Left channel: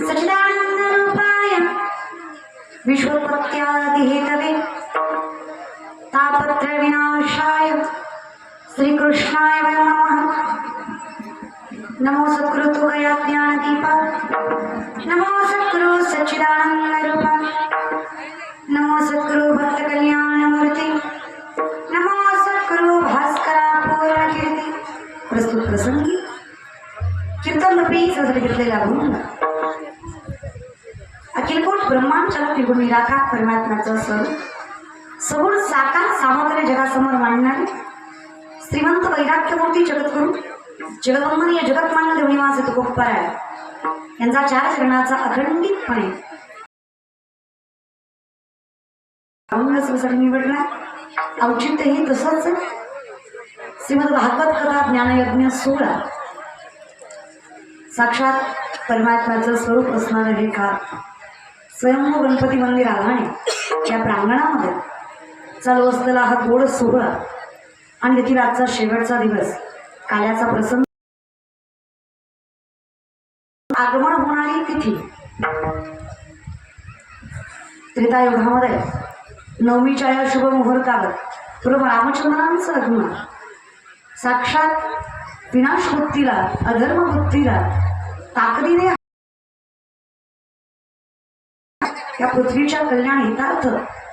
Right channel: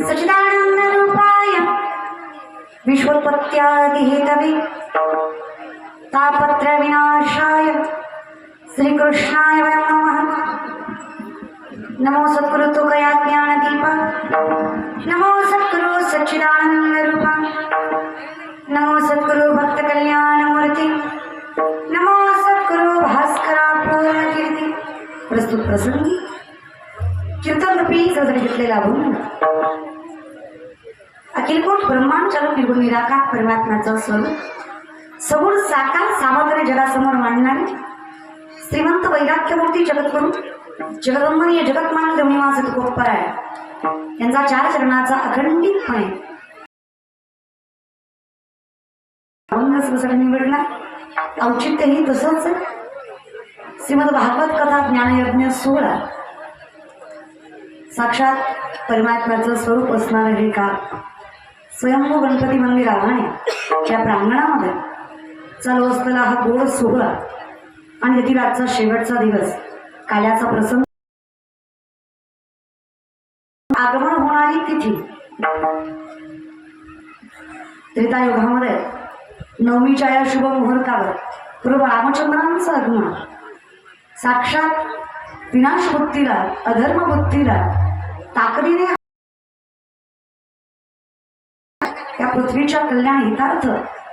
सच्चिदानंद रूपाय विश्वोत्पत्त्यादिहेतवे तापत्र विनाशाय श्री कृष्णाय नमः। नमो सद्गुरु तुकया ज्ञानदीपा, नमो सद्गुरु सच्चिदानंद रूपा, नमो सद्गुरु भक्त कल्याण मूर्ति, नमो सद्गुरु भास्करा पूर्णकीर्ती। प्रस्तुत प्रसंगी कीर्तन रूपी सजग घेतलेला भूमी अखिलकोट ब्रह्मांड चालक निर्गुण निराकार परमात्म्याचं स्वरूप सगुण साकार सामर्थ्य जगासमोर मांडणारे श्रीमंत वैराग्यमूर्ती जगद्गुरु जगदंबनीय जगतमान्य देवनिवास तुकोपराय यांचा चार चरणाचा अखंडितपणे निवडला। औचित्यही तसंच श्रीमद भागवत कथा ज्ञानयज्ञ 16 साक्षात परमात्म्याचं स्वरूप असणारे हे का स्वयंभू गणपती मंदिर आव्हाने त्या प्रांगणामध्ये चालू असलेला हा गोड सोहळा आणि येथील आजचा शेवटचा दिवस काल्याचा प्रसंग आगमन होणारी तिथी त्रेतायुगामध्ये नवमीच्या या शुभ मुहूर्तावर पूर्व रामचंद्रांचं आगमन साक्षात विनाश बुद्धीला अधर्म बुद्धीला ताकदीने या पृथ्वीच्या कल्याण हितार्थ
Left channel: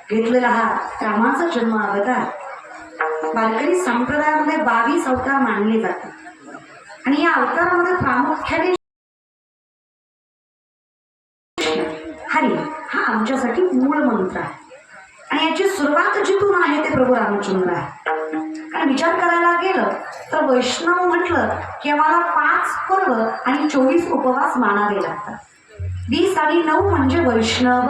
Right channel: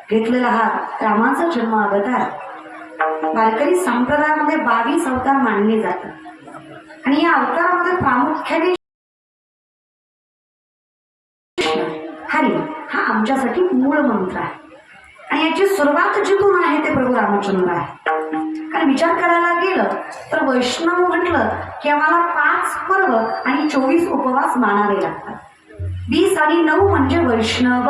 घेतलेला हा रामाचा जन्म अवतार वारकरी संप्रदायामध्ये 22 अवतार मानले जातात आणि या अवतारामध्ये प्रामुख्याने हरी हा आमच्यासाठी मूळ मंत्र आहे आणि याची सुरुवात जिथून आहे ते प्रभू रामचंद्र आहे। कारण विचार करायला गेलं तर वैष्णव म्हटलं की आम्हाला 5 पर्व आणि 24 उपवास मानावे लागतात। 20 आणि 9 म्हणजे वैष्णव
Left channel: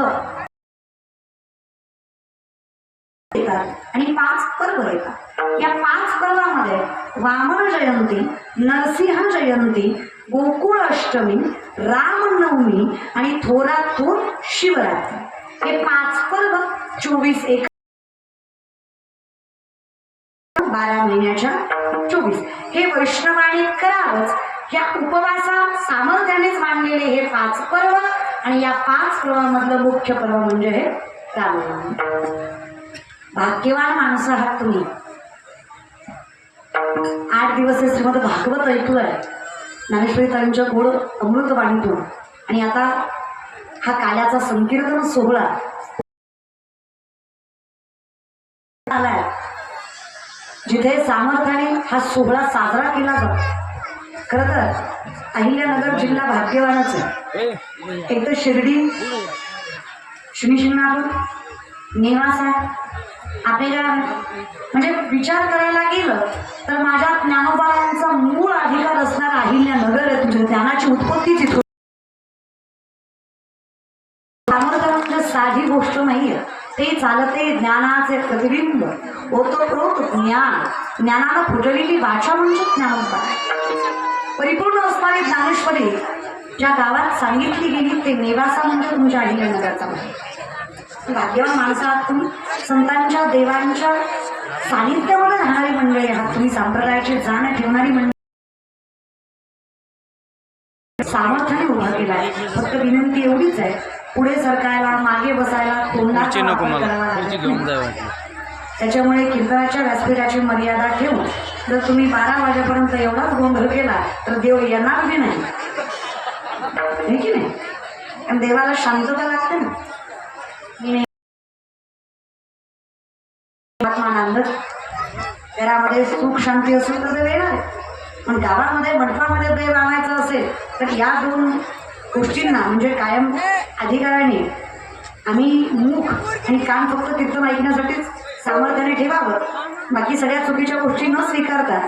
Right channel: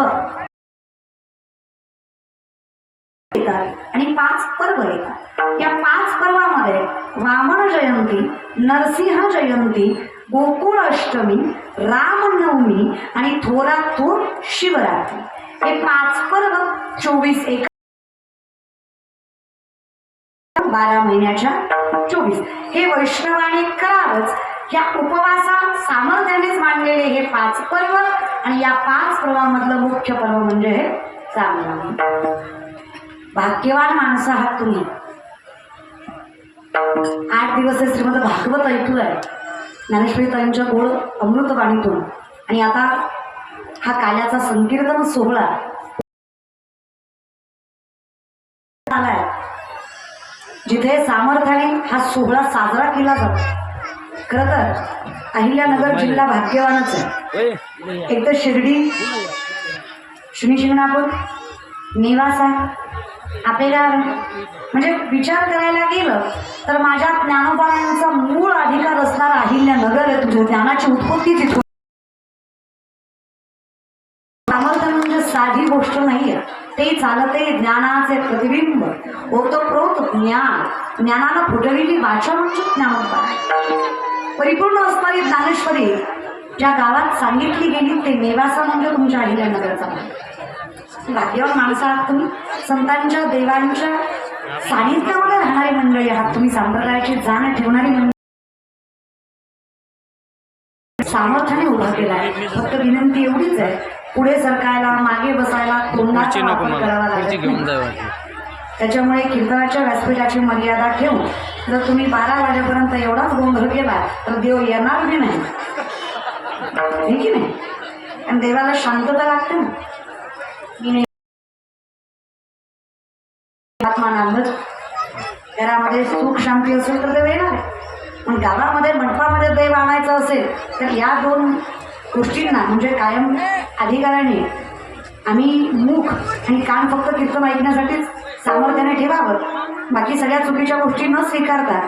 आणि 5 पर्व येतात। या 5 पर्वामध्ये वामन जयंती, नरसिंह जयंती, गोकुळ अष्टमी, रामनवमी आणि थोरात थोर शिवरात्री हे 5 पर्व 24 एक 12 महिन्याच्या 24 हे वैष्णवाने करावंच। ह्या उपवासा सामर्थ्यानेच मांडलेले हे 5 पर्व आणि या 5 पर्वामधलं मुख्य पर्व म्हणजे हे रामनवमी। भाग्यवान माणसं आहात तुम्ही। 8 दिवस श्रीमद भागवत ऐकूय ज्ञानेश्वरी ताईंच्या गोड अमृतवाणीतून आणि आता हा काल्याचा संकीर्तन सोहळा आलाय जिथे सामर्थ्याने हा सोहळा साजरा केला जातो। खरं तर अहिल्यानगर जिल्हा भाग्यवानच आहे। एक तर शिर्डी, शिंगणापूर, नेवासा आपल्याला म्हणजे विचार करायला गेलं तर माझ्या ज्ञानोबायांचा मूळ अधिकार असणारा अहिल्यानगर आहे। तुझी ज्ञानाची उत्पत्ती तिथून सामर्थ्य म्हणजे साधी गोष्ट नाहीये, ते चालते ज्ञानाचे प्रतिबिंब ओतप्रोत ज्ञान, ज्ञानानं फुटलेली वाचा म्हणजे ज्ञानोबा। परिपूर्ण असणारी ज्ञानेश्वरी ज्या गावात सांगितली गेली ते नेवासा म्हणजे तुमच्या अहिल्यानगरचा आहे। भाग्यवान माणसं आहात तुम्ही। संतांच्या देवांच्या सानिध्यामध्ये राहणारी मंडळी आहात तुम्ही। संप्रदायाची जाण ठेवणारी मंडळी सामर्थ्याने उभा केला आहे। फक्त विनंती एवढीच आहे, पुढे सरकायला मागे बसायला तोंडाचा वापर करावा। त्याच्यामुळे कीर्तनाच्या व्यासपीठाची मर्यादा ठेवून जर तुम्ही 12 वाजेपर्यंत एवढाच गोंधळ केला तर देव येणार बी नाही, हे की नाही? आणि देवाला शांतता लागते ना। घरामध्ये सुख शांती असेल तर देव येणार आहे, पण गावामध्ये मंडपामध्ये देव आणायचं असेल तर या 2 गोष्टींना म्हणजे कायम अधिकाराने आम्ही मुख आणि कान फक्त कीर्तन ऐकण्यासाठीच सामर्थ्याने ठेवावं। बाकी सगळ्या चुकीच्या गोष्टी न स्वीकारता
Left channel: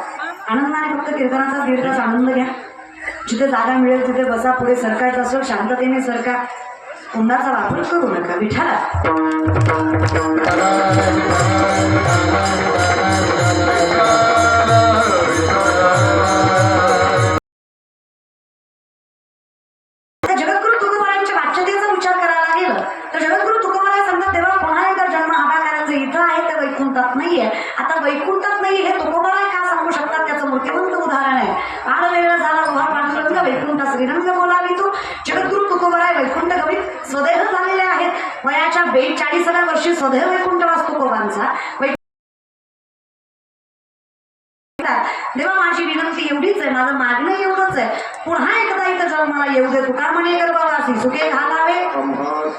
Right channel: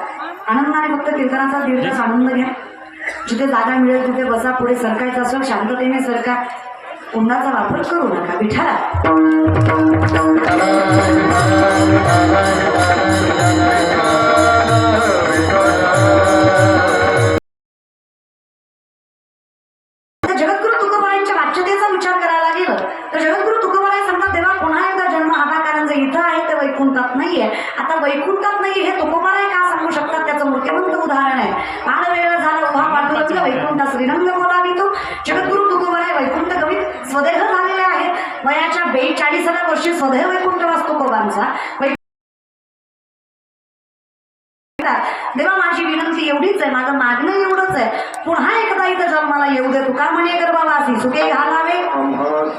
आनंदाने फक्त कीर्तनाचा दीर्घ आनंद घ्या। जिथे जागा मिळेल तिथे बसा। पुढे सरकायचं असेल शांततेने सरका, तोंडाचा वापर करू नका। विठाला जगद्गुरु तुकोबारायांच्या वाच्यतेचा विचार करायला गेलं तर जगद्गुरु तुकोबाराय सांगतात देवा पुन्हा एकदा जन्म हवा, कारण जर इथं आहे तर वैकुंठात नाहीये। आता वैकुंठात जमत नाही हे तुकोबाराय का सांगू शकतात. त्याचं मूर्तिमंत उदाहरण आहे. पाड वेळ झाला उभा पांडुरंग वैकुंठ श्रीरंग बोलावितो. जगद्गुरु तुकोबाराय वैकुंठ गवित स्वदेह झालेले आहेत. वयाच्या 42व्या वर्षी स्वदेह वैकुंठ वास तुकोबांचा. देवा माझी विनंती एवढीच आहे, माझं मागणं एवढंच आहे, पुन्हा एकदा इथं जन्माला येऊ दे. तुका म्हणे गर्भवासी सुखे घालावे.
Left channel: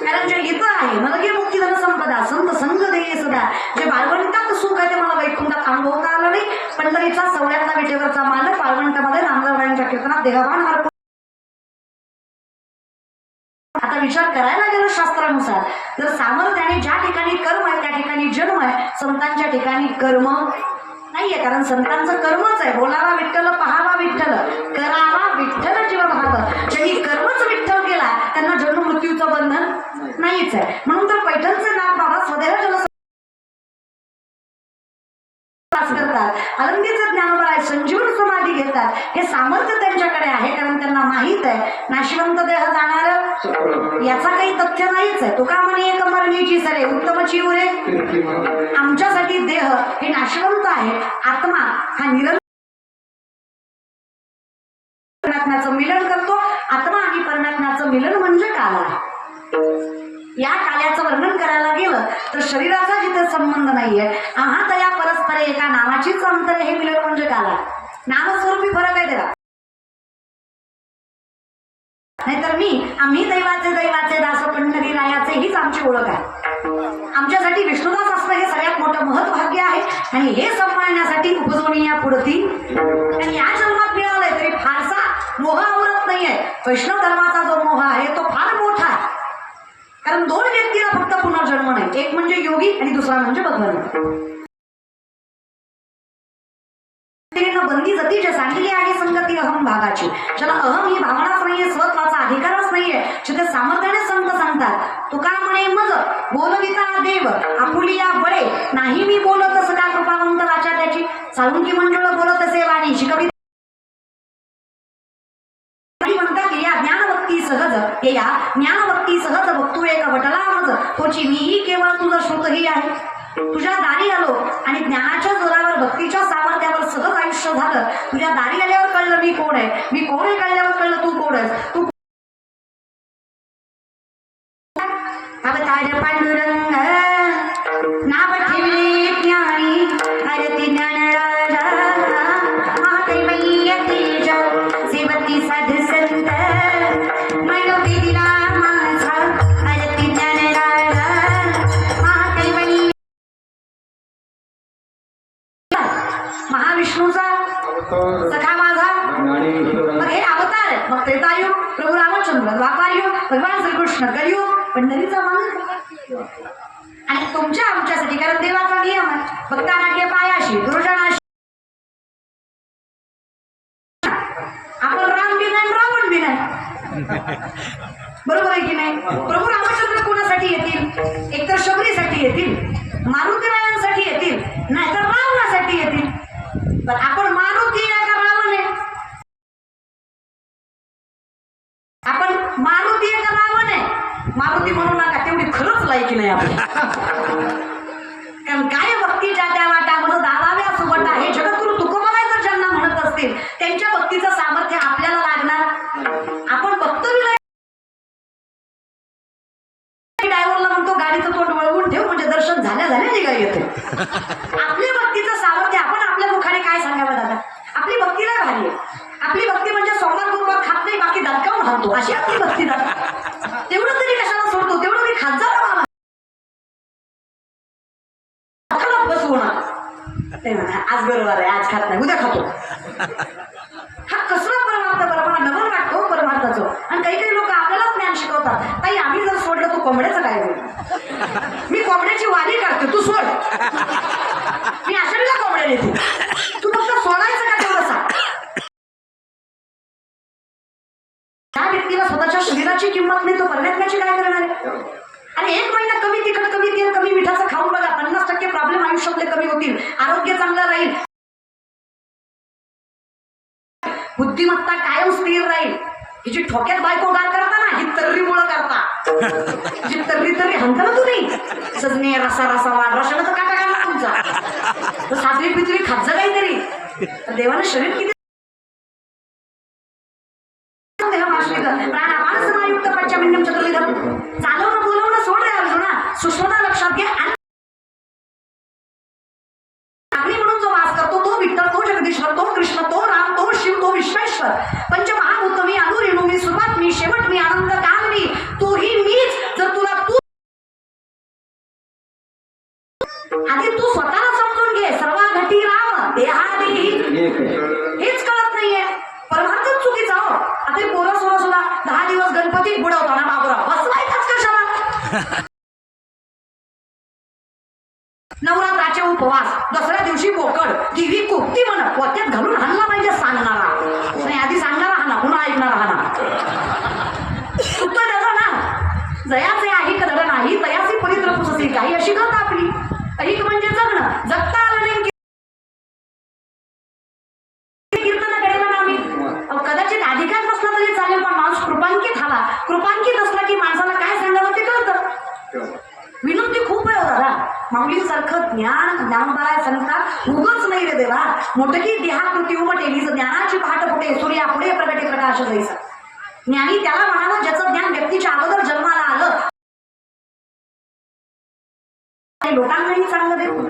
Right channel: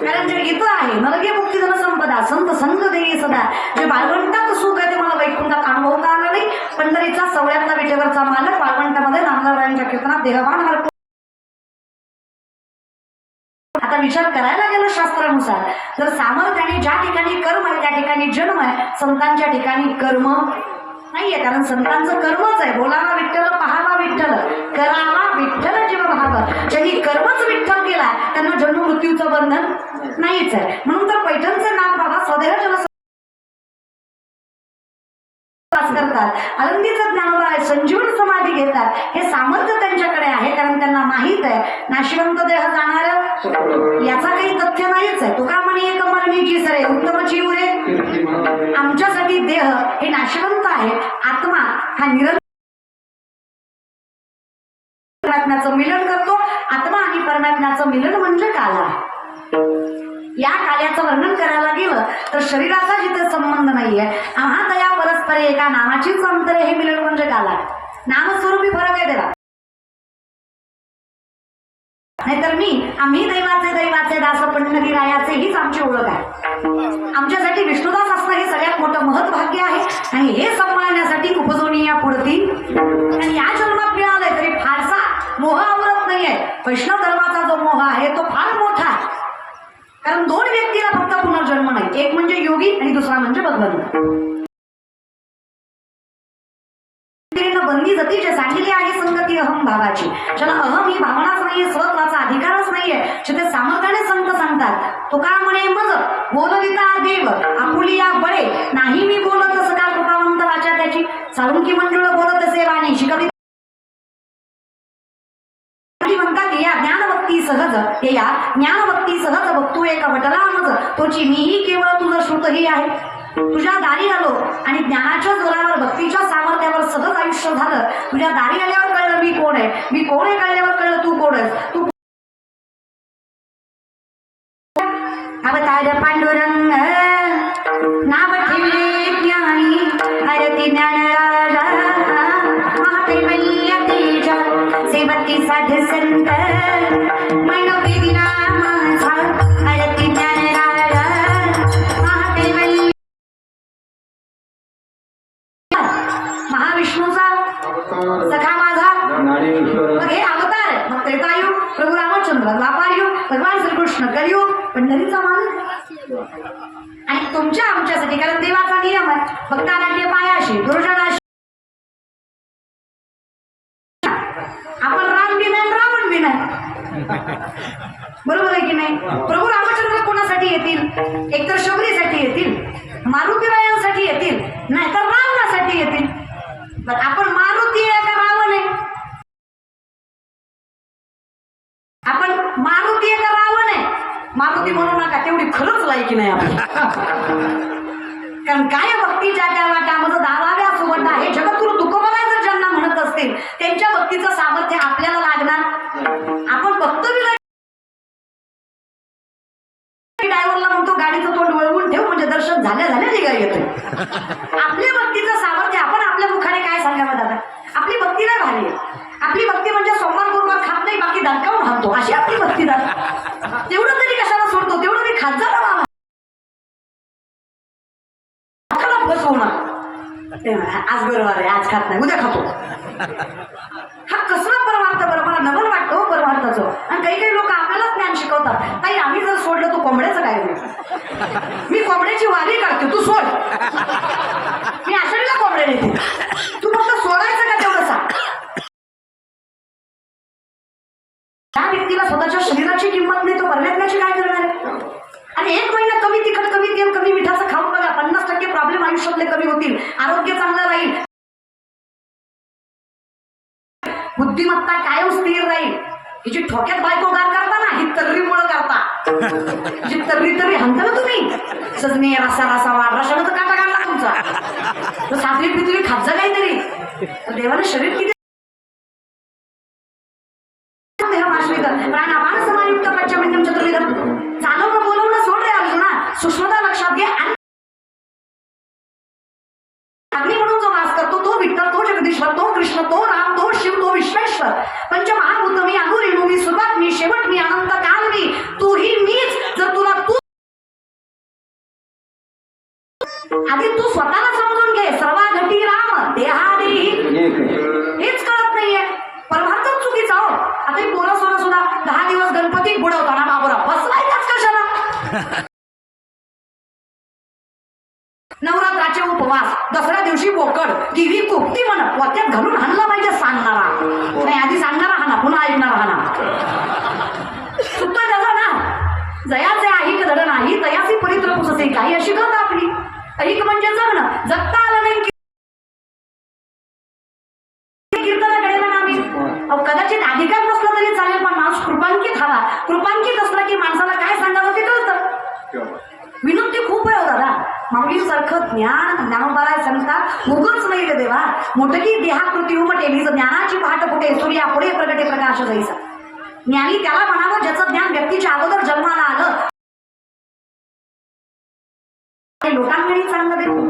कारण जे इथं आहे नरके मुक्ती धन संपदा संत संग देई सदा. जे बाळवंटात सुख आहे ते मला वैकुंठात अनुभवता आलं नाही. पंढरीचा सवळ्यातला विटेवरचा मालक वाळवंटामध्ये नामदारबाईंच्या कीर्तनात देहभान हरतो. आता विचार करायला गेलं शास्त्रानुसार तर सामर्थ्याने ज्या ठिकाणी कर्म आहे त्या ठिकाणी जन्म आहे, संतांच्या ठिकाणी कर्म नाहीये. कारण संतांचं कर्मच आहे. बोलावा विठ्ठल, पहावा विठ्ठल, करावा विठ्ठल जीव भाव. ज्यांनी कर्मच विठ्ठल केला त्यांना जन्म मृत्यूचं बंधन नाहीच आहे. म्हणून तर पैठणचे नाथ बाबा स्वदेह जल करतात. आनंदीचं ज्ञानोबा संजीवन समाधी घेतात. हे सामर्थ्य त्यांच्याकडे आहे कारण त्यांना माहित आहे नाशिवंत देह जाणार याचा काही तथ्य नाहीच आहे. तुका म्हणे एक मरणीची सरे उत्तमची उरे. आमच्यासाठी देह हे नाशिवंत आहे. आत्मा हा परमात्म्याचं मिलन करतो. आत्मा आणि परमात्म्याचं मिलन म्हणजे काला. या काल्याचं वर्णन करायला गेलं तर शरीराचा जिथे संबंध नाहीये. आम्हा तया परस्पर एका नामाचीच अंतर हे मिलन म्हणजे काला. नामस्वरूपी फरक आहे देवा. नाहीतर आम्ही दैवाचे दास पंढरी रायाचे हीच आमची ओळख आहे. आमच्यासाठी विष्णुदास असणं हे सगळ्यात मोठं महत्भाग्य आहे. आणि हे सांभाळण्यासाठी उपजवणी या पुढती आणि या जन्मात मिळालंय तरी फारसा मोह आवरत नाहीये. वैष्णव धर्माचा जो मोह आहे तो फार मोठा आहे. कारण दोन व्यक्तीला फक्त पुनर्जन्म नाही. एक म्हणजे योगी आणि दुसरा म्हणजे भगवान. बंदी जती जे सांगितली आहे संगती अहम भावाची. ज्याला अहम ही भावनाच नाहीये, स्वत्वाचा अधिकारच नाहीये, जिथे सामर्थ्याने संत सांगतात. तुका म्हणे मज बोलविता देव आपुलिया बळे. नाही मी बोलत असं त्या कृपावंत वाचा त्याची. साळुंकी मंडळ बोलत असे वाणी शिकवी म्हणतात या ज्ञानभक्ती सहज. हे या ज्ञानभक्ती सहज बघतो एका वटला मज. तोची मीही केवळ तुझं श्रुतही आहे. तुझ्या दारी आलो आणि ज्ञानाच्या जोरावर भक्तीच्या सामर्थ्यावर सहज आयुष्य झालं. तुझ्या दारी आल्यावर कळलं मी कोण आहे. मी कोण आहे कळल्यावर कळलं तू कोण आहेस. तू अवतार पांडुरंग नाव ठेवले ज्ञानी हरती ज्ञान राजा. कैवल्य तेज सेवकी साध संत मनोबी दिला माझा हरती ज्ञान राजा. महाविष्णूचा सखा माझा. मग हे अवतार. मग त्रेतायुग प्रभू रामचंद्र, द्वापारयुग भगवान श्रीकृष्ण, कलियुग पंढरीचा मान. आणि तुमच्या आमच्यासाठी कारण देवाचा नियम आहे भक्तांना पायाशी गुरुजनाशी. आपण राम बिना रावण बिना बरोबर आहे की नाही. प्रभू रामचंद्र कोणासाठी येतील. एकतर शबरीसाठी येतील, मारुतीरायांसाठी येतील, नाहीतर रावणासाठी येतील. पण आपण मारुती आहे का रावण आहे. आपण मारुती आहे का रावण आहे. मारुती म्हणू नका, तेवढी खरंच लायकी नाही आपली. कारण काय भक्ती ज्या त्या वाटामध्ये दावाव्या सोबत आहे. जगद्गुरु तुकोबाराय जर ज्यांना म्हणत असतील त्यांच्या भक्तीचं सामर्थ्य आपल्याला लागणार. आपण भक्त ड्रायव्हरला म्हणतो गाडीचं तोंड वळवून ठेव म्हणजे दर्शन झाल्या निघा येतो. आपल्या भक्तीचं सामर्थ्य आपण आपल्या मुखाने काय सांगावं दादा. आपली भक्ती नाही भारी आहे. आपली भक्ती म्हणजे सोमवार गुरुवार खात नाही बाकी दणकावून खातो अशी आपली भक्ती दादा. तेवढं तरी कशाला सोडतो. तेवढं मी खात जा बाबा. बस होणार आज बरोबर आहे, आज खात नाही उद्या खातो. हा कसला परमार्थ बरं मला नवल वाटतो परमार्थाचं. आणि काही लोक आपल्याला ज्ञान शिकवतात. ताई आम्ही जर सोडलं तू कोंबड्याचं काय होईल. मी कोंबड्याची वारी काढते तू सोड. मी अशा कोंबड्या नेते. तू फक्त सोडायचं का तेवढं सांग. त्या व्यक्तीला स्वतःच्या शरीराची किंमत नाही तो परमात्म्याची काय करणार आहे. आणि एक महिना कमी तिखट कमी तेल कमी मिठाचं खाऊन बघा 50% प्रॉब्लेम आयुष्यातले कमी होतील. आरोग्य चांगलं राहील. बुद्धिमत्ता कायम स्थिर राहील. हिची ठोक्यात बायको गार करता ना ही तर्रीमुळं करता. जी तर्री हंत ना तुम्ही सजने रसा रसा वाढ रसाला तर काटा काढला आमचा. तो सातवी पितळी खायचं काहीतरी. देवानं शरीर किती प्राणापान समायुक्त पंचमिंद्रियं चतुर्विधं. चालवणं बोलवणं सोड रे अर्जुना, सूक्ष्मता लक्षात घे. अग्नी म्हणून जो वास करतो तो विठ्ठल, तो जगदीश्वर, तो कृष्ण, तो राम, तो शिव, तो विश्वेश्वर. पंचमहाभूत मी, अणुरेणू मी, सुरुवात मी, शेवट मी, अनंत काल मी, तूही मीच. जर तुला तू आधी तू स्वतःला समजून घे. सर्वाघटी राम देहादेही हेच कळत नाहीये. परमार्थच चुकीचा हो. आता पोरं सोरं सुद्धा 10 दिवस गणपती बुडवताना बाबरा बसवायचाच कशाला. नवरात्राचे उपवास, दसऱ्या दिवशी बोकड, टीव्ही कुपती म्हण पोत्यात घालून हाणला पाहिजे सांगणारा नाही. आधी सांगणारा हाना, पुन्हा ऐकणारा हाना. उत्तर त्याचा ना जयाचे आहे कदड नाही, तयासी पवित्र पुससे काही अशी करत आपली. ऐक म्हणजे जगणं. जगता आलं नाही कीर्तनाकडे ना आम्ही. कदाचित अधिकार नसला तरी चालेल, पण माणूस कृपांकित हवा. कृपांकित असला की माणसाला काय सांगावं ते कळतं. विनोदी खूप आहे हो दादा. माऊलीसारखं ज्ञानोबाला सांगतात उगच नाही रे देवा. मोठकी देहाकृती उमटे ज्ञानाची पहाट पुढे सूर्या पुढे प्रगटे प्रकाश जायचा. ज्ञानी त्याला म्हणावं ज्याचं ज्ञान व्यक्तीच्या अगोदर जन्माला आलं. लोकांकडे चांगलं देतो.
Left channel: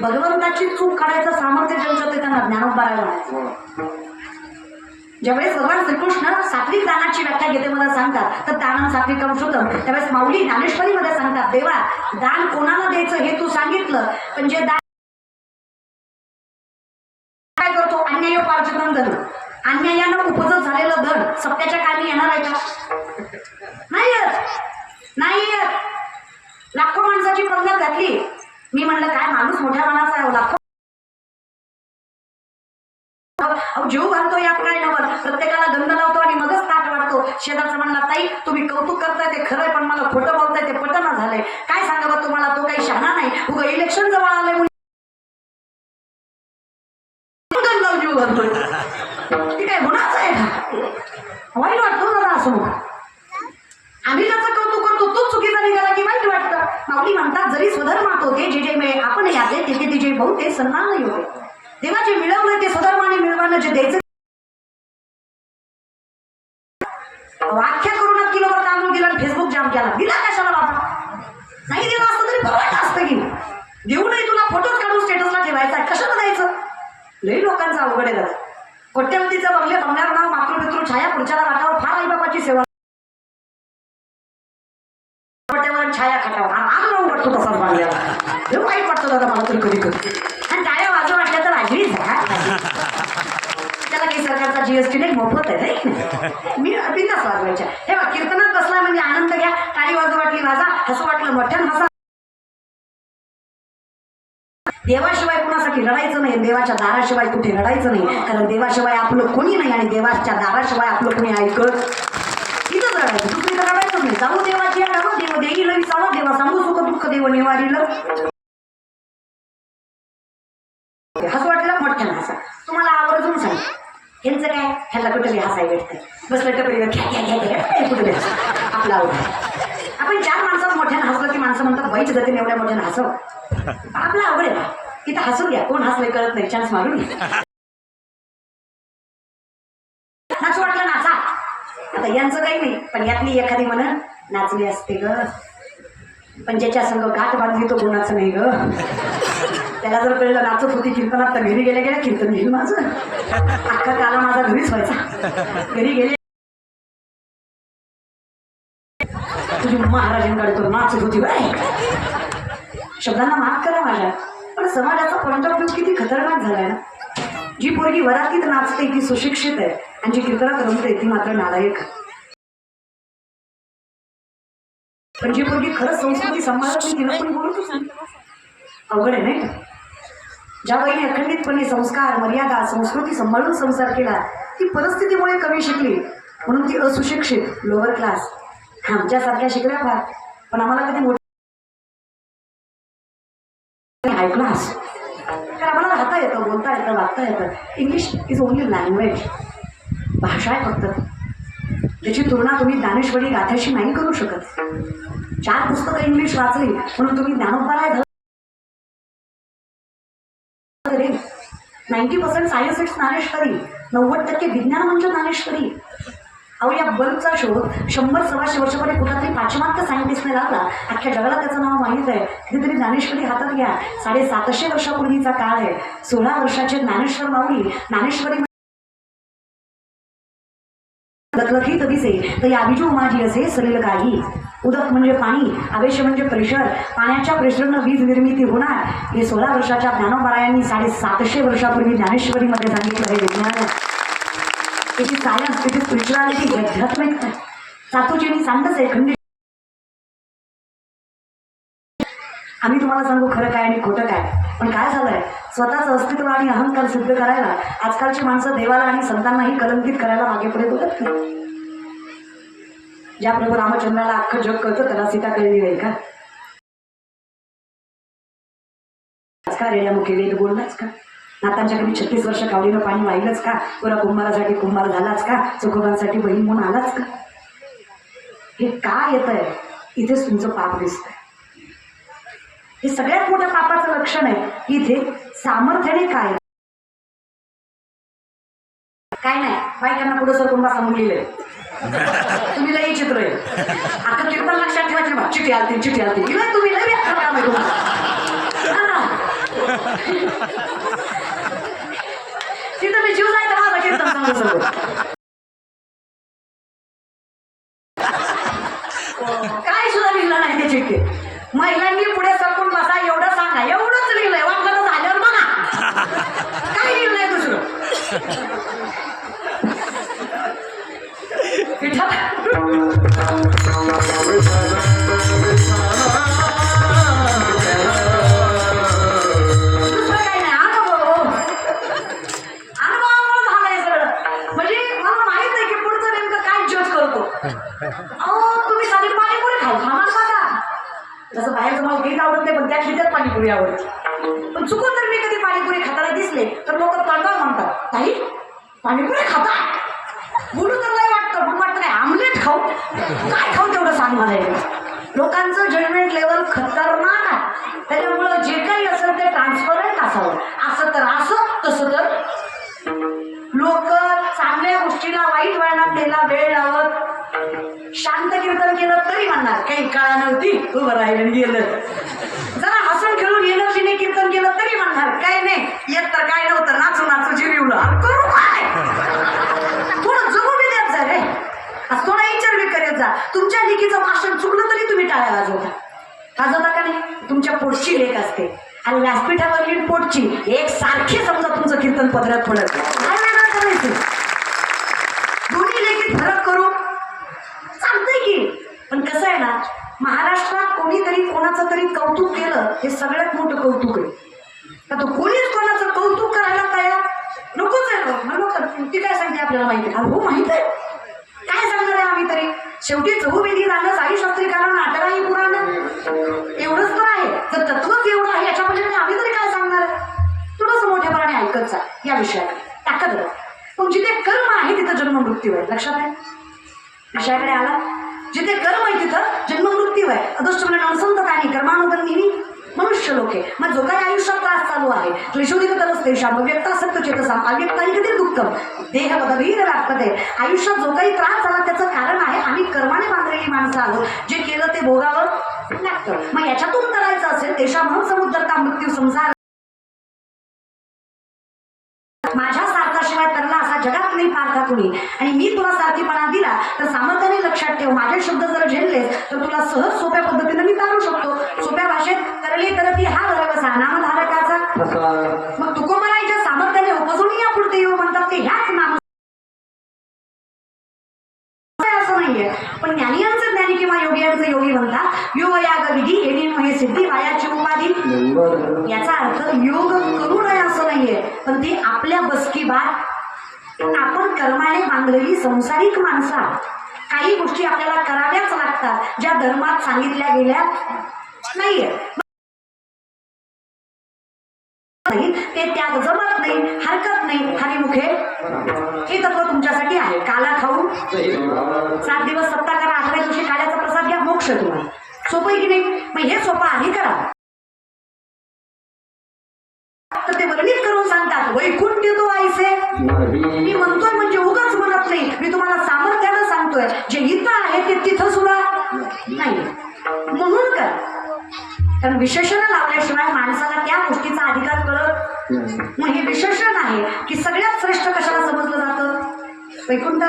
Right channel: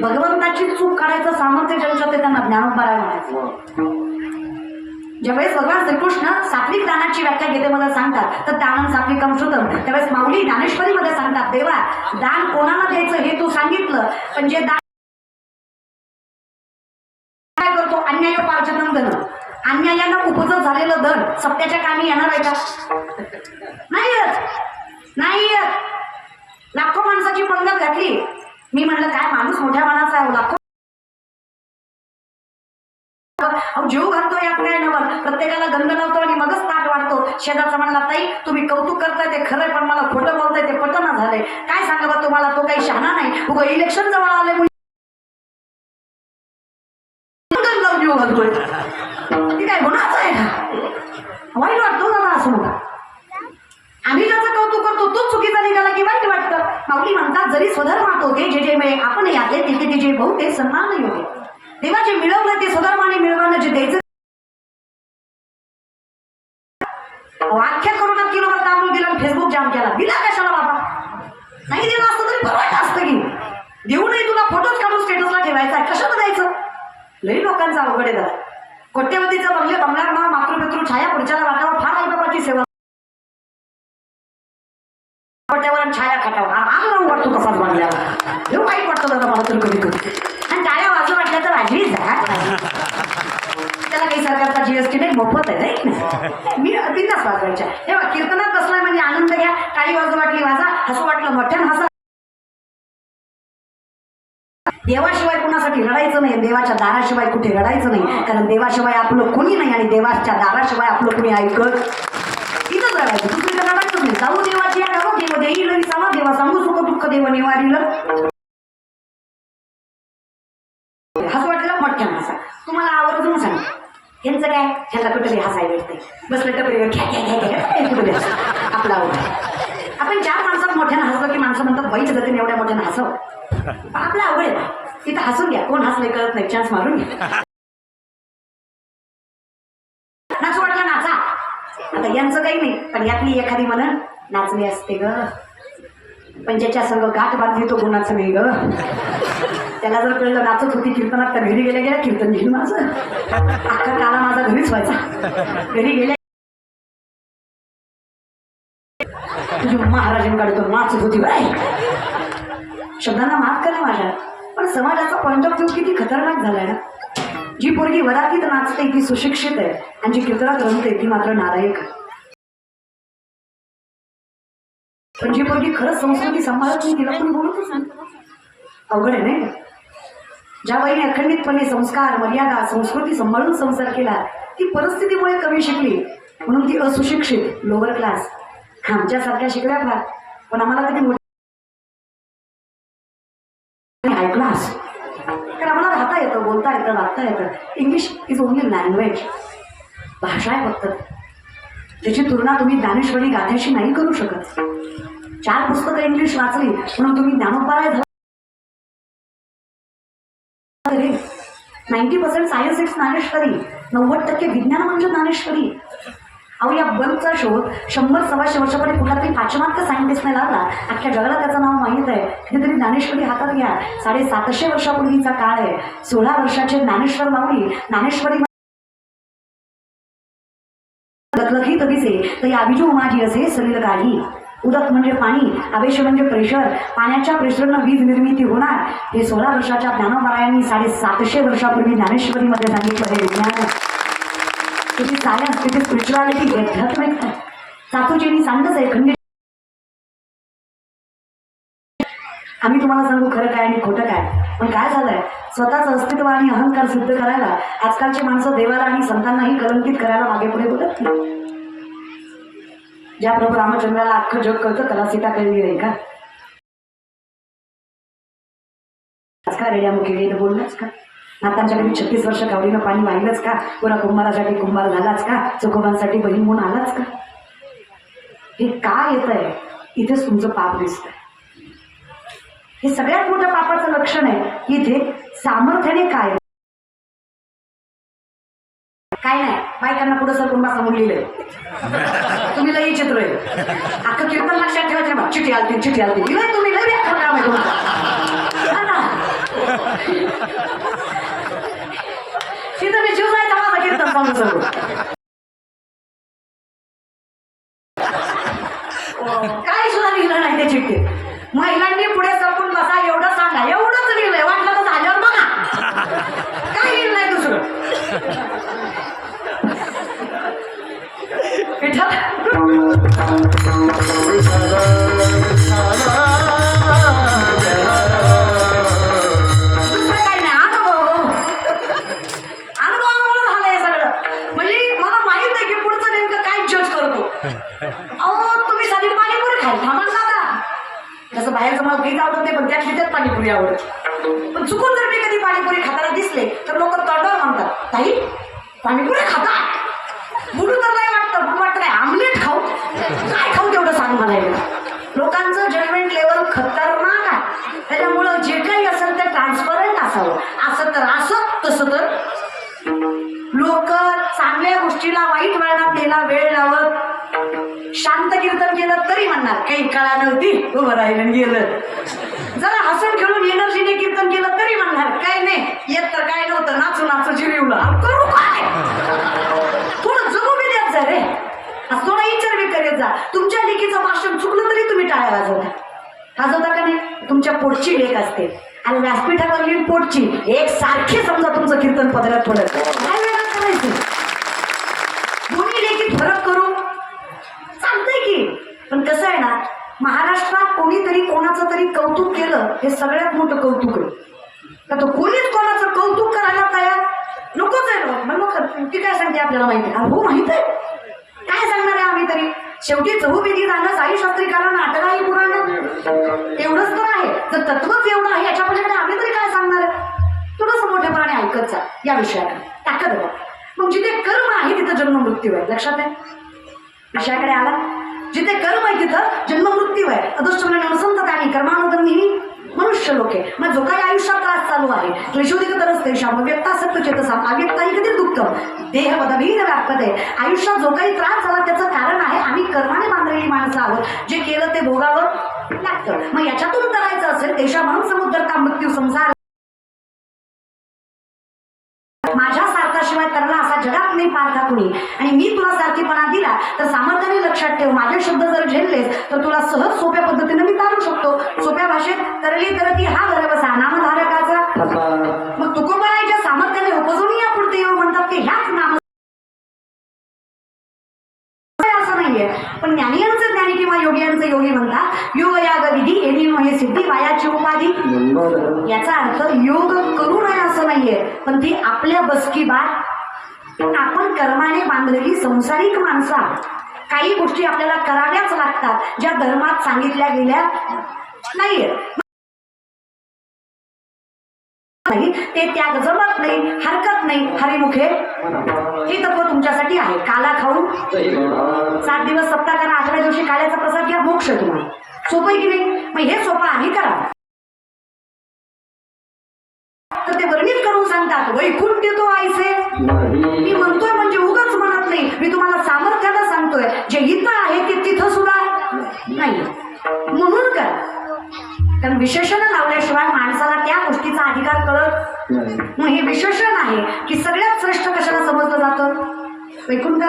भगवंताची चूक काढायचं सामर्थ्य ज्यांचं ते त्यांना ज्ञानोबाला म्हणायचं. ज्यावेळेस भगवान श्रीकृष्ण सात्विक दानाची व्याख्या गीतेमध्ये सांगतात तर दानं सात्विकम श्रुतम, त्यावेळेस माऊली ज्ञानेश्वरीमध्ये सांगतात देवा दान कोणाला द्यायचं हे तू सांगितलं, पण जे दान काय करतो अन्यायोपार्जितम धन, अन्यायानं उपजत झालेलं धन सत्याच्या कामी येणार आहे का? नाही येत. लाखो माणसाची पंगत घातली. मी म्हणलं काय माणूस मोठ्या मनाचा आहे. लाखो जीव घालतो या प्रयाणावर, प्रत्येकाला गंध लावतो आणि मगच ताट वाढतो. शेजारचा म्हणला ताई तुम्ही कौतुक करताय ते खरंय, पण मला खोटं बोलताय ते पटना झालंय. काय सांगावं तुम्हाला, तो काही शहाणा नाही. उगा इलेक्शन जवळ आले म्हणून जीव घालतोय. ती काय गुन्हाच आहे का? वाईट वाटतो मला असं मग. आम्ही त्याचं कौतुक करतो तो चुकीचा निघाला की वाईट वाटतं. माऊली म्हणतात जरी स्वधर्मात होते जे जे मिळे आपण यातले तिथे तिचे बहुतेक सन्मान नाही होते. तेव्हा जे मिळवलं ते स्वधर्माने मिळवणं जे द्यायचं. व्याख्या करून किलोवर तांदूळ दिला, फेसबुक जाम केला. दिला कशाला बाबा? नाही दिला असतं तरी परवडलं असतं की. देऊ नाही तुला फोटोच काढून स्टेटसला ठेवायचा, कशाला द्यायचं? लई लोकांचा अवघड आहे जरा. कोट्यवधीचं बंगले बंगल्यावर नाव मातृपितृ छाया पुढच्याला वाटावर फार आईबापाची सेवा. कोट्यावर छाया खाटावर आग वाटतो तसाच बांधला. हे वाईट वाटतं दादा मला तरी कधी कधी. आणि टाळ्या वाजू वाटल्या तर वाजलीच जा. त्याला काही सरकारचा जीएसटी नाही, मोफत आहे नाही. मी बिंदास वाजवायच्या. हे बघ कीर्तनात बसला म्हणजे आनंद घ्या. टाळी वाजू वाटली वाजा, हसू वाटलं मोठ्यानं हसा. देवाशिवाय कुणासाठी लढायचं नाही, देवाच्या दाराशिवाय कुठे लढायचं नाही. कारण देवाशिवाय आपलं कोणी नाही आणि देवाच्या दाराशिवाय आपलं कोणी ऐकत. इथंच लढायचं, दुसरीकडे लढायचंच नाही. जाऊ देवाची देव देईल विसावं, देवा सांगू सुख दुःख देव निवारीलं. हसं वाटलं मोठ्यानं हसा. तुम्हाला आवर्जून सांग यांचं काय ह्याला कुठे हसाय भेटतंय. बसलं टपरीवर कुठे आपलं आवड. आपण 4 माणसात मोठ्यानं हसलं की माणसं म्हणतात बाईच गतीने एवढ्या मोठ्यानं हसव. आपलं आवड आहे बा. तिथं हसून घ्या, कोण हसले कळत नाही, चान्स मारून घ्या. नाच वाटलं नाचा. आता यांचं काही नाही, पण यातली एखादी म्हणून नाचली असते ग, पण ज्याच्या संग गाठ बांधली तो कोणाचं नाही ग. त्याला जर कळलं नाचत होती कीर्तनात तर घरी गेल्या कीर्तन घेईल माझं. अख्खा काला माझा घरीच व्हायचा. घरी गेल्या तुझी महाराजांकडे तो नाचत होती बाय. शब्दांना माफ करा माझ्या, पण समाजाचा पॉइंट ऑफ व्ह्यू किती खतरनाक झालाय ना. जी पोरगी वरातीत नाचते ती सुशिक्षित आहे आणि जी कीर्तनात रमते ती मात्र नालायक. पण जी पोरगी खरंच संस्कृती सांभाळत नाही तिला पण बोलतच नाही. अवघड आहे नाही. ज्या बाईने अखंडितपणे संस्कार मर्यादा संस्कृती सांभाळून संसार केला ती परिस्थितीमुळे कमी शिकली म्हणून ती असुशिक्षित लोअर क्लास. आमच्यासारख्या शिकल्या फार, पण आम्हाला कधी हाय क्लास. तर आम्हाला राहता येतं, बोलता येतं, वागता येतं. इंग्लिश इज ओनली लँग्वेज, भाषा आहे फक्त. त्याची तुलना तुम्ही ज्ञानेश्वरी गाथ्याशी नाही करू शकत. 4 पुस्तकं इंग्लिश वाचली म्हणून तुम्ही ज्ञानोबा 90% सायन्स इट्स ज्ञानेश्वरी, 90% विज्ञान म्हणजे ज्ञानेश्वरी. अहो या बल्बचा शोध 100-125 वर्षापूर्वी कुठला तरी पाश्चिमात्य सायंटिस्टने लागला. अख्ख्या जगाला त्याचं नाव माहीत आहे. कितीतरी ज्ञानेश्वरी हातात घ्या. 750 वर्षापूर्वीचा काळ आहे. 16 वर्षाचे ज्ञानेश्वर माऊली ज्ञानेश्वरी लखलखीत दिसे तरी आबिजू माझी असे सरील काही. उदक म्हणजे पाणी, आवेश म्हणजे प्रेशर, पाण्याच्या प्रेशरनं वीज निर्मिती होणार. हे 16 वर्षाच्या ज्ञानोबारायांनी 750 वर्षापूर्वी ज्ञानेश्वरीमध्ये सांगितलं. हे विज्ञान, त्याची सायन्स, त्याची स्पिरिच्युअलिटी, अध्यात्मिक सातूजींनी सांगतच आहे. खंडित आम्ही तुम्हाला सांगू खरं काय आणि खोटं काय. पण काय झालंय, स्वतःचं अस्तित्व आणि अहंकार सिद्ध करायला आजकालची माणसं देवाला आणि संतांनाही कलंकित करायला मागे पुढे बोलत नाही. ज्या प्रभू रामचंद्राला अख्खं जग कळतं त्याला सीता कळली नाही का? रेड्यामुखी वेद बोललाच का? नातांच्या घरी 36 वर्ष कावडीनं पाणी वाहिलंच का? पुरा कुंभारासाठी कुंभार झालाच का? चोखोबांसाठी बहीण म्हणून आलाच का? हे काय येत आहे? इथेच तुमचं पाप दिसतंय. हे सगळ्यात मोठं पापाचं लक्षण आहे. इथे सामर्थ्याने काय काय नाही. बायकांना पुढे सरकून बसा म्हणलेलं तुम्ही लई चित्र आहे. आता कीर्तन लक्षात ठेवायचे बा. चिठी आलती चिठी आलती तुम्ही लई काम आहे तिथं मी जीव जायचा माझा कीर्तन सांगू शकतो. काय सुद्धा लिहिलं नाही ते चिठ्ठी. महिलांनी पुढे सरकून बसा एवढं सांगा. एवढंच लिहिलंय. वाटलं तर झाल्यावर बघा काय लिहिलंय दुसरं. तसं बाहेरचं मला काहीच आवडत नाही, पण त्या खिच्यात पाणीपुरी आवडते. पण चुकून जर मी कधी पाणीपुरी खाताना दिसले तर लोक तोंडावर म्हणतात, ताई पाणीपुरी खाता. बोलू तर नाही वाटतं, पण वाटतं काय आमलेट खाऊ काय खाऊ तेवढं सांग मला. लोकांचं जजमेंट लेवल खतरनाक आहे. त्याच्यामुळं जे काही असेल ते ट्रान्सपरंट असावं. असं तर असं, तसं तर लोक चांगल्या गोष्टीला वाईट वळणात गेला वेळ लावत शांत कीर्तन केलं तरी म्हणणार काही कळा नव्हती उभं राहिलं गेलं. जरा हसून खेळून एनर्जीने कीर्तन केलं तरी म्हणणार काय नाही येत तर काय नव्हतं, नाचू नाचू जिरवलं करू काय. थोडं जगू बी द्यात जा रे. थोडा विचार बी करीत जा. तुमच्या लेकीचं भाषण चुकलं तरी तुम्ही टाळ्या वाजवता का नाही? तुमच्या पोटची लेख असते आणि व्यासपीठावरली पोटची एक सारखी समजा तुमचं कीर्तन पदरात पडत काय वेगळं करायचं. दोन्ही लेखीत फरक करू चालतंय की. पण कसं आहे ना, महाराष्ट्रात कोणीतरी कोणाचं तरी कौतुक केलं हे सगळ्यात मोठं कौतुक आहे. तर तो कोणीच कोणाचं कौतुक करायला तयार नकोच आहे. ती काय सांगते आपल्याला माहिती आहे. हो माहित आहे काय सांगणार आहे आम्ही तरी. शेवटी चहूविधी जाणं साईशास्त्रीकरण नाटकाही पुराण एवढंच तर आहे. तर तत्वच एवढं आहे याच्या पलीकडे आम्ही तरी काय सांगणार आहे. थोडंसं मोठेपणाने ऐकत जा या विषयाला ताकद बघ. मग जिथे कर्म आहे तिथं जन्म मृत्यू आहे. लक्षात आहे विषयाकडे आला. जिथे कर्म आहे तिथं जन्म मृत्यू आहे. अदृष्टपणे नसंतकानी कर्मानुगमी मनुष्य लोक आहे. मग जो काही आयुष्यात त्रास चालू आहे क्लेशोदिक तरच तेषाम व्यक्ता सत्य चेतसा अव्यक्ताही कधी दुःखम देह पदवीर लागते. आयुष्यात जो काही त्रास झाला त्याचं कारण आहे आम्ही कर्माने बांधलेली माणसं आहोत. जे केलं ते भोगावं लागतं. मग याच्यातून करायचं असेल देशा म्हणून समुद्रता मृत्यू संसार माझ्या सार्थाशिवाय तरला असा जगात नाही पारखा कुणी. आणि मी तुला सारखीपणा दिला तर सामर्थ्याने लक्षात ठेव माझे शब्द जर झेललेस तर तुला सहज सोप्या पद्धतीने मी तारू शकतो. सोप्या भाषेत करली करती हा घर बसा नामधारकाचा. मग तुकोबरायच्या सामर्थ्याने उपजून या पुढते म्हणतात ते ह्याच नाम असं नाहीये. पण ज्ञानियांचं ज्ञानी किंवा योगियांचं योगी म्हणतात योग याग विधी येणे महे सिद्धी वायाची उपाधी. याचा अर्थ योग करू नये असं नाहीये, पण ती आपल्या बसकी बात. आपण कर्माने बांधलेली संसारिक माणसं काही गोष्टी आपल्याला कराव्याच लागतात ज्या धर्मात सांगितल्या गेल्या नाहीये. ते त्याग जमत नाही हरकत नाही हरिमुखे हे तत्व तुमच्यासाठी आहे. काला खाऊन 7 दिवस सप्ताह करा 8व्या दिवशी काल्याचा प्रसाद घ्या मोक्ष तुम्हाला. सोपं आहे की नाही? मग हे सोपं आहे करा. तर ते वर्णित करून सांगतात वैकुंठ मी म्हणतोय म्हणजे उगाच म्हणत नाही, मी तुम्हाला सामर्थ्यानं सांगतोय. जे इथं आहे ते तिथं सुद्धा नाही. म्हणून का, कारण विशेषण लावल्याशिवाय माणसाला त्या गोष्टीचा अधिकार कळत. मग हे विशेषण आहे की सगळ्यात श्रेष्ठ कशाला समजलं जातं? वैकुंठ.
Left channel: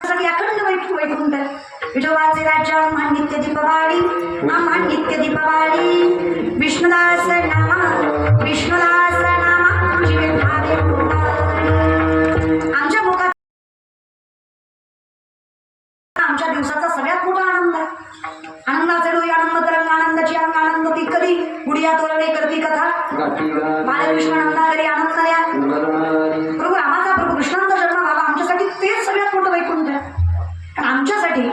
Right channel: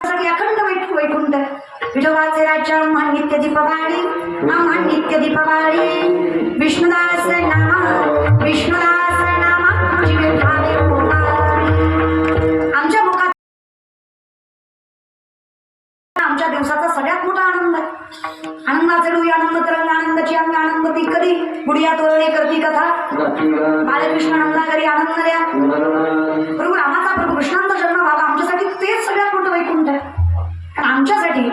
अखंड वैकुंठ. विठोबाचे राज्य नित्य दीपवाळी, नित्य दीपवाळी. विष्णुदास नामा, विष्णुदास नामा जीवे भावे मुखारी. आमच्या मुखात आमच्या दिवसाचा सगळ्यात मोठा आनंद आहे. आनंदाचे डोई आनंद तरंग, आनंदाची अंग आनंद ती कधी. गुडिया तोरणे करती कथा, बालकृष्ण नंदागरी आनंद द्या. प्रभू रामाचा, प्रभू कृष्णांचा जन्म व्हावा, आमच्यासाठी तेच सगळ्यात मोठं वैकुंठ आहे. आमच्यासाठी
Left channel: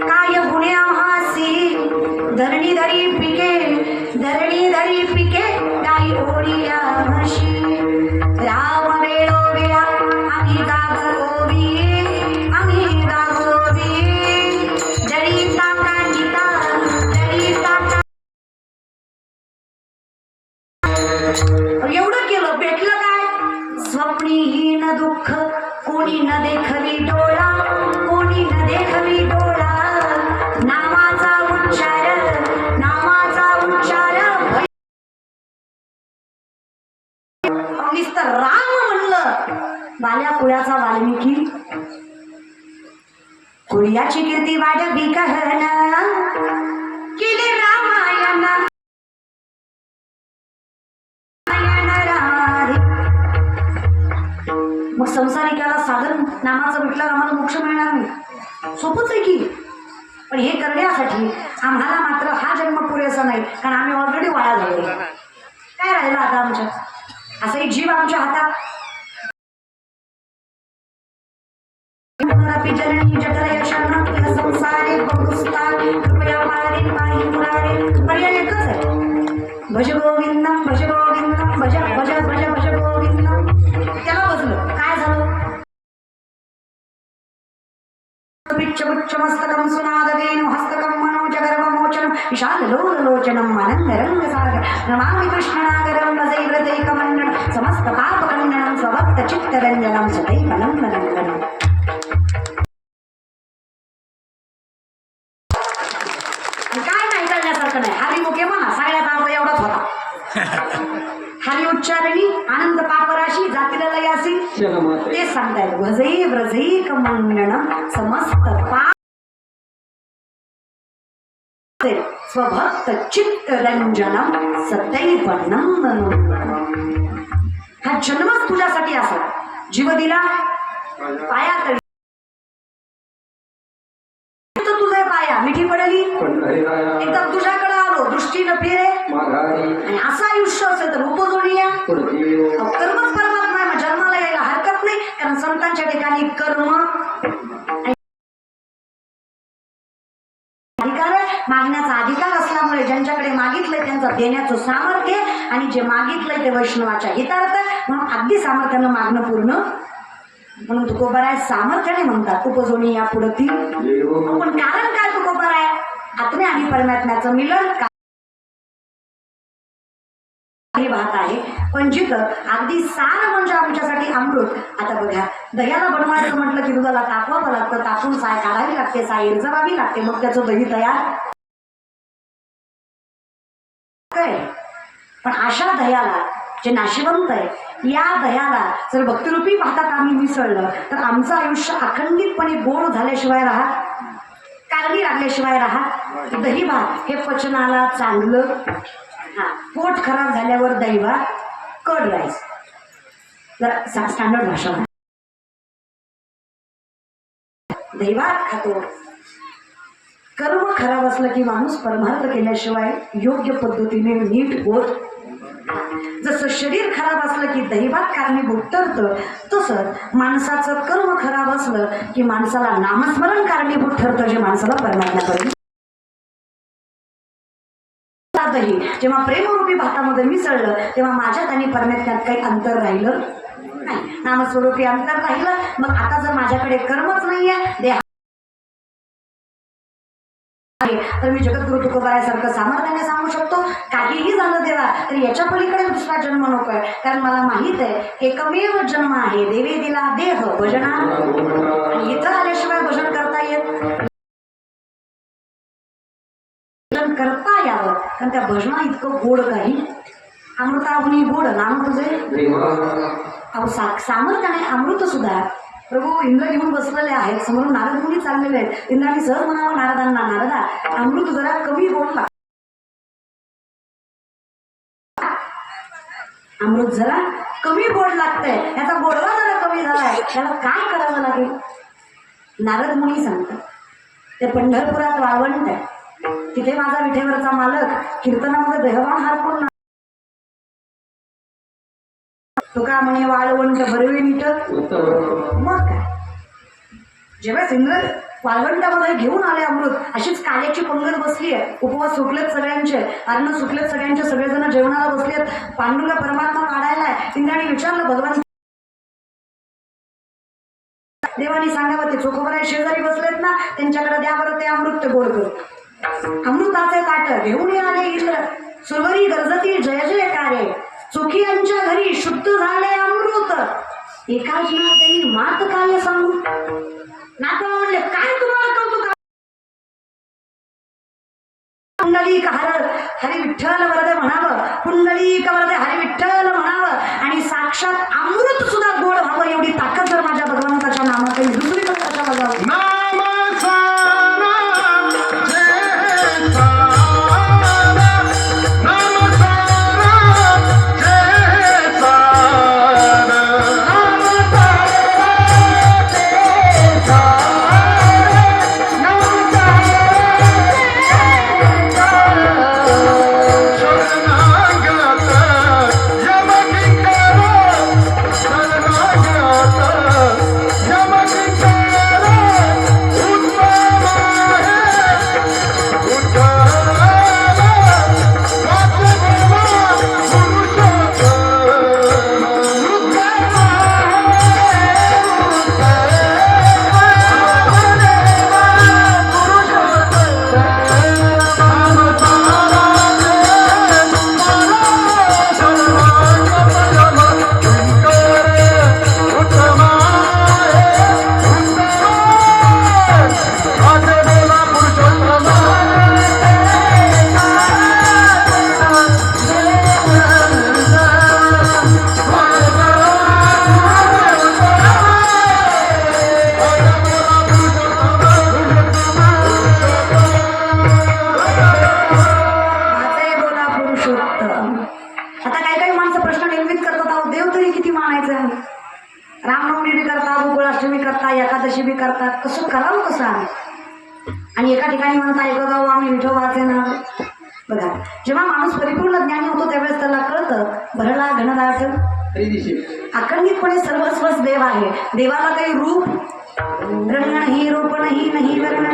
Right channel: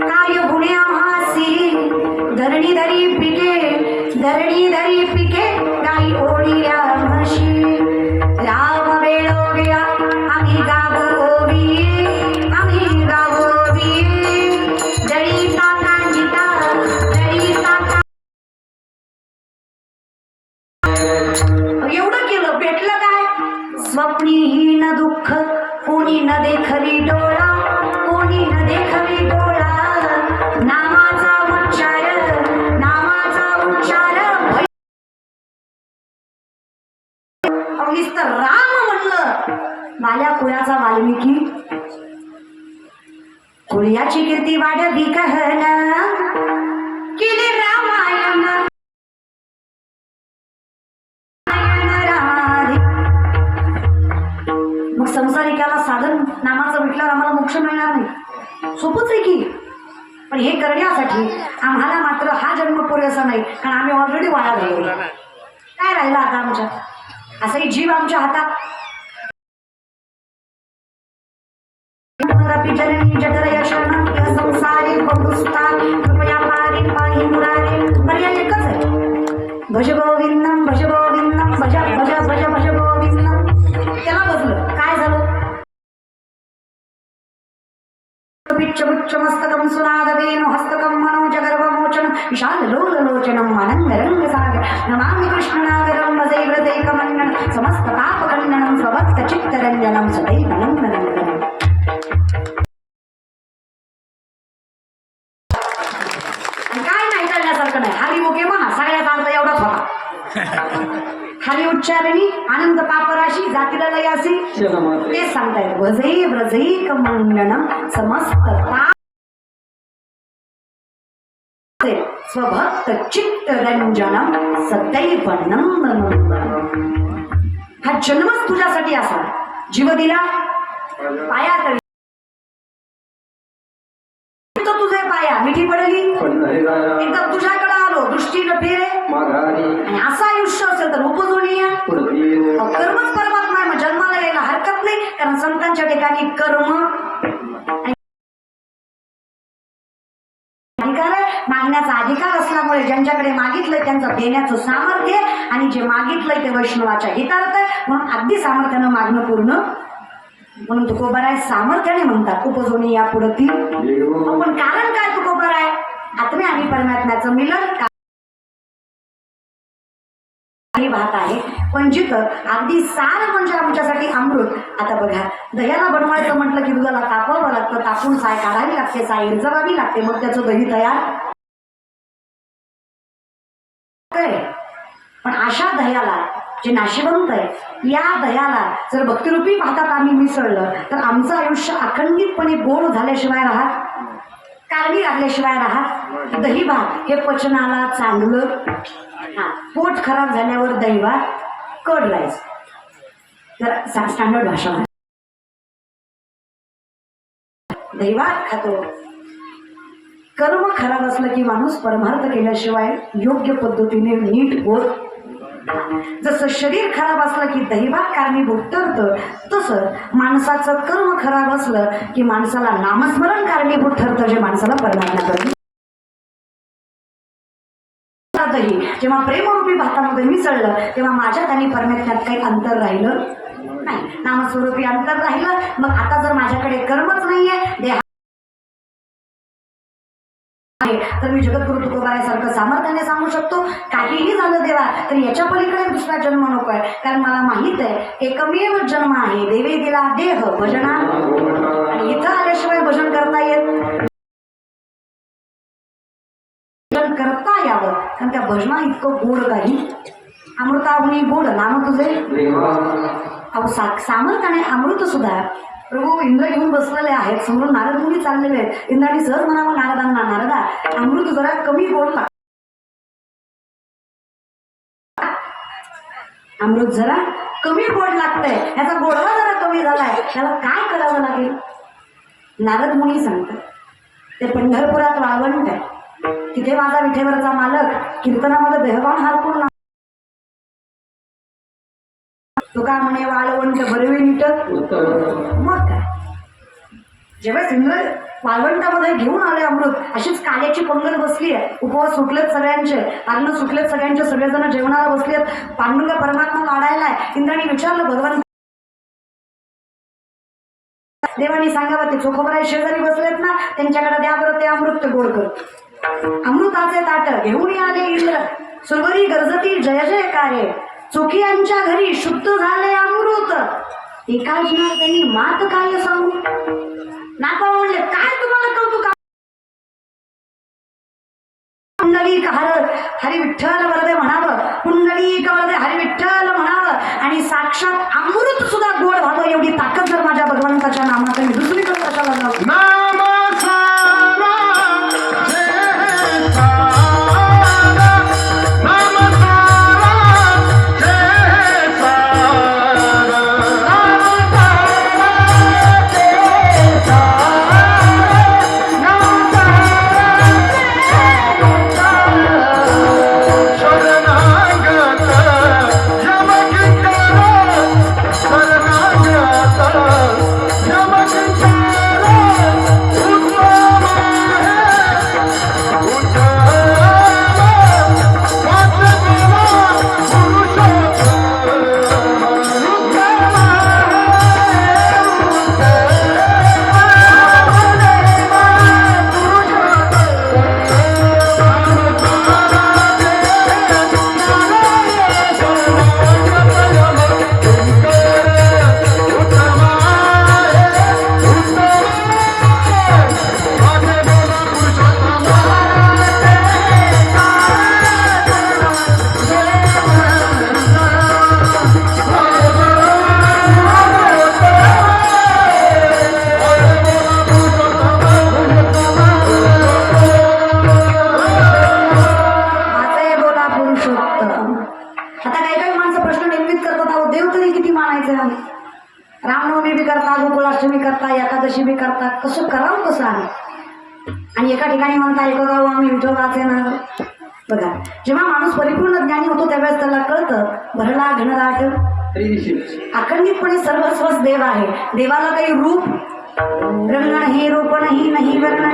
काय गुणे आम्हासी धरणी धरी पिके, धरणी धरी पिके काही ओढिया म्हशी. राम वेळो वेळा आम्ही गावोवी, आम्ही गावोवी. जळीचा कांजिता, जळीचा. एवढं केलं, भेटलं काय? स्वप्नीहीन दुःख कोणी न देखली डोळा, कोणी न देखली डोळा. नामाचा उच्चार, नामाचा उच्चार. नुसतं राम म्हणलं, बाल्या कुळाचा वाल्मिकी. कुळ्याची कीर्ती वाढवी कहन, केले रामायण. मग संसारिकाला साधन नामाचं म्हटलं आम्हाला मोक्ष मिळणार नाही. सोपंच आहे की. पण हे करण्यासाठी आम्हाला मात्र हा जन्म पुरेसा नाही, कारण आम्ही ऑलरेडी वाया झालो. काय राहिलं आता आमच्या? असंही जीव आमच्या हातात. संसारे कृपया पारे पाहि मुरारे. पर्याय एकच आहे, भज गोविंदम, भज गोविंदम, भज भज भज भज गोविंदम. त्याला बसलं काय झालं? मस्तकं सुनादवेन हस्तकं मनोजगर्वमोचनं विशाललोललोचनम् आनन्दरङ्गसागर. नमामि कृष्णनागरं वसैव्रतैकमण्डनं समस्तपापखण्डनं स्वभक्तचित्तरञ्जनं सदैवनन्दनन्दनम्. काय नाही करण्यासारखं नाही. हरी मुखे म्हणा, सगळ्यात अर्थ एवढाच होता. हरी उच्चारणी आनंद पापराशी जातीला लयासी. तेच सांगतायत, वजई व्रजैक मंडनम समस्त स्वभक्त चित्तरंजनम सदैव नंदनंदनम. हा जन्मच तुझ्यासाठी असा. जीव दिला पाया तरी तुझे पाया मिठी पडली. एकदा तुझ्याकडे आलो, दृष्टीनं फिरे आणि असं आयुष्य असेल तर उपजून या. कर्मच परमात्मा आहे. मग जन्माला यायला हरकत नाही, कारण संतांच्या ठिकाणी कर्म अधिकार आहे. मागण्याचा अधिकार असल्यामुळे ज्यांच्याकडे मागितलंय त्यांचं देण्याचं सामर्थ्य, आणि जे मागितलंय ते वैष्णवाच्या हितार्थ आहे. म्हणून अगदी सामर्थ्यानं मागणं पूर्ण. म्हणून तुकोबाराय सामर्थ्याने म्हणतात उपजोनी या पुढती. पण कारण काय तुकोबाराय? आत्मे आणि परमात्म्याचं मिलन वाहत आहे. पण जिथं अगदी सार म्हणजे आमच्यासाठी अमृत. आता बघा, दह्याला बनवायचं म्हटलं की दुधाला तापवावं लागतं, तापून साय काढावी लागते, साय इरजवावी लागते, मग त्याचं दही तयार. पण अशा दह्याला जे नाशिवंत आहे, या दह्याला जर भक्तिरूपी भातात आम्ही मिसळलं तर आमचं आयुष्य अखंडितपणे गोड झाल्याशिवाय राहत, कारणी लागल्याशिवाय राहत. दही भात हे पचनाला चांगलं. पोट खराब झाल्यावर दही भात कड राईस, जरा स्टँडर्ड भाषा. दही भात खातो. कर्म खराब असलं की माणूस परमार्थ केल्याशिवाय योग्य पद्धतीने नीट होत. जसं शरीर खराब असलं की दैवात कारणीभूत ठरतं, तसं माणसाचं कर्म खराब असलं की माणसाला नामस्मरण कारणीभूत ठरतं, जे माणसाला परमात्म्याकडे. जेव्हा प्रेमरूपी भातामध्ये मिसळलं तेव्हा माझ्यात आणि परमात्म्यात काही अंतर राहिलं नाही, नामस्वरूपी अंतर राहिलं. मग आता जर माझ्याकडे कर्मच नाहीये, देह तर मी जगद्गुरु तुकोबारायासारखं सामर्थ्याने सांगू शकतो. झाला तर याच्या पलीकडे दुसरा जन्म नको आहे, कारण मला माहित आहे एकमेव जन्म आहे, देवी दिला देह भजना, आणि इथं आल्याशिवाय भजन करता येत भजन करता यावं, कारण त्या भजना इतकं गोड काही अमृताहुनी गोड नाम तुझे अहो सामर्थ्याने अमृत सुद्धा. प्रभू इंद्र घेऊन बसलेले आहेत, समोरून नारद मुनी चाललेले आहेत. इंद्राने सहज म्हणावं नारदांना, नारदा अमृत जरा कमी बोलला, अमृत जरा कमी गोड लागतंय, याचा गोडवा जरा कमी झालाय, त्याला काय करावं लागेल. नारद मुनी सांगतात ते पंढरपुरात वाळवंट आहे, तिथे माझा विठेवरचा मालक कीर्तनामध्ये देहवान हारपून तुका म्हणे वाळवंट भरवी नीट. मग काय जेव्हा इंद्र वाळवंटामध्ये घेऊन आले अमृत, अशीच काल्याची पंगत बसली आहे, उपवास सुटलेत सगळ्यांचे, अन्न सुटलेत सगळ्यांचे, सगळेजण जेवणाला बसलेत, पांडुरंग परमात्मा वाढायलाय. इंद्राने विचारलं भगवान देवानी सांगावं ते चोखोबराय शेजारी बसलेत ना, त्यांच्याकडे द्या बरं ते अमृत ते गोड कर. अमृताचे ताट घेऊन आले इंद्र, सुरवरी गरजती जय जयकारे, चोखियांच्या घरी शुद्ध झाले अमृत. एका जीवाला त्यांनी मात काय सांगू, नाका म्हणले काय तुम्हाला कौतुक. पुंडलिक हरी विठ्ठल वरदे म्हणावं, पुंडलिक वरदे हरी विठ्ठल म्हणावं, आणि साक्षात अमृत सुद्धा गोड व्हावं, एवढी ताकद जर माझ्या भगवंताच्या नामात दुसरीकडे कशाला जाऊ. एकादशी बी करतात, कसं करावं कसं आहे. आणि एका ठिकाणी म्हणतात एक गाव आम्ही विठोबाचे नाव. बघा जेव्हा माणूस परिपूर्ण ज्ञानी होतो त्यावेळेस त्याला कळतं भरला घनदाट अखंडितपणे सर्वस्वच देव आहे. देवाला काही रूप रंग नाही, रूप नाही वर्ण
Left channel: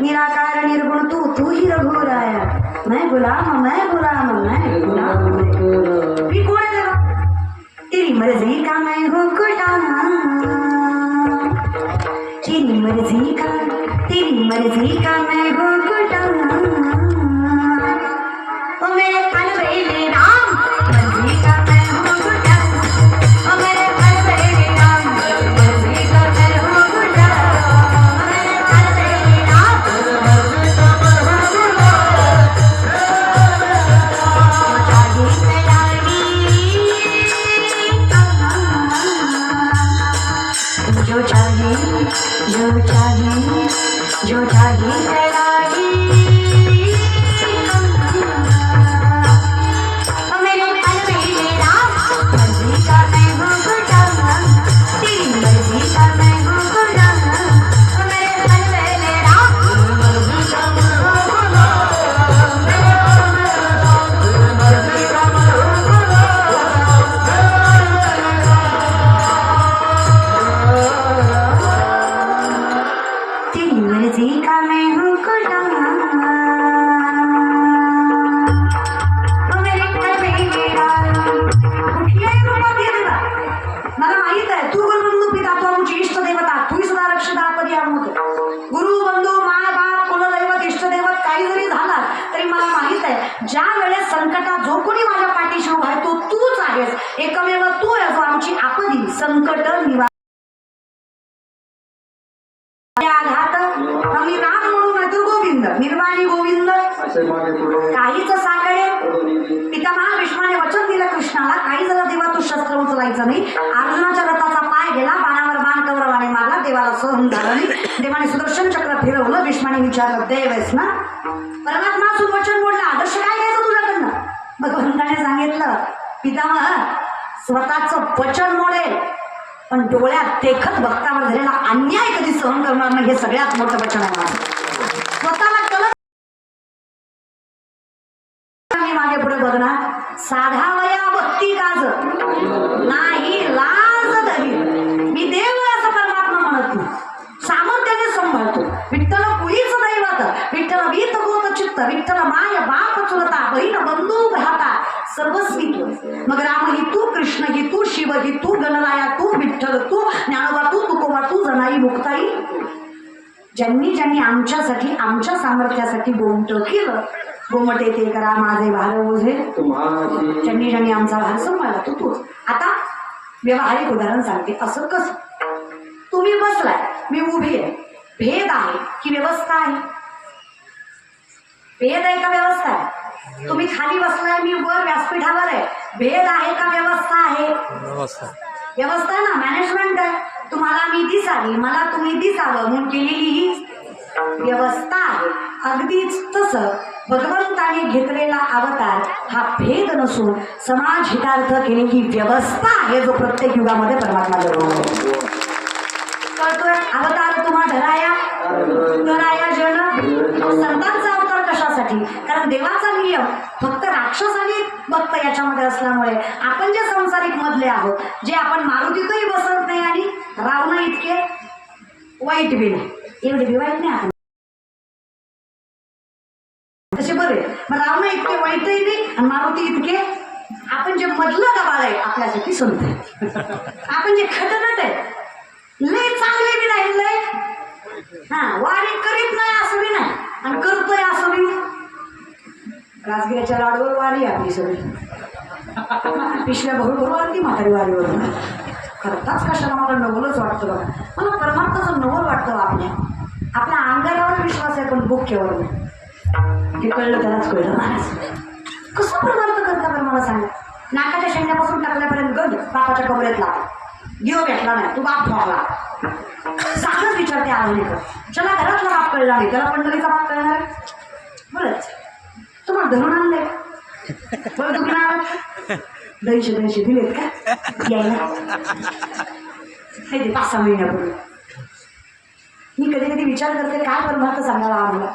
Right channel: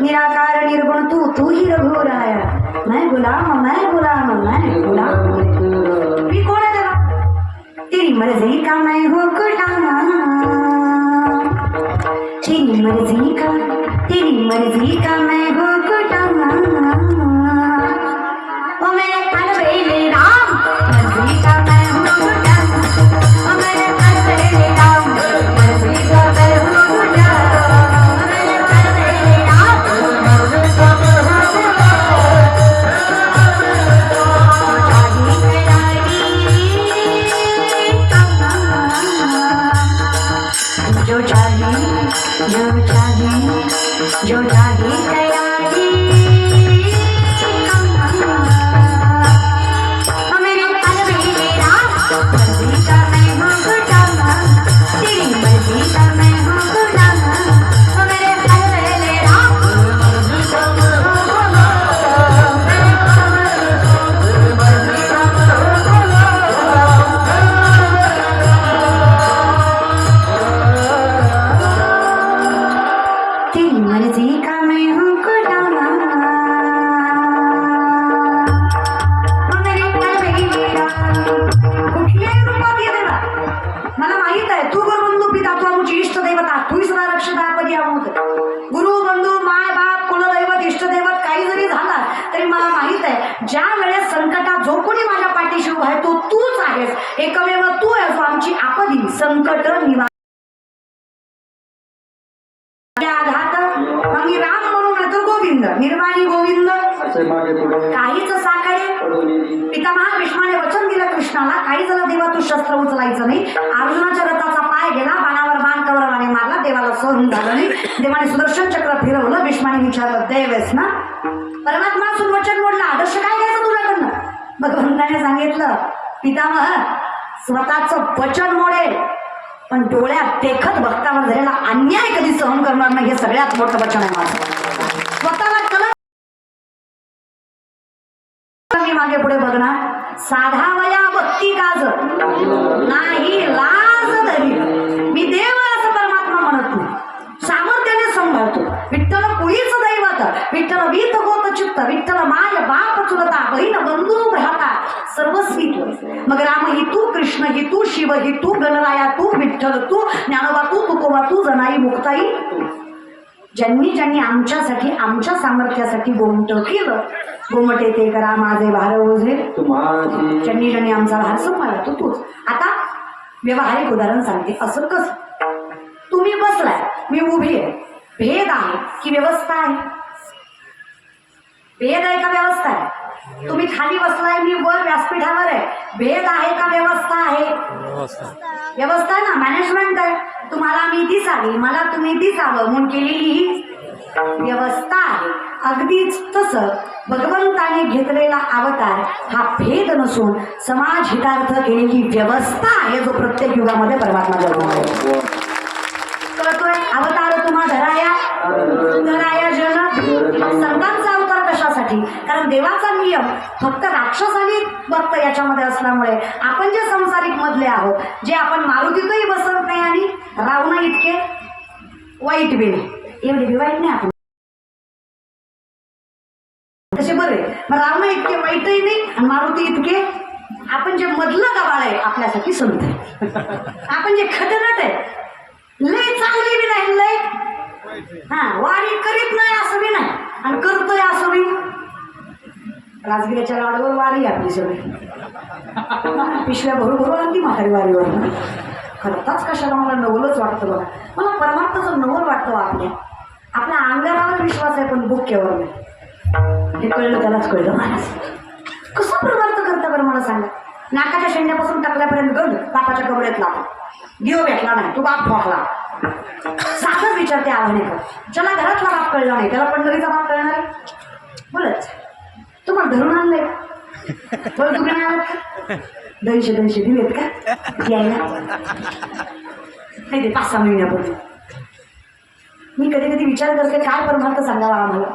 निराकार निर्गुण तू ही रघुराया, मैं गुलाम मैं गुलाम मैं गुलाम. मी कोण आहे देवा, तेरी मर्जी का मैं हो गुलाम, तेरी मर्जी का मैं हो गुलाम. ओ मेरे अलबेले राम मर्जी का मैं हो गुलाम, ओ मेरे अलबेले राम मर्जी का मैं हो गुलाम, ओ मेरे अलबेले राम मर्जी का मैं हो गुलाम. जो चाहे जो चाहे तरी मला माहित आहे ज्या वेळेस संकटात जो कोणी माझ्या पाठीशी उभा आहे तो तूच आहेस. एकमेव तू आहे जो आमची आपदी संकट निवार आघात. मी राम म्हणून येतो गोविंद निर्वाणी गोविंद काहीच साकडे. पितामहा भीष्माने वचन दिलं कृष्णाला, काही झालं देवा तू शस्त्र उचलायचं नाही. अर्जुनाच्या रथाचा पाय गेला, बाणावर बाण कौरवाने मारला, देवाला सहन झालं नाही. देवाने सुदर्शन चक्र फिरवलं. भीष्माने विचारलं देव आहेस ना? परमात्मा असून वचन मोडलं, आदर्श काय घ्यायचं तुझ्याकडनं? भगवंताने सांगितलं पितामह स्वतःचं वचन मोडेल पण डोळ्यात देखत भक्तावर झालेला अन्याय कधी सहन करणार नाही. हे सगळ्यात मोठं वचन आहे माझं. स्वतःला कलंक मी मागे पुढे बघणार, साधावया भक्ती काज नाही लाज धरी. मी देव असं परमात्मा म्हणत नाही, सामर्थ्याने सांभाळतो. विठ्ठल कुळीच दैवत, विठ्ठल वीत गोत चित्त, विठ्ठल माय बाप चुलता बहीण बंधू भ्राता सर्वस्वी तू. मग राम ही तू, कृष्ण ही तू, शिव ही तू, गणराया तू, विठ्ठल तू, ज्ञानोबा तू, तुकोबा तू, जनाई मुक्ताई. ज्यांनी आमच्यासाठी आमच्या सामर्थ्यासाठी गोमट केलं, गोमटे ते करा माझे भार ओझे. ज्यांनी आमचा भार सांभाळला तो तूच. आता व्यवहारिक उदाहरण सांगते. असं कसं? तुम्ही बसलाय, मी उभी आहे. भेद आहे की व्यवस्था आहे? भेद आहे का व्यवस्था आहे? तुम्ही खाली बसलाय, मी वर व्यासपीठावर आहे. भेद आहे का व्यवस्था आहे? व्यवस्था आहे ना, मॅनेजमेंट आहे. तुम्हाला मी दिसावी, मला तुम्ही दिसावं म्हणून केलेली ही व्यवस्था आहे. अगदीच तसं भगवंताने घेतलेला अवतार हा भेद नसून समाज हितार्थ केलेली व्यवस्था आहे, जो प्रत्येक युगामध्ये परमात्मा जगवतो. कळतोय? अवतार तुम्हा धराया जन. संतांचा अवतार कशासाठी? कारण देवाचा नियम फक्त राक्षसाने भक्त याच्यामध्ये असल्यामुळे आपण जे संसारिक मधले आहोत, जे आपण मारुतीतही बसत नाही आणि रावणा इतके वाईट बी नाही, एवढे बी वाईट नाही आपण तसे बरे. मग रावणा इतके वाईटही नाही आणि मारुती इतके आपण जे मधलं गबाळ आहे आपल्यासाठी संत आहे. आपण जे खटनट आहे, लय चांगले बी नाही, लय वारी करीत नाही असं बी नाही आणि करतोय असं बी. राजगिराच्या लाडूवर वारी आपली सगळी पिशव्या भरू भरू आणि ती म्हातारी वारीवर. खरंच कशाला मला नवलच वाटतं बघा. मला परमात्माचं नवल वाटतं आपल्या अंगावर विश्वास आहे पण बुक्केवर नाही. हे कळलं त्यालाच कळलं. महाराज कसं परमार्थ करता बरं मला सांगा. नाकाच्या शेंड्यापासून टाकल्यापर्यंत गंज बापाच्या कमरेत लागला, दिव भेटला नाही, तू बाप ठोकला. साधच विचारते आव्हाने कर. ज्याला घरातला बाप कळला नाही त्याला पंढरीचा बाप कळणार आहे? बोलच तुम्हाला धरून आणलंय बरं, तुम्ही आलात 200 दिलेत का यायला? नाही ते 5-6 महिन्यापूर्वी. मी कधी कधी विचार करते काय परमार्थ सांगावा आम्हाला.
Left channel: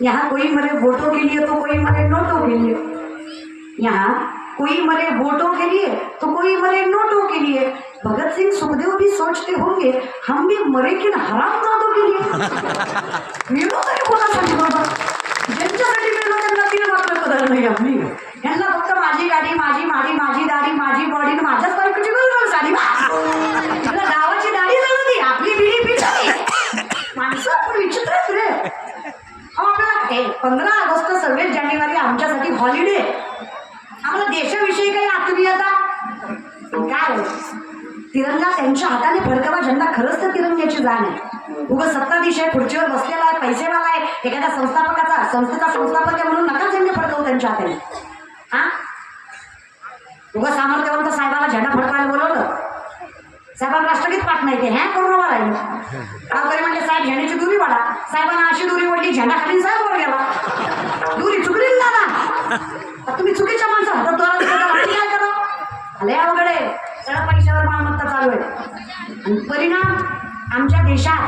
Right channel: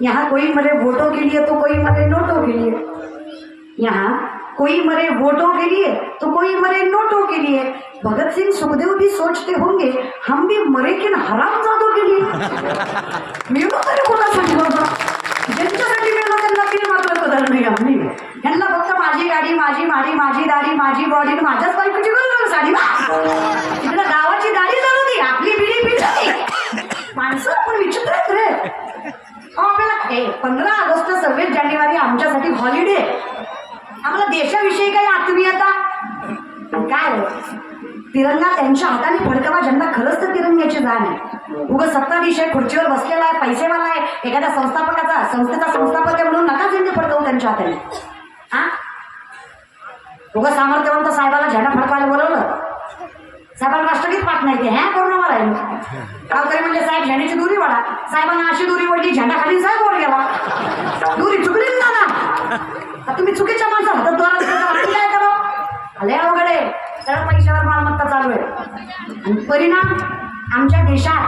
यहाँ कोई मरे वोटों के लिए तो कोई मरे नोटों के लिए. यहाँ कोई मरे वोटों के लिए तो कोई मरे नोटों के लिए. भगत सिंह सुखदेव भी सोचते होंगे हम भी मरे किन हरामजादों के लिए. मेलो तरी कोणा सांगितलं? ज्यांच्यासाठी मेलो त्यांना तीन मात्र कदर नाही आम्ही. यांना फक्त माझी गाडी, माझी दाढी, माझी बॉडी, माझ्याच बायकोची बरोबर साडी. मला गावाची दाढी जळती, आपली बिडी पिढी. माणसं आपण विचित्र आहेत रे. आपल्याला 15 ऑगस्ट 26 जानेवारी आमच्यासाठी हॉलिडे. आम्हाला देशाविषयी काही आत्मीयता काय? तिरंगा त्यांच्या हाताने फडकावा झेंडा. खरंच तर तिरंग्याची जाण आहे. उगा सत्ताधीश आहे, खुर्चीवर बसलेला आहे, पैसेवाला आहे, एखाद्या संस्थेचा संस्थापक आहे म्हणून नका झेंडा फडकवू त्यांच्या हाताने. हा उगा सामर्थ्यवंत साहेबाला झेंडा फडकायला बोलवलं, साहेबांना राष्ट्रगीत पाठ नाही ते ह्या करून राहिलं. गावकरी म्हणजे साहेब झेंड्याची दुरी वाढा. साहेबांना अशी दुरी ओढली, झेंडा खाली साहेब वर गेला. दुरी चुकली दादा, तुम्ही चुकीच्या माणसं काय करा. आले अवघडे सगळ्या पैशावर मालमत्ता चालू आहे. आणि परिणाम आमच्या देशात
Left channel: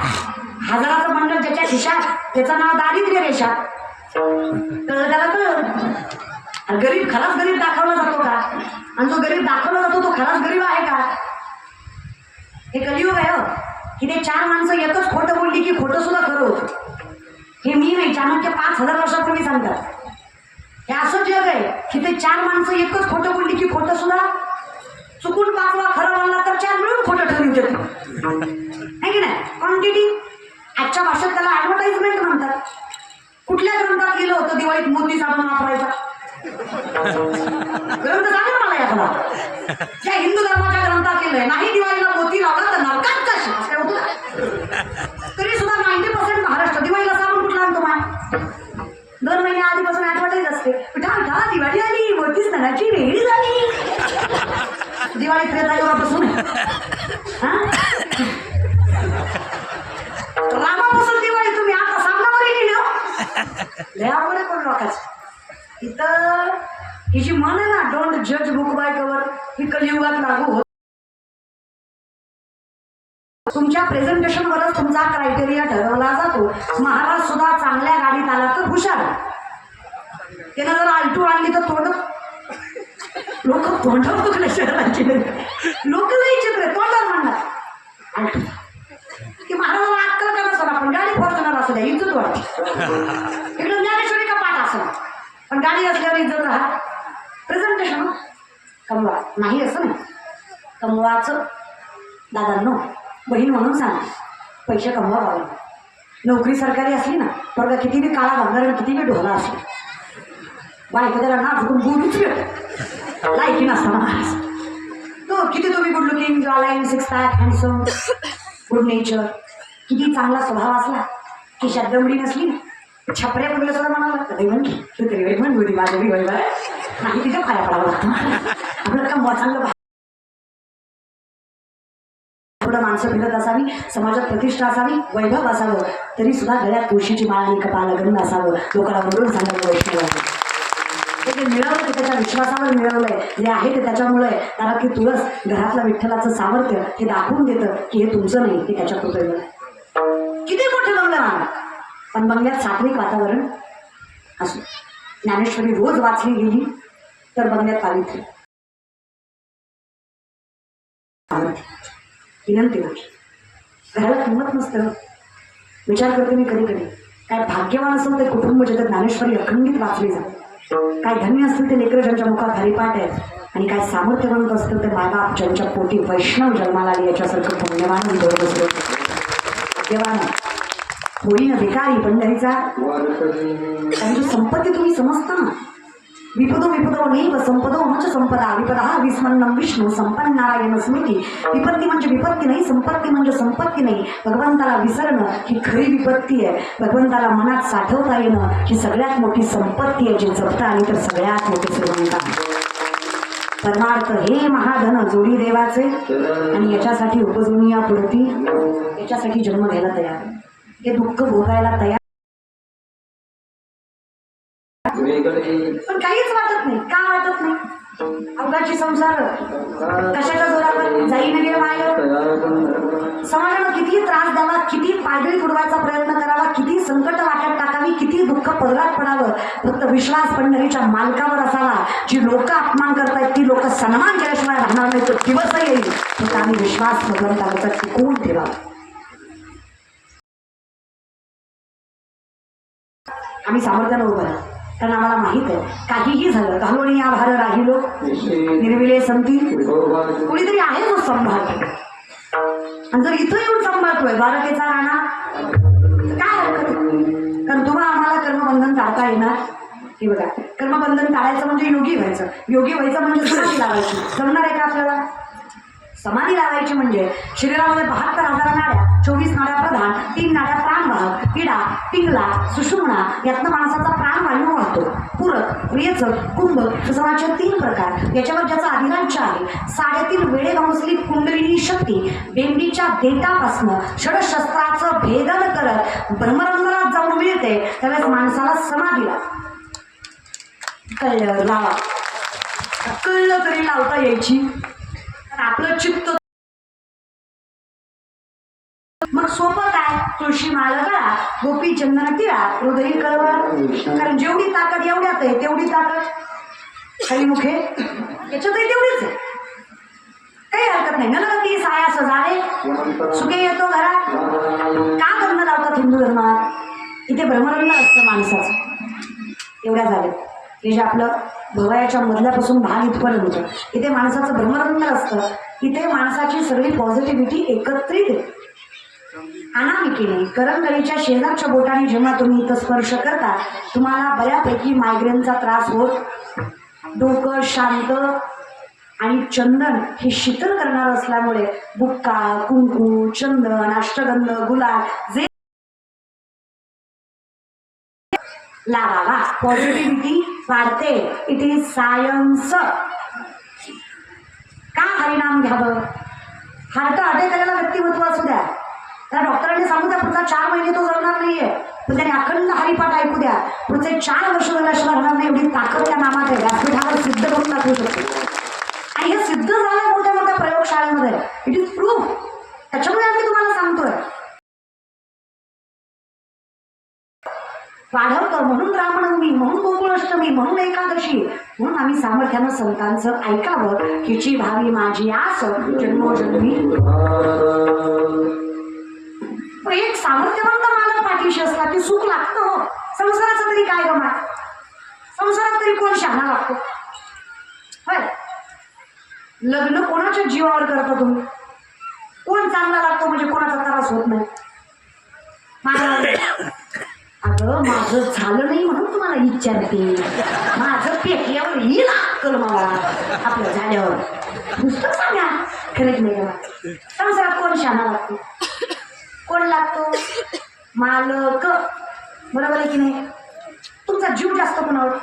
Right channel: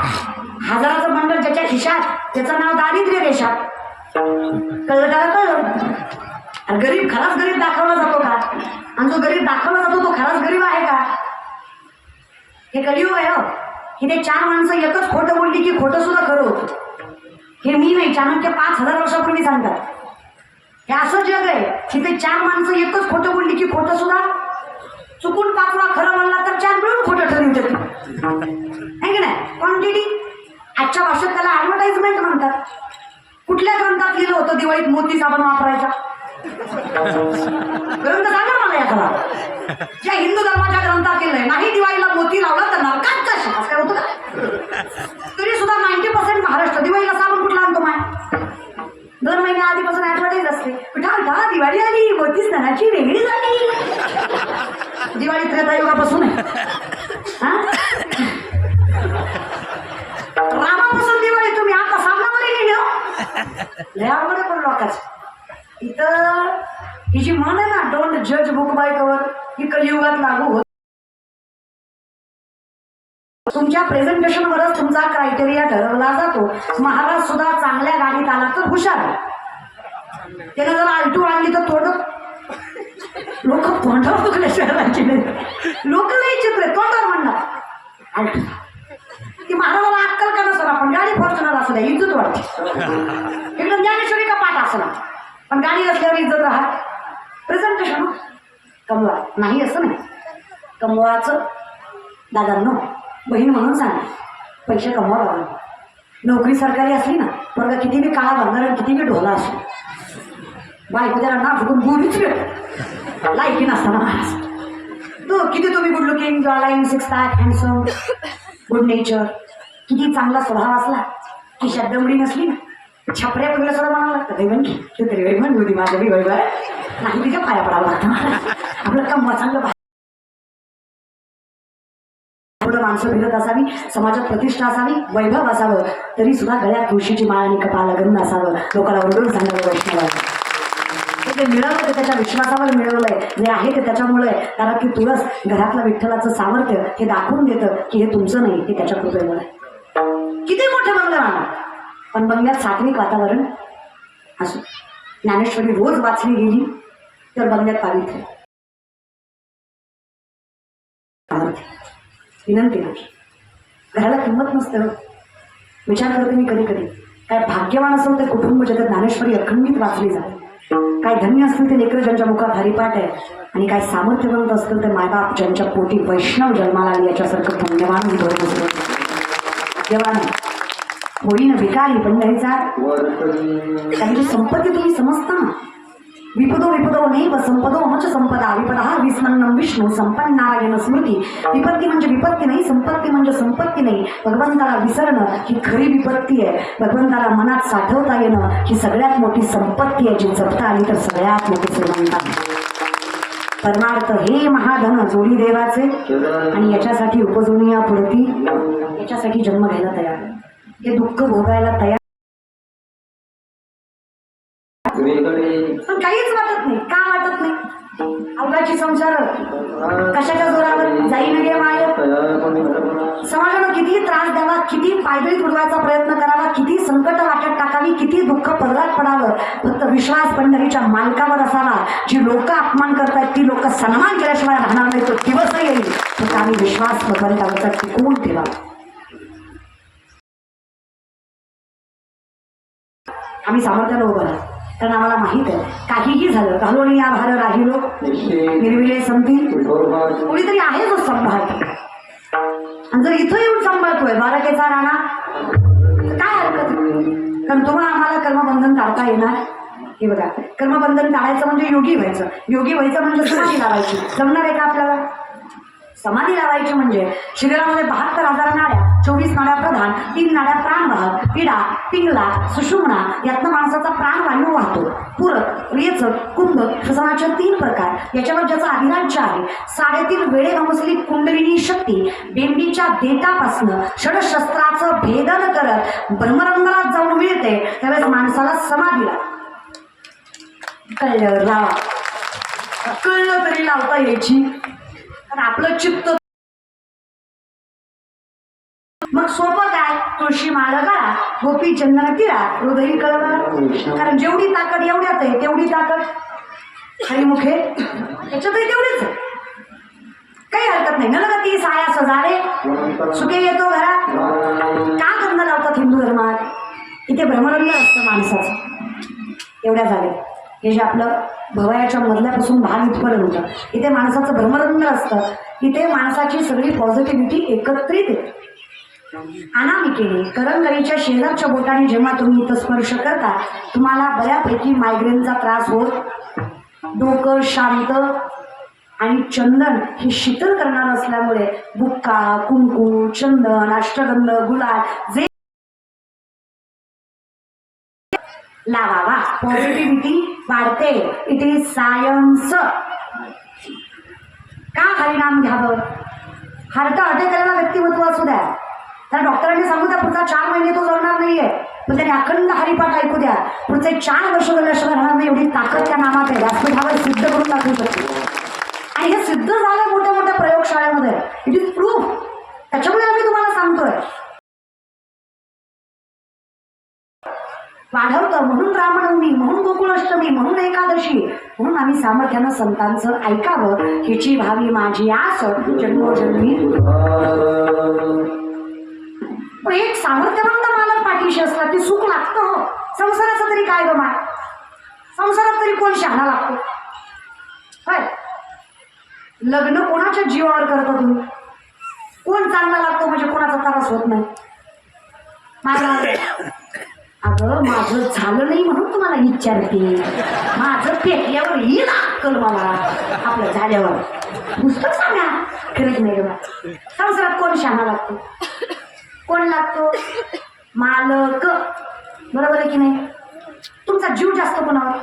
हजाराचं मंडळ ज्याच्या खिशात त्याचं नाव दारिद्र्य रेषात. कळलं कळलं. गरीब खराच गरीब दाखवला जातो का? आणि जो गरीब दाखवला जातो तो खराच गरीब आहे का? हे कलियुग आहे हो. की ते 4 माणसं एकच खोटं बोलली की खोटं सुद्धा खरं होतं. हे मी नाही, चाणक्य 5000 वर्षापूर्वी सांगतात. हे असं जग आहे की ते 4 माणसं एकच खोटं बोलली की खोटं सुद्धा, चुकून 5वा खरं बोलला तर 4 मिळून खोटं ठरवून देतो. आहे की नाही? क्वांटिटी. आजच्या भाषेत त्याला ऍडव्हर्टाइजमेंट म्हणतात. कुठल्या ग्रंथात लिहिलं होतं दिवाळी दिवाळीत मोती साबण वापरायचा? ग्रंथ सांगा मला एखादा ज्या हिंदू धर्माच्या ग्रंथात केलंय नाही दिवाळीला मोती लावला तर नरकात जाशील. काय होतं? तरी सुद्धा 90% महाराष्ट्र दिवाळीला साबण कुठला आणतो माय? दर महिन्या आधीपासून आठवड्यात असते का दिवाळी आली मोती सणाची वेगळी झाली. दिवाळी त्रेतायुगापासून रामापासून दिवाळी तुम्ही आता सांगणारी गेली लय अवघड पण लोकांच. इथं ही जी म्हण आहे ना डोंट जज बुक बाय कवर ही कलियुगात लागू होत. तुमच्या प्रेझेंटेशन वरच तुमचा क्रायटेरिया ठरवला जातो. महाराज सुद्धा चांगल्या गाडीत आला तर हुशार, त्याने जर आलटू आणली तर थोडं लोक तोंडावर बघले शहराचे लोक लई चित्र तोंडावर म्हणतात आलटू की महाराजाला अक्कल का नसतो आपण गाडी फॉर्च्युनर असू द्या इज्जत वाटते. इकडे ज्ञानेश्वरी का पाठ असं पण गाडी असल्यावर इज्जत राहा. प्रेझेंटेशन कमवा नाही असं नाही. कमवाचं दादांनो बहीण म्हणून सांगा पैसे कमवा बाबा. नोकरी सरकारी असली ना पण किती बी काळा भरणार किती बी ढोला असो बायको जरा ना फुकून बोलूच भेट लायकी नसताना महाराज तो किती तुम्ही good looking jawline six pack handsome good nature किती चांगला स्वभाव असला की शब्दमडी नसली ना छपऱ्या कुठला सुद्धा म्हणाला कधी म्हण की तू तरी वेळ म्हण होती माझ्या वैभव नाही तिच्या पाया पडावं लागतं आपलं कमवा चांगलं माणसं फिरत असावी समाजात प्रतिष्ठा असावी वैभव असावं तरी सुद्धा गळ्यात तुळशीची माळ आणि कपाळाला गंध असावं लोकांना ओरडून सांगायला वैष्णव ते मिळवलं त्याच्या विश्वासावर मिळवलंय जे आहे ते त्याच्यामुळे कारण की तुळस घरातल्या विठ्ठलाचं सामर्थ्य हे दाखवून देतं की हे तुमचं नाही हे त्याच्या कृपेवर आहे. किती मोठे बंगला राहणार पण बंगल्यात सात्विक वातावरण असो. ज्ञानेश्वरी रोज वाचली गेली तर बंगल्यात पावित्र्य विनंती माझी घराला किंमत नसतं. विचार करते मी कधी कधी काय भाग्यवान असेल ते कुटुंब ज्याच्यात ज्ञानेश्वरी अखंडित वाचली जाते. काय धन्य असतील ते लेकरं ज्यांच्या मुखात हरिपाठ आहे आणि काय सामर्थ्य बनत असतील ते मायबाप ज्यांच्या पोटी वैष्णव जन्माला आली याच्यासारखं पुण्यवान देवान होईन भिकारी पंढरीचा त्यांची संपत्ती तुम्ही समजता ना. विपदो विपदो नैव संपदो मच संपदा विपदा विस्मन्नम विष्णू संपन्न नारायण स्मृती. विपत्ती म्हणजे विपत्ती नाही संपत्ती म्हणजे संपत्ती नाही. भगवंताला विसरणं ही खरी विपत्ती आहे. भगवंताला मनात साठवता येणं ही सगळ्यात मोठी संपत्ती आहे जी जपता आली तर सगळ्यात मोठी श्रीमंत. परमार्थ हे महाधन जोडी देवाचे आणि याच्यासाठी उपजूनिया पुरती याच्यासाठी जन्म घ्यायला तयार हे दुःख भोगायला तयार पण काहीच वाटत नाही. का वाटत नाही? अवघाची संसार कशाच्या जोरावर जाईन गे माय. समाजाला किती त्रास द्यावा किती पायदळी तुडवायचा प्रयत्न करावा किती संकट वाट्यात टाकावी किती दुःख पदरात पडावं फक्त विश्वास पंढरीच्या मालकावर असावा. जी लोक अपमान करतात ती लोक सन्मान केल्याशिवाय राहणार नाही. तो दिवस येईल फक्त आम्ही विश्वास भगवंताचा टिकवून ठेवा. आम्ही सामर्थ्याला उभं राहा कारण आम्हाला माहित आहे काहीही झालं घालून या भार राहिलो निर्विले संती कोणीतरी आहे तो सांभाळतो. आणि जर इथं येऊन सांभाळतोय बाराकेचा राणा काय हरकत नाही. कारण तुम्हाला आम्हाला कर्मबंधन टाळता येणार. हे बघा कर्मबंधन टाळायचं म्हणजे योगी व्हायचं. योगी व्हायचं म्हणजे समाधी लावायची. जमणार आहे का आपल्याला? समाधी लावायची म्हणजे शरीरामध्ये 72,000 नाड्या 24 नाड्या प्रधान 3 नाड्या प्राणवाहक पिडा पिंगला सुषुम्ना यातनं माणसाचा प्राणवायू वाहतो. पूरक रेचक कुंभक श्वसनाचे 3 प्रकार याच्यावर ज्याचा अधिराज्य आहे. 3.5 वेळे भंगसली कुंडलिनी शक्ती बेंबीच्या देठापासनं षडशस्त्राचं भेदन करत ब्रह्मरंध्रात जाऊन मिळते त्यावेळेस माणसाला समाधीला कळलं तरी लावता यायची. आपलं चित्त मग सोपं काय तुळशी माळ काढा गोपी चंदन तिळा हृदयी कळवळ. कारण जेवढी ताकद एवढ्यात आहे तेवढी ताकद हरिमुखे याच्यातही तेवढीच आहे. काही हरकत नाही. मला ती साया सजावे सुखे येतो घरात. का करणं लावतात हिंदू धर्मात? इथे भ्रमरंग असतं माणसाचं. एवढ्या झाले हे जे आपलं भवयाच्या मधल्यापासून भाग इथपर्यंत होतं इथे माणसाचं भ्रमरंग असतं. इथे माणसाची सगळी पॉझिटिव्हिटी एकत्रित येते. अनामिकेने करंगळीच्या शेजारच्या बोटाने जेव्हा तुम्ही इथं स्पर्श करता तुम्हाला बऱ्यापैकी मायग्रेनचा त्रास होत, डोकं शांत आणि चंदन हे शीतल करणार असल्यामुळे बुक्का, कुंकू, चंदन, अष्टगंध, गुलाल जे लावावा. पॉझिटिव्हिटी वाढते. It is science. का हरिनाम घ्यावं? हार्ट अटॅक केलेला व्यक्तिमत्व असू द्या, त्या डॉक्टरांनी सांगू द्या पुढचा 4 महिने तो जगणार नाहीये, पण त्याने अखंड हरिपाठ ऐकू द्या, पुढचे 4 वर्ष नष्ट राहणार नाही. एवढी ताकद त्या नामात आहे. व्यासपीठावर सिद्ध करून दाखवू शकतो. आणि हे सिद्ध झालं मोठ्या मोठ्या प्रयोगशाळेमध्ये. It is proof. त्याच्यामुळे आम्ही तुम्हाला सांगतोय वाढवतं. म्हणून रामनवमी, म्हणून गोकुळाष्टमी, म्हणून एकादशी, म्हणून आम्ही सामर्थ्यानं संतांचं ऐकावं हिची भावी माझी आस जन्मोजन्मी. एक सामर्थ्यवान मालक पाठीशी असला की सुख लागतं. हो, संसाराचं तरी काय गमा, संसारात तरी कोण शहाणा लागतो? होय, लग्न कोणाच्या जीवावर करता तुम्ही? कोण चांगला लागतो म्हणजे कोणाचा त्रास होत नाही? अगं माझं झालं नाही म्हणून तुम्हाला विचारते. माझं पेटल्यावर येईल अक्कल मला आपल्या झाल्यावर. नुसतं सांगा, खरंच नाही गं. संसारात कोण शहाणा लागतो? कोण लागतो? मालक. बरोबर आहे की नाही? तुमचा जीव जास्त कोणावर?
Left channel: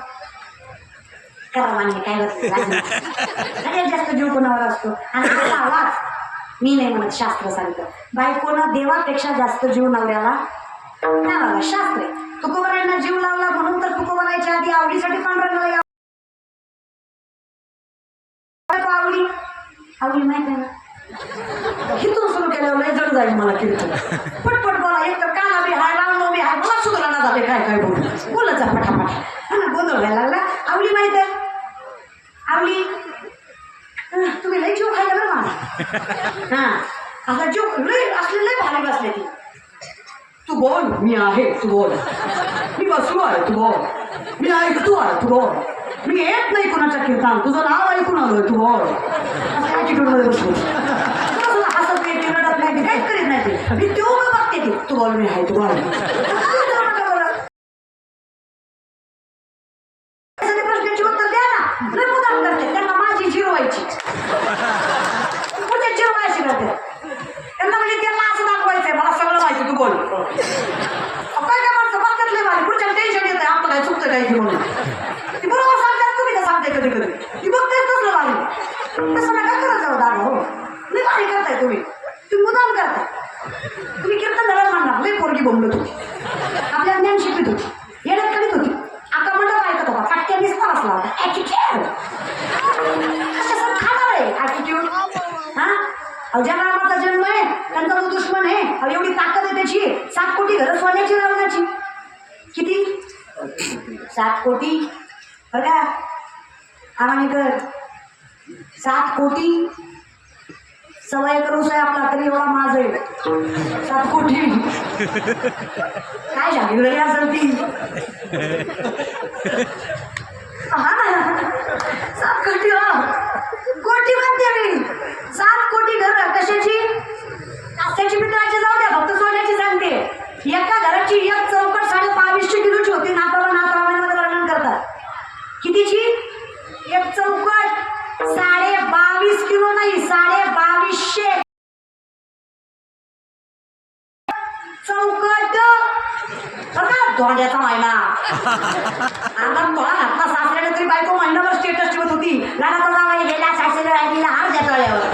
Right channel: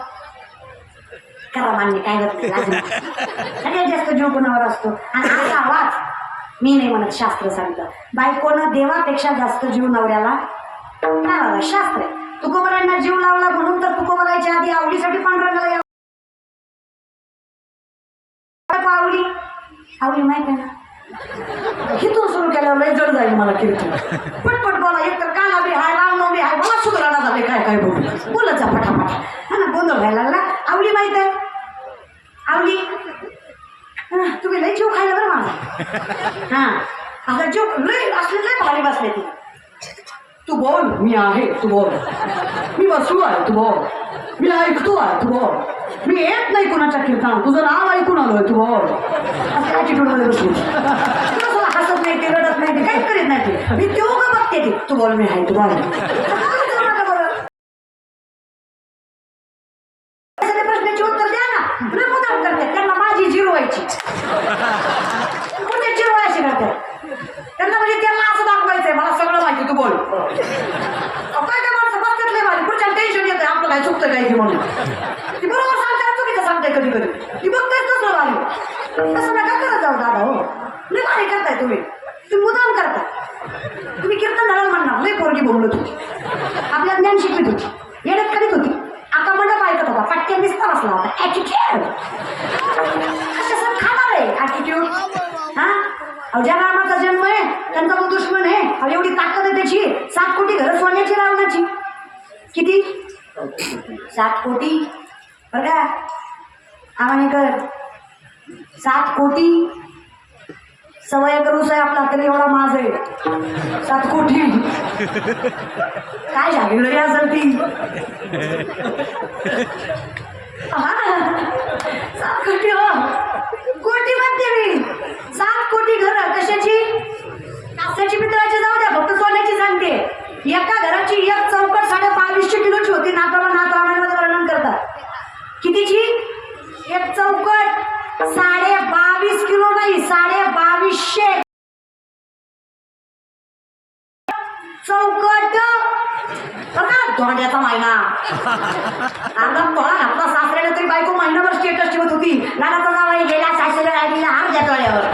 करा मान्य, काय सगळ्यात जास्त जीव कोणावर असतो? आणि त्याचा आवाज मी नाही म्हणत, शास्त्र सांगतं. बायकोनं देवापेक्षा जास्त जीव नवऱ्याला लावावा. शास्त्र. तुकोबरायांना जीव लावला म्हणून तर तुकोबरायच्या आधी आवडीसाठी पांडुरंगाला आवडी आवडी माहिती आहे ना? हिथून सुरू केल्यावर जड जाईल मला कीर्तन. पटपट बोला. एक तर कानाबी हाय, रामनवमी हाय, बोला सुधारणा झाले काय काय बोल बोलत जा फटाफट. हा ना, गोंधळ व्हायला लागला. आवडी माहित आहे? आवडी तुम्ही लई जीव खायला बरं माझा. हा, आता जीव लई असले लई भारी बसले ती. तू बोल, मी आहे, तू बोल. मी बसलो आहे, तू बोल. मी ऐकतो आहे, तू बोल. मी येत नाही कुणाच्या कीर्तन, तुझं नाव ऐकून आलोय, तू बोल. असं ॲटिट्यूडमध्ये बसलो. हसत नाही ती, रडत नाही ती, काहीच करीत नाही ती. मी तेव्हा का बघते ती. तू बोल, मी आहे, तू बोल. प्रश्नाची उत्तर द्या ना. मी मुद्दाम करते, त्यांना माझी जिरवायची. कुठे जिरवायची ना त्यांना, म्हणजे त्यांना असं दाखवायचंय मला सगळं माहिती, तू बोल. काय काय माणसं बघतात लय भारी, पुढच्या टेन्शन येते आपलं काय चुकतं काय की म्हणून. ती बरोबर सांगताय, चुकीचं सांगताय कधी कधी. ती बघताय तसलं भारी. तसं नका करत जाऊ दादा. हो, लय भारी करताय तुम्ही. तुम्ही मुद्दाम करता. तुम्ही कीर्तन झालं म्हणणार लय पोरगी बोंबलत होती, आपल्या ज्ञान शिकत होती, येण्यात करीत होती, आका मंडप ऐकत होता, पट्ट्या मिस्ता बसला होता. ॲटिट्यूड कसं खाणार आहे ॲटिट्यूड? हा, ज्या रामाचा जन्म आहे त्यांचा तो दुश्मन आहे. एवढी ताकद आहे त्याची. 7 कोटी घरं सोन्याची रावणाची. किती? 7 कोटी. बरं का आम्हाला 7 कोटी. 1.25 एकर ऊस आहे आपला, तरी एवढा माझ आहे. 7 कोटी काय झाली असेल ती. हा ना, 7 कोटी. कोटी म्हणते मी. 7 कोटी घरं कशाची? कास्याची मित्राची जाऊ द्या, फक्त सोन्याची सांगते. एका घराची एक चौकट 2250 किलोची होती. नाथप्रमाणामध्ये वर्णन करतात. कितीची? एक चौकट 22.5 किलो नाही, 2250 चौकट. धोंड्याचा महिना. आता तोळा घातला सासऱ्याने तरी बायको महिनाभर स्टेटस ठेवत होती. लाडाचा जावाई गेला, सासऱ्याला वाहिनीला हार द्या तळ्यावर.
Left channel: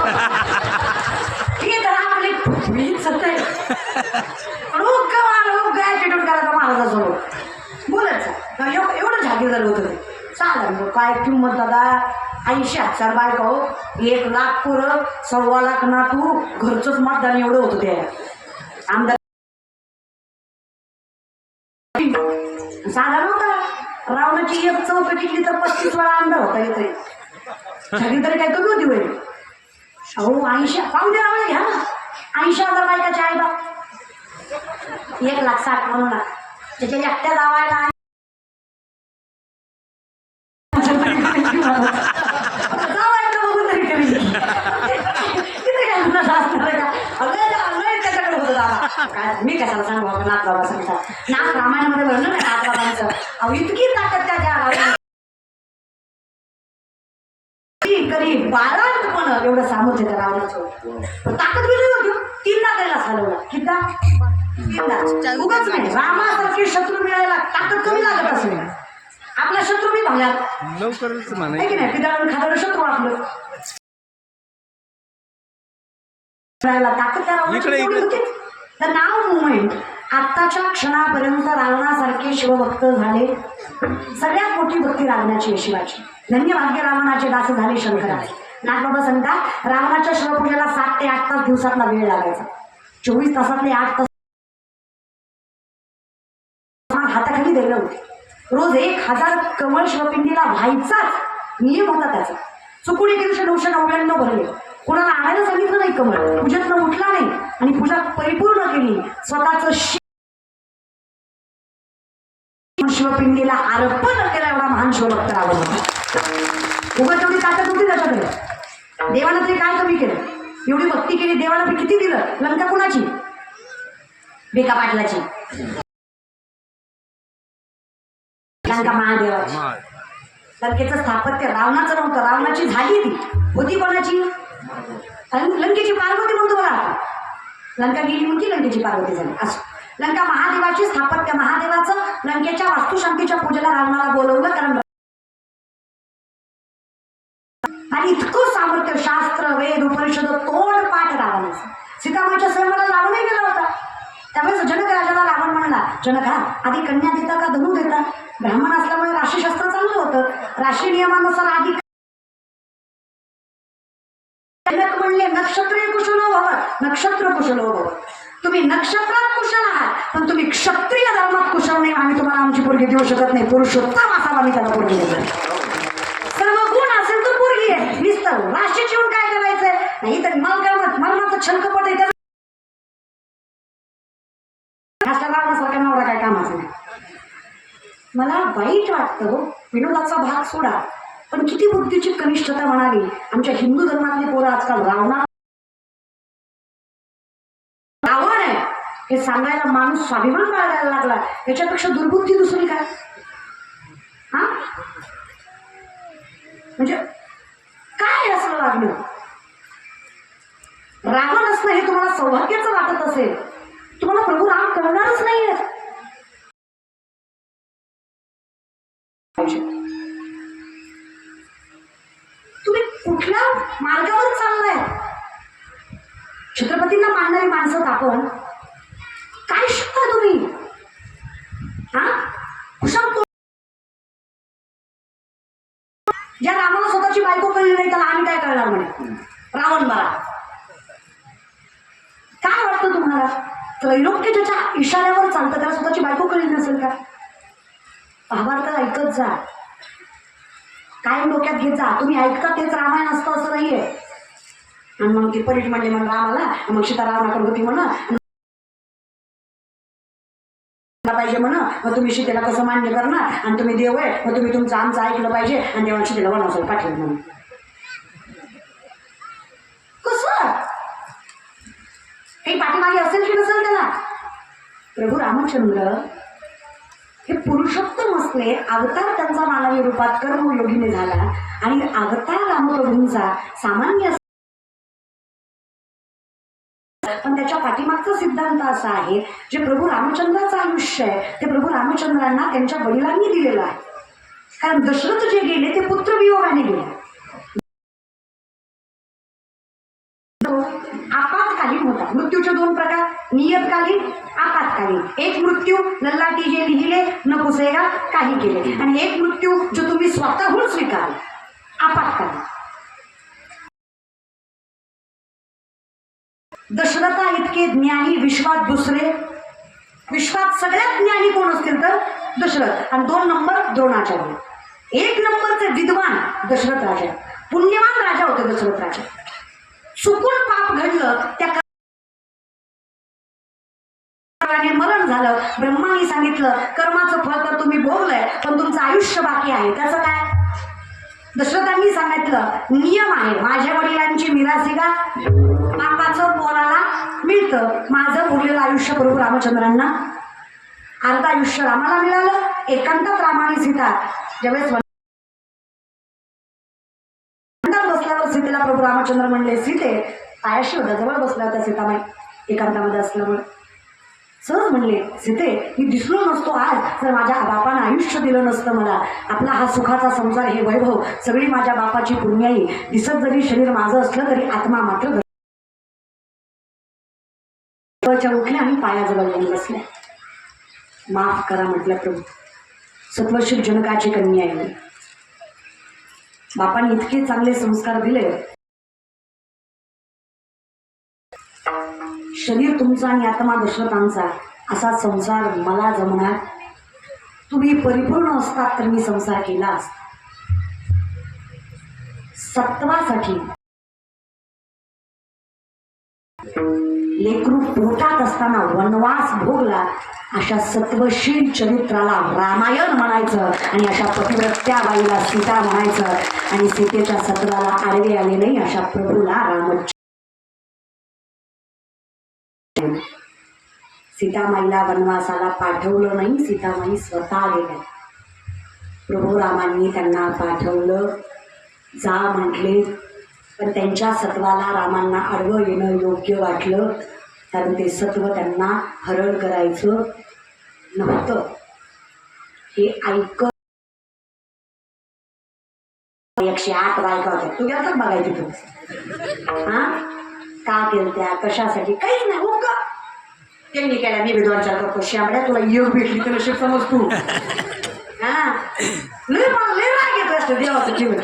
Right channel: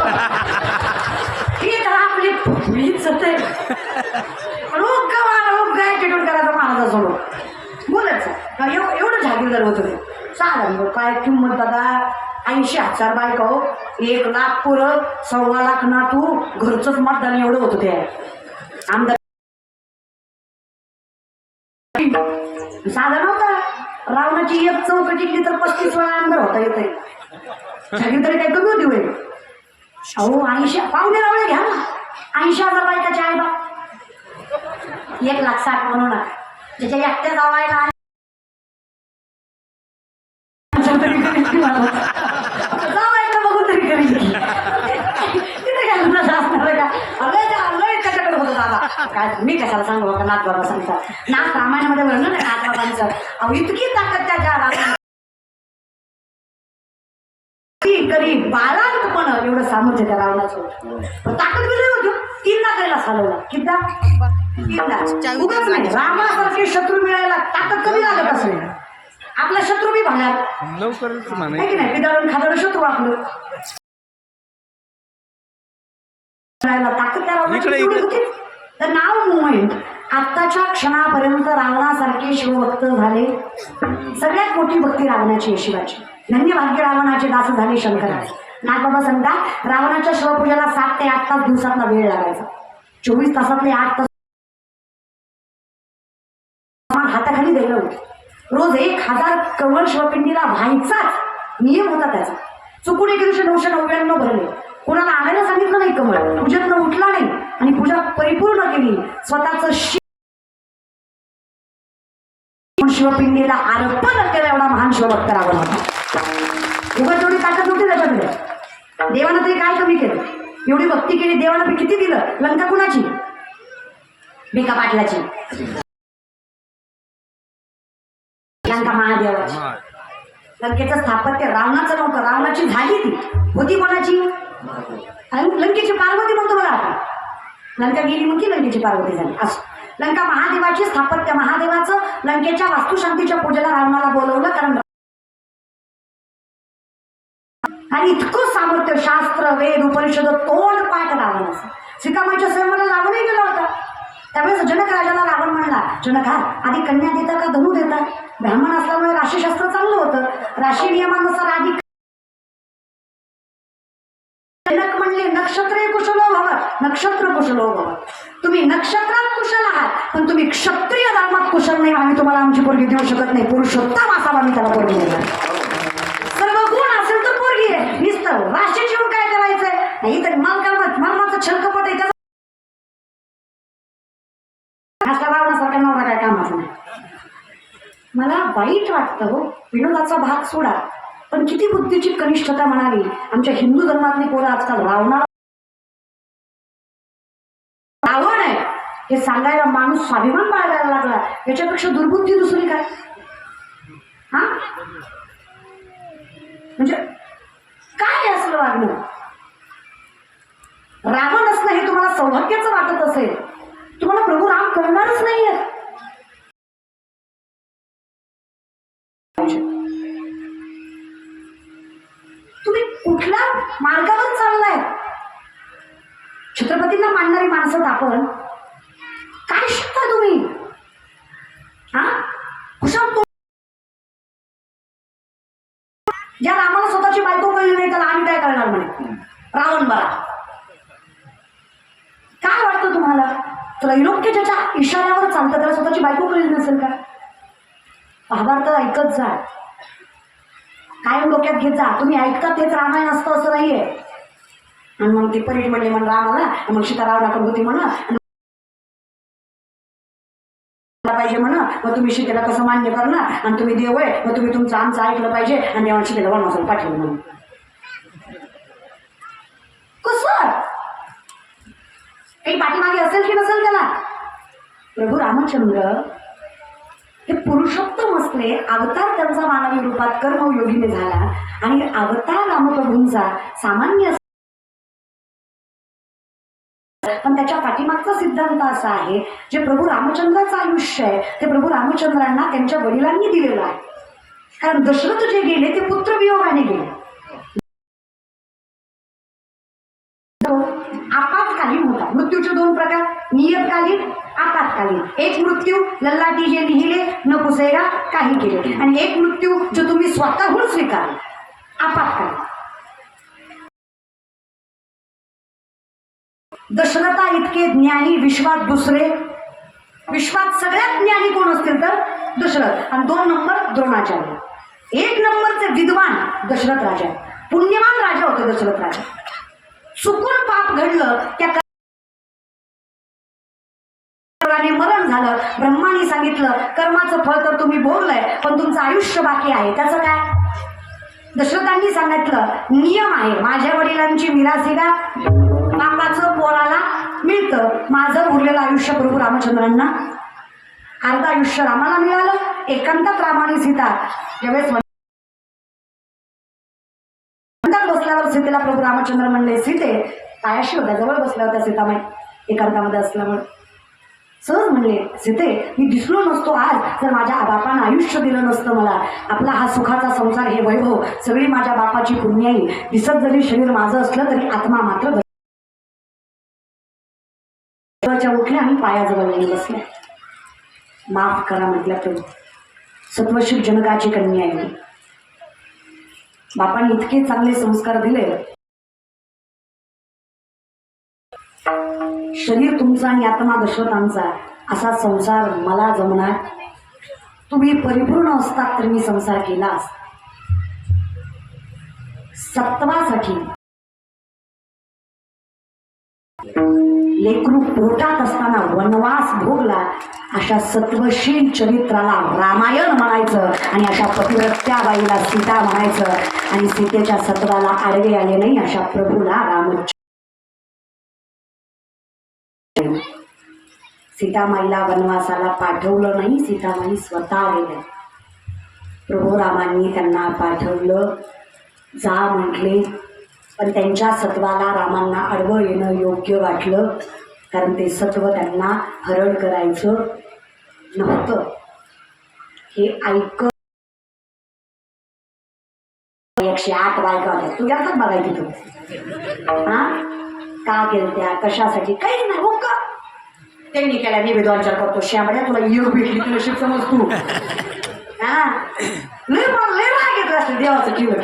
ठीक आहे, आपली मी सत्य रोग ॲटिट्यूड करायचा महाराजासमोर बोलायचं. एवढं जागीरदार होतं. साधा काय किंमत दादा. 80,000 बायका हो, 1 लाख पुरं, 1.25 लाख नातू, घरचंच मतदान एवढं होतं ते आमदार. साधा नव्हता. रावणाची एक चौकटीतली तर 35 वेळा आमदार होता येते. जागीरदारी काय कमी होती वय. अहो 80 पाहुणे रावणे घ्या ना. 80,000 बायकाचे आई बाप. 1,60,000 म्हणून त्याच्या एकट्या जावायला जावायला बघून तरी कमी. तिथे काय तुला जास्त त्याच्याकडे होतं दादा. काय मी कशाला सांगू का नाथ बाबा सांगतात. नाथ रामायणामध्ये वर्णन आहे नाथ बाबांचं. अहो इतकी ताकद त्या काळात कधी बाळांतपण एवढं सामर्थ्य त्या रावणाचं होतं. ताकद गेली होती. 3दा त्याला चालवला. किती 3दा उगाच नाही. रामासारखे शत्रू मिळायला ताकद कमी लागत असेल. आपला शत्रू बी भागला लवकरच म्हणा की नाही. पिदाडून खादाडं शत्रू आपलं ताकद त्या रावणाची होती. तर नाव मुवमेंट आत्ताच्या क्षणापर्यंत रावणासारखे शिवभक्त झाले. सगळ्यात मोठी भक्ती रावणाची आहे शिवाची. धन्य भाग्य रावणाचे दास झाले शंकराचे. नाथबाबा सांगतात रावणाच्या शिवपूजेला 7 ते 8 तास दिवसातला वेळ लागायचा. 24 तासातले 8 तास हाताखाली द्यायला होते. रोज 1000 कवळ शिवपिंडीला व्हायचाच नियम होता त्याचा. चुकून एके दिवशी 999 भरले. कोणाला आणायला सांगितलं नाही कमळ. पूजेत उठला नाही आणि पूजा परिपूर्ण केली. स्वतःच शिवपिंडीला अर्पण केला. एवढा महान शिवभक्त रावण होता. उगाच एवढी ताकद होती त्याच्याकडे. देवानं तरी काय कमी केलं. एवढी भक्ती केली. देवानं किती दिलं. लंका कुणाची. बेका पाटलाची. लंका महादेवाची. लंकेचं स्थापत्य रावणाचं नव्हतं. रावणाची झाली ती होती कोणाची. लंकेची पार्वती म्हणतो बघा आपण. लंका गेली म्हणजे लंकेची पार्वती झाली असं. लंका महादेवाची स्थापत्य महादेवाचं लंकेच्या वास्तुशांतीच्या पूजेला रावणाला बोलवलं. कारण आणि इतकं सामर्थ्य शास्त्र वेद उपनिषद तोंड पाठ रावणाचं. सीतामाईच्या स्वयंवराला रावणही गेला होता. त्यावेळेस जनक राजाला रावण म्हणला जनक आधी कन्या देता का धनू देता. ब्राह्मण असल्यामुळे राशीशास्त्र चाललं होतं. राशी नियमानुसार आधी जनक म्हणले नक्षत्र कुशलो भव. नक्षत्र कुशलो भव. तुम्ही नक्षत्रात कुशल आहात पण तुम्ही क्षत्रिय धर्मात कुशल नाही. आम्ही तुम्हाला आमची पोरगी देऊ शकत नाही. पुरुषोत्तम असावा मी त्याला पोरगी देणार. सर्व गुण असेल तर पोरगी आहे. नुसतं राशी शिवून काय करायचंय. नाही तर मालकाचं छलकपट आहे. रावणासारखा नवरा काय कामाचं नाही. मला वाईट वाटतं हो. विनोदाचा भाग सोडा पण किती बुद्धीची कनिष्ठता म्हणावी. आमच्या हिंदू धर्मातली पोरं आजकाल रावण आहे हे सांगायला माणूस स्वाभिमान बाळगायला लागला. याच्यापेक्षा दुर्बुद्धी दुसरी काय. हा म्हणजे काय असलं वागणं. रावण असणं हे तुम्हाला सौभाग्याचं वाटत असेल तुम्हाला प्रभू राम करणारच नाहीये. तुम्ही कुठल्या मार्गावर चाललाय. छत्रपतींना मानणारी माणसं आपण काय शिकता तुम्ही. हा कुशाल ज्या रामाला स्वतःची बायको कळली नाही त्याला आम्ही काय करणार म्हणे. रावण बरा काय वाटतं तुम्हाला. त्रैलोक्य ज्याच्या इशाऱ्यावर चालतं त्याला स्वतःची बायको कळली नसेल का. महाभारत ऐकत जा. कायम डोक्यात घेत जा. तुम्ही ऐकता तेच रामायण असतं असं नाहीये. आणि मग ती परीट म्हणले म्हण रामाला. मग सीता रावणाकडे होती म्हण पाहिजे म्हण. मग तुम्ही सीतेला कसं मान्य करणार. आणि तुम्ही देव आहे मग तुम्ही तुमचं आमचं ऐकलं पाहिजे. आणि देवाला सीतेला वनवासाला पाठवलं म्हणून कसं काही पाठीमागे असेल की नसेल त्याला. प्रभू रामचंद्र हे पुरुषोत्तम असले. अवतार त्यांचा मानवी रूपात कर्मयोगीने झाला. आणि अवतार रामप्रभूंचा सामान्य पण त्याच्या पाठीमागचा सिद्धांत असा आहे जे प्रभू रामचंद्राचं आयुष्य आहे ते प्रभू रामचंद्रांना त्यांच्या वडिलांनी दिलेलं आहे. कारण दशरथ जे गेले ते पुत्रवियोगाने गेले. आपत्कालीन होता. मृत्यूचे 2 प्रकार नियतकालीन आपत्कालीन. एक मृत्यू लल्लाटी जे लिहिले न पुसेगा काही केले. आणि एक मृत्यू जो तुम्ही स्वतःहून स्वीकारला आपत्कालीन. दशरथा इतके ज्ञानी विश्वात दुसरे. विश्वात सगळ्यात ज्ञानी कोण असतील तर दशरथ. आणि 2 नंबर द्रोणाचार्य. 1 नंबरचे विद्वान दशरथ राजा. पुण्यवान राजा होते दशरथ राजा. चुकून पाप घडलं त्या मरण झालं. ब्रह्माने सांगितलं कर्माचं फळ तर तुम्ही भोगलंय पण तुमचं आयुष्य बाकी आहे. त्याचं काय. दशरथांनी सांगितलं नियम आहे माझ्या वडिलांची मिरासिगा पापाचं पोराला मिळतं. माझं उरलेलं आयुष्य प्रभू रामचंद्रांना, अर्ध आयुष्य रामाला मिळालं. एकांतात रामाने सीता ज्यावेळेस बसल्यावर सीतेला प्रभू रामचंद्र म्हणले, सीते पायाशी होता, जवळ बसल्या होत्या सीतामाई एकांतामध्ये असल्यामुळे. सहज म्हणले, सीते मी दिसलो नसतो आज जर माझ्या बापानं आयुष्य दिलं नसतं मला. आपला हा सुखाचा संसार, हे वैभव सगळी माझ्या बापाची पुण्याई. दिसत जरी शरीर माझं असलं तरी आत्मा मात्र उठल्या आणि पायाजवळ येऊन बसल्या. माफ करा म्हटलं, प्रभू सत्वशील जनकाची कन्या आहे. बापाने इतके चांगले संस्कार दिले. शरीर तुमचा आणि आत्मा दशरथांचा, असा संसार मला जमणार? तुम्ही परिपूर्ण असतात तर मी संसार केला असता. सत्वासाठी लेकरू पोटात असताना वनवास भोगला, अशा सत्वशील चरित्राला रामायण म्हणायचं आणि अशा पतिव्रत्या बाईला सीता म्हणायचं. आणि सीतेच्या सत्वाला आडवे आले नाही अशा प्रभूला रामचंद्र. सीतामाईला वनवासाला पाठवलं नाही, सीतामाई स्वतः गेल्या. प्रभू रामांनी त्यांना पाठवलं, जा म्हटले. पण त्यांच्या सत्वाला रामांना आडवं येणं योग्य वाटलं, कारण ते सत्व त्यांना हरण करायचं नव्हतं. हे ऐक 108 बायका होत्या, तू यातच बघायची तू. हा का केलं त्या, कशासाठी? काहीच नाही. हो का त्यांनी केल्या, मी विद्वांचार करतो. श्यामड्या तुला योग भेटली तर नशीब समज तू. हा लय मला लय राग येतो असतं देवाचं किंवा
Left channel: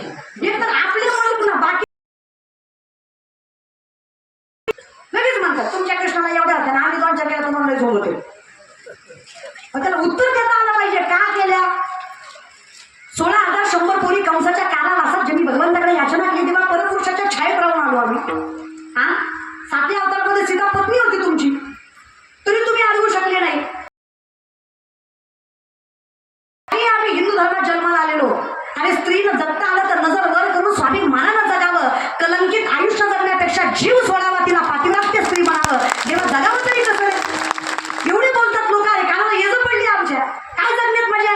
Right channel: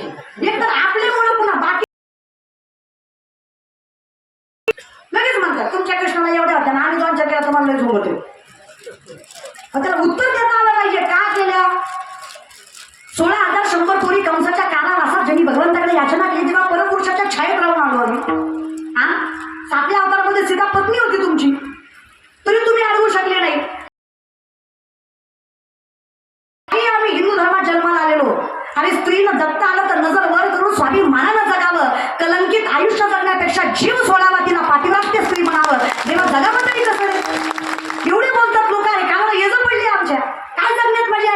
एक तर आपल्यामुळे पुन्हा बाकी लगेच म्हणतात तुमच्या कृष्णाला एवढ्या होत्या ना, आम्ही 2-4 केला तुम्हाला लय झोंबते. त्याला उत्तर देता आलं पाहिजे. का केल्या? 16,100 पोरी कंसाच्या कानाला असा ज्यांनी भगवंताकडे याचना केली तेव्हा परपुरुषाच्या छायेत राहून आलो आम्ही. हा 7व्या अवतारामध्ये सीता पत्नी होती तुमची, तरी तुम्ही अडवू शकले नाही. आम्ही हिंदू धर्मात जन्माला आलेलो आणि स्त्रीनं जगता आलं तर नजर वर करून स्वाभिमानानं जगावं. कलंकित आयुष्य जगण्यापेक्षा जीव सोडावा, तिला पातिव्रात्य स्त्री म्हणावं. जेव्हा जगावं तरी कसं? एवढे बोलतात लोक. आहे कारण येज पडली आमच्या काय जगण्यात मजा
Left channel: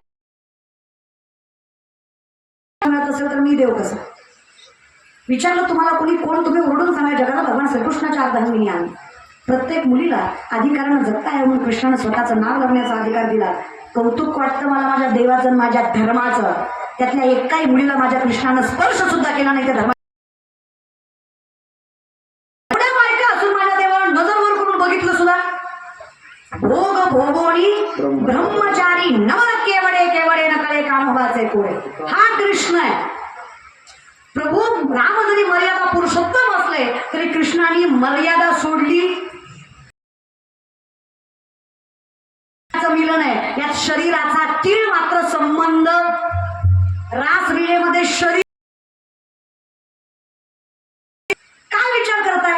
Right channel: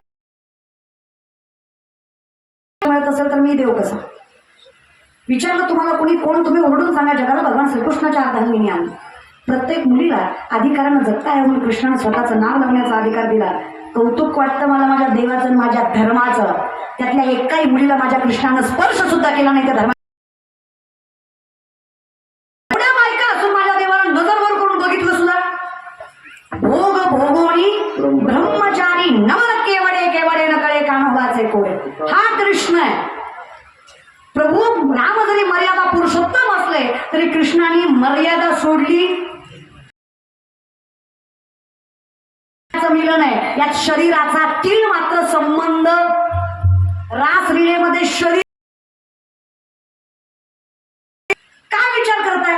मिळत असेल तर मी देव कसा? विचारलं तुम्हाला कोणी कोण, तुम्ही ओरडून सांगा. जगाला भगवान श्रीकृष्णाच्या अर्धांगिनी आली. प्रत्येक मुलीला अधिकारानं जगता आहे म्हणून कृष्णानं स्वतःचं नाव लागण्याचा अधिकार दिला. कौतुक वाटतं मला माझ्या देवाचं, माझ्या धर्माचं. त्यातल्या एकाही मुलीला माझ्या कृष्णानं स्पर्श सुद्धा केला नाही त्या धर्मा. एवढ्या बायका असून माझ्या देवाला नजर वर करून बघितलं सुद्धा. भोग भोगोनी ब्रह्मचारी नवल केवडे केवडे नकळे कान्होबाचे कोडे. हा कृष्ण आहे. प्रभू राम जरी मर्यादा पुरुषोत्तम असले तरी कृष्णाने मर्यादा सोडली. मिलन आहे यात शरीराचा तीळ मात्र संबंध. रासलीलेमध्ये शरीर काय विचार करताय?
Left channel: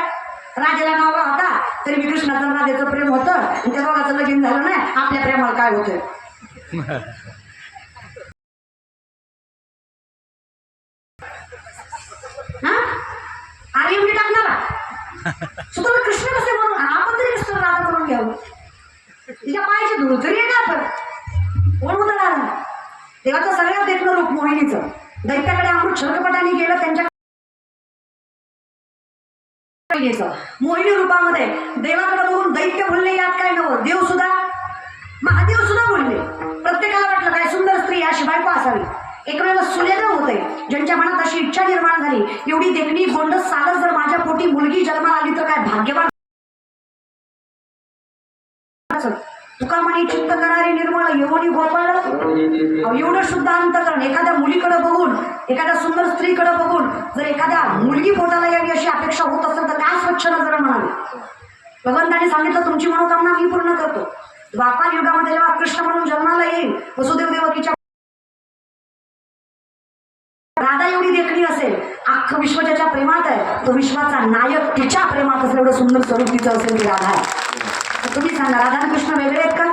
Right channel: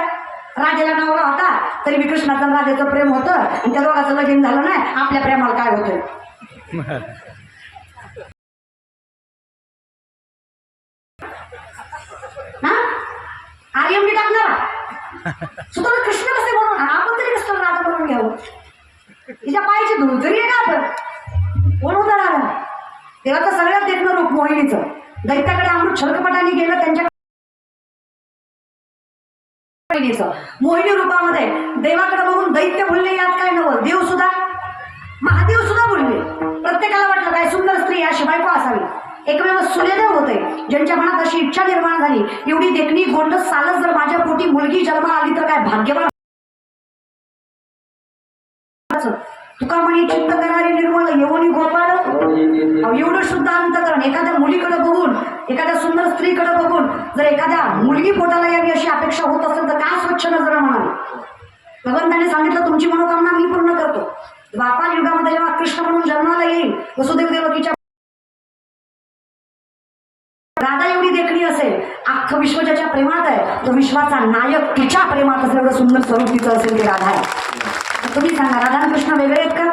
राजाला नवरा होता तरी कृष्णाचं राजाचं प्रेम होतं आणि त्या दोघांचं लगीन झालं नाही. आपल्या प्रेमाला काय होतं? हा आर्यमनी टाकणार सुद्धा कृष्ण कसे म्हणून आपण तरी कसं राजा म्हणून घ्यावं? तिच्या पायाची धूळ तरी येणार कोण होता राजा? देवाचं सगळ्यात देखणं रूप मोहिनीचं. दैत्याकडे अमृत शर्कपटाने गेलं त्यांच्या मोहिनी रूपामध्ये देवाकडे बघून दैत्य बोलले यात काय नवं. देव सुद्धा महादेव सुद्धा बोलले. प्रत्येकाला वाटलं काय सुंदर स्त्री अशी बायको असावी. एकमेव सूर्यदेव होते ज्यांच्या मनात अशी इच्छा निर्माण झाली, एवढी देखणी गोंडस सालच जर माझ्या पोटी मुलगी जन्माला आली तर काय भाग्यवान. तुका म्हणे चित्त करणारी निर्मळ येवनी गोपाळ. एवढं शुद्ध अंतकरण एखाद्या मुलीकडे बघून, एखाद्या सुंदर स्त्रीकडे बघून जर एखाद्या मुलगी पोटाला यावी अशी अपेक्षा होत असेल तर काय स्वच्छ नजर म्हणावी. भगवंताने सांगितलं तुमची मनोकामना मी पूर्ण करतो. द्वापार युगामध्ये जेव्हा कृष्ण म्हणून जन्माला येईल, वसुदेव देवकीच्या राधा एवढी देखणी असेल, अख्खं विश्व ज्याच्या प्रेमात आहे तो विश्वाचा नायक तिच्या प्रेमात असेल एवढं सुंदर स्वरूप तिचं असेल ती राधा आहे. तुम्ही सांगा राधा आणि कृष्ण वेगळे आहेत का?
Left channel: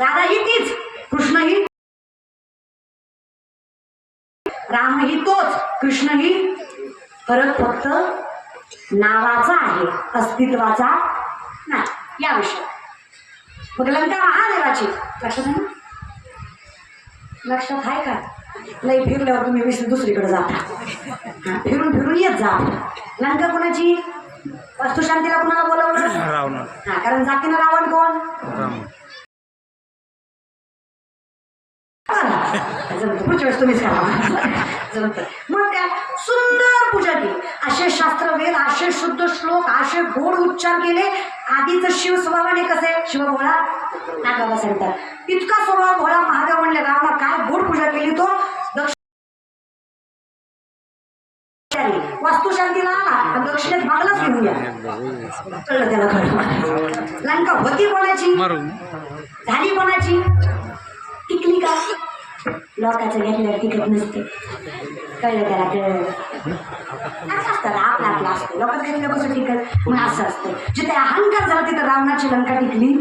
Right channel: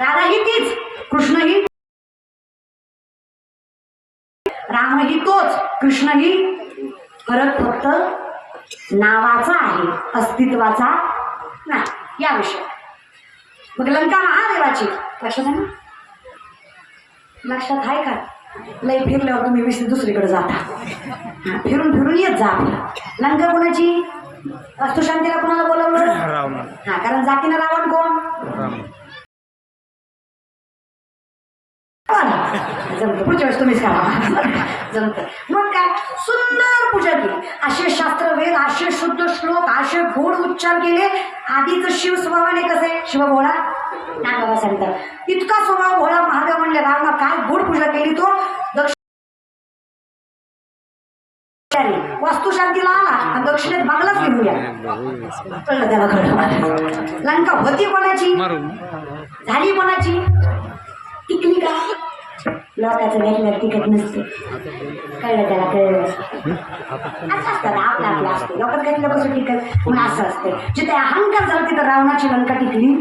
राधा ही तीच, कृष्ण ही, राम ही तोच, कृष्ण ही. फरक फक्त नावाचा आहे, अस्तित्वाचा नाही, या विषय. मग लंका महादेवाची लक्षात आहे ना? लक्षात आहे का? लई फिरल्यावर तुम्ही दुसरीकडे जाता. फिरून फिरून येत जा. लंका कोणाची? वास्तुशांतीला कुणाला बोलावलं? हा, कारण जातीनं रावण कोण? पुढच्या वेळेस तुम्हीच करा. जमतं. मग काय सुंदर पूजा केली, असे शास्त्र वेद, असे शुद्ध श्लोक, असे गोड उच्चार केले. आधीच शिव स्वभावाने कसे शिव भोळा नागावा सांगतात, इतका स्वभाव भोळा महादेव म्हणले रावणा काय गोड पूजा केली. तो वास्तुशांतीला आला आणि दक्षिणेत बांगलाच घेऊन गेला. कळलं त्याला, कळलं. लंका होती कोणाची? झाली कोणाची? टिकली का? लोकांचं घेतलं टिकत नसते. कळलं त्याला, कळलं. असं असतं ना, आपलं आपलं असतं. लोकांचं घेतलं कसं टिकत? म्हणून असं असतं. जिथे अहंकार झाला तिथं रावणाची लंका टिकली.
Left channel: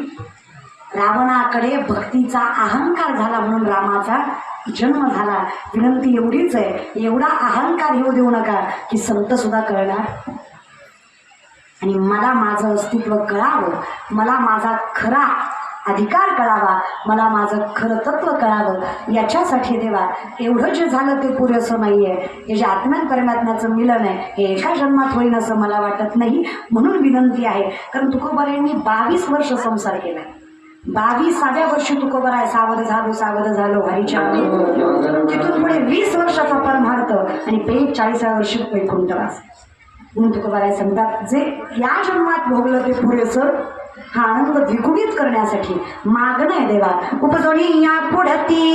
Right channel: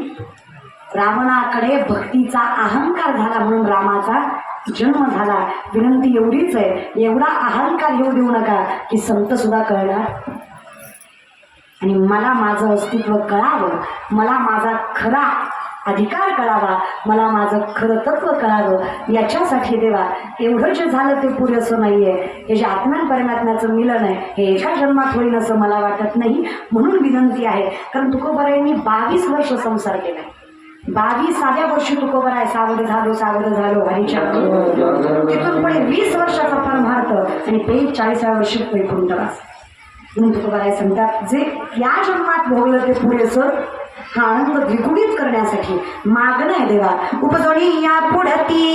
रावणाकडे भक्तीचा अहंकार झाला म्हणून रामाचा जन्म झाला. विनंती एवढीच आहे, एवढा अहंकार येऊ देऊ नका की संत सुद्धा कळणार आणि मला माझं अस्तित्व कळावं, मला माझा खरा अधिकार कळावा, मला माझं खरं तत्व कळावं. याच्यासाठी देवा एवढं जे झालं ते पुरेसं नाही आहे. हे जे आत्म्यान परमात्म्याचं मिलन आहे हे एका जन्मात होईल असं मला वाटत नाही. म्हणून विनंती आहे. कारण तुकोबारायांनी 22 वर्ष संसार केला. 22व्या वर्षी तुकोबराय सावध झालो हरीच्या. तिथून पुढे 20 वर्षाचा परमार्थ आणि 40व्या वर्षी वैकुंठवास. म्हणून तुकोबाराय सांगतात जे या जन्मात भोगलं ते पुरेसं. हा आनंद द्विगुणित करण्यासाठी मागणं आहे देवा. उपजोनी या पुढती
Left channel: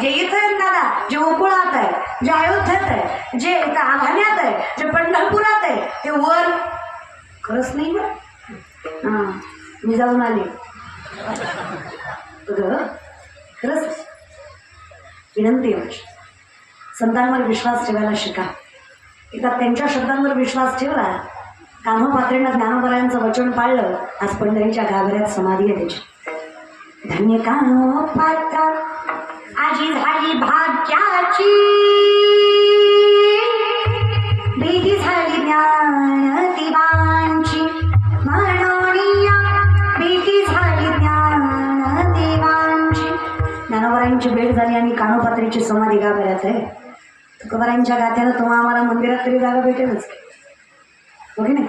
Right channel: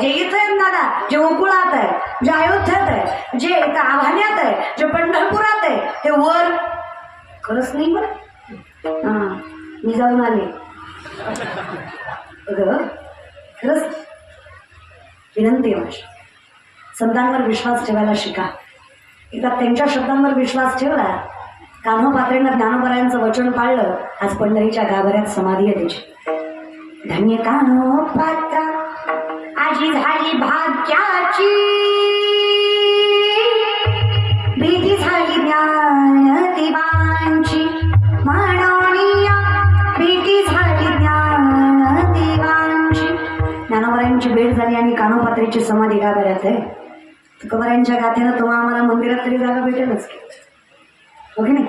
जे इथं आहे दादा, जे उकुळात आहे, जे अयोध्येत आहे, जे इथं आव्हान्यात आहे, जे पंढरपुरात आहे, ते वर खरंच नाही बरं. हां, मी जाऊन आले खरंच. विनंती आहे संतांवर विश्वास ठेवायला शिका. एकदा त्यांच्या शब्दांवर विश्वास ठेवला. कान्होपात्रेंना ज्ञानोबरायांचं वचन पाळलं. आज पंढरीच्या गाभाऱ्यात समाधी आहे त्याची. धन्य कान्होपात्रा आजी झाली भाग्याची, प्रीती झाली ज्ञानदेवांची, म्हणूनिया प्रीती झाली ज्ञानदेवांची. ज्ञानोबरायांची भेट झाली आणि कान्होपात्रेची समाधी गाभाऱ्यात आहे. तुकोबारायांच्या गाथ्यानं तुम्हाला आम्हाला मंदिरात तरी जागा भेटेलच हो की नाही.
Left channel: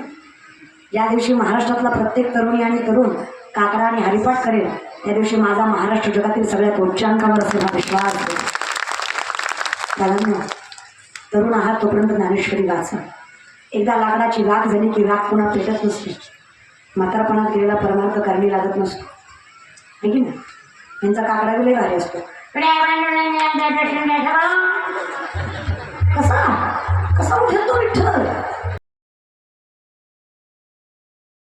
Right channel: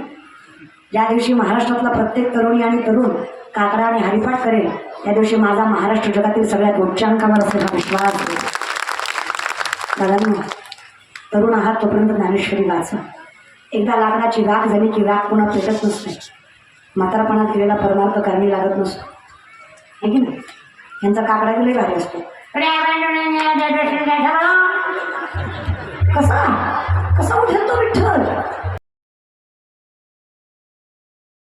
ज्या दिवशी महाराष्ट्रातला प्रत्येक तरुणी आणि तरुण काकडा आणि हरिपाठ करेल त्या दिवशी माझा महाराष्ट्र जगातील सगळ्यात उच्चांकावर असलेला विश्वास आहे. दादा तरुण आहात तोपर्यंत ज्ञानेश्वरी वाचा. एकदा लाकडाची वाघ झाली की वाघ पुन्हा पेटत नसते. म्हातारपणात केलेला परमार्थ कारणी लागत नसतो आहे की नाही. यांचा काकडा गेले भारी असतो. कसा कसा उठतो विठ्ठल.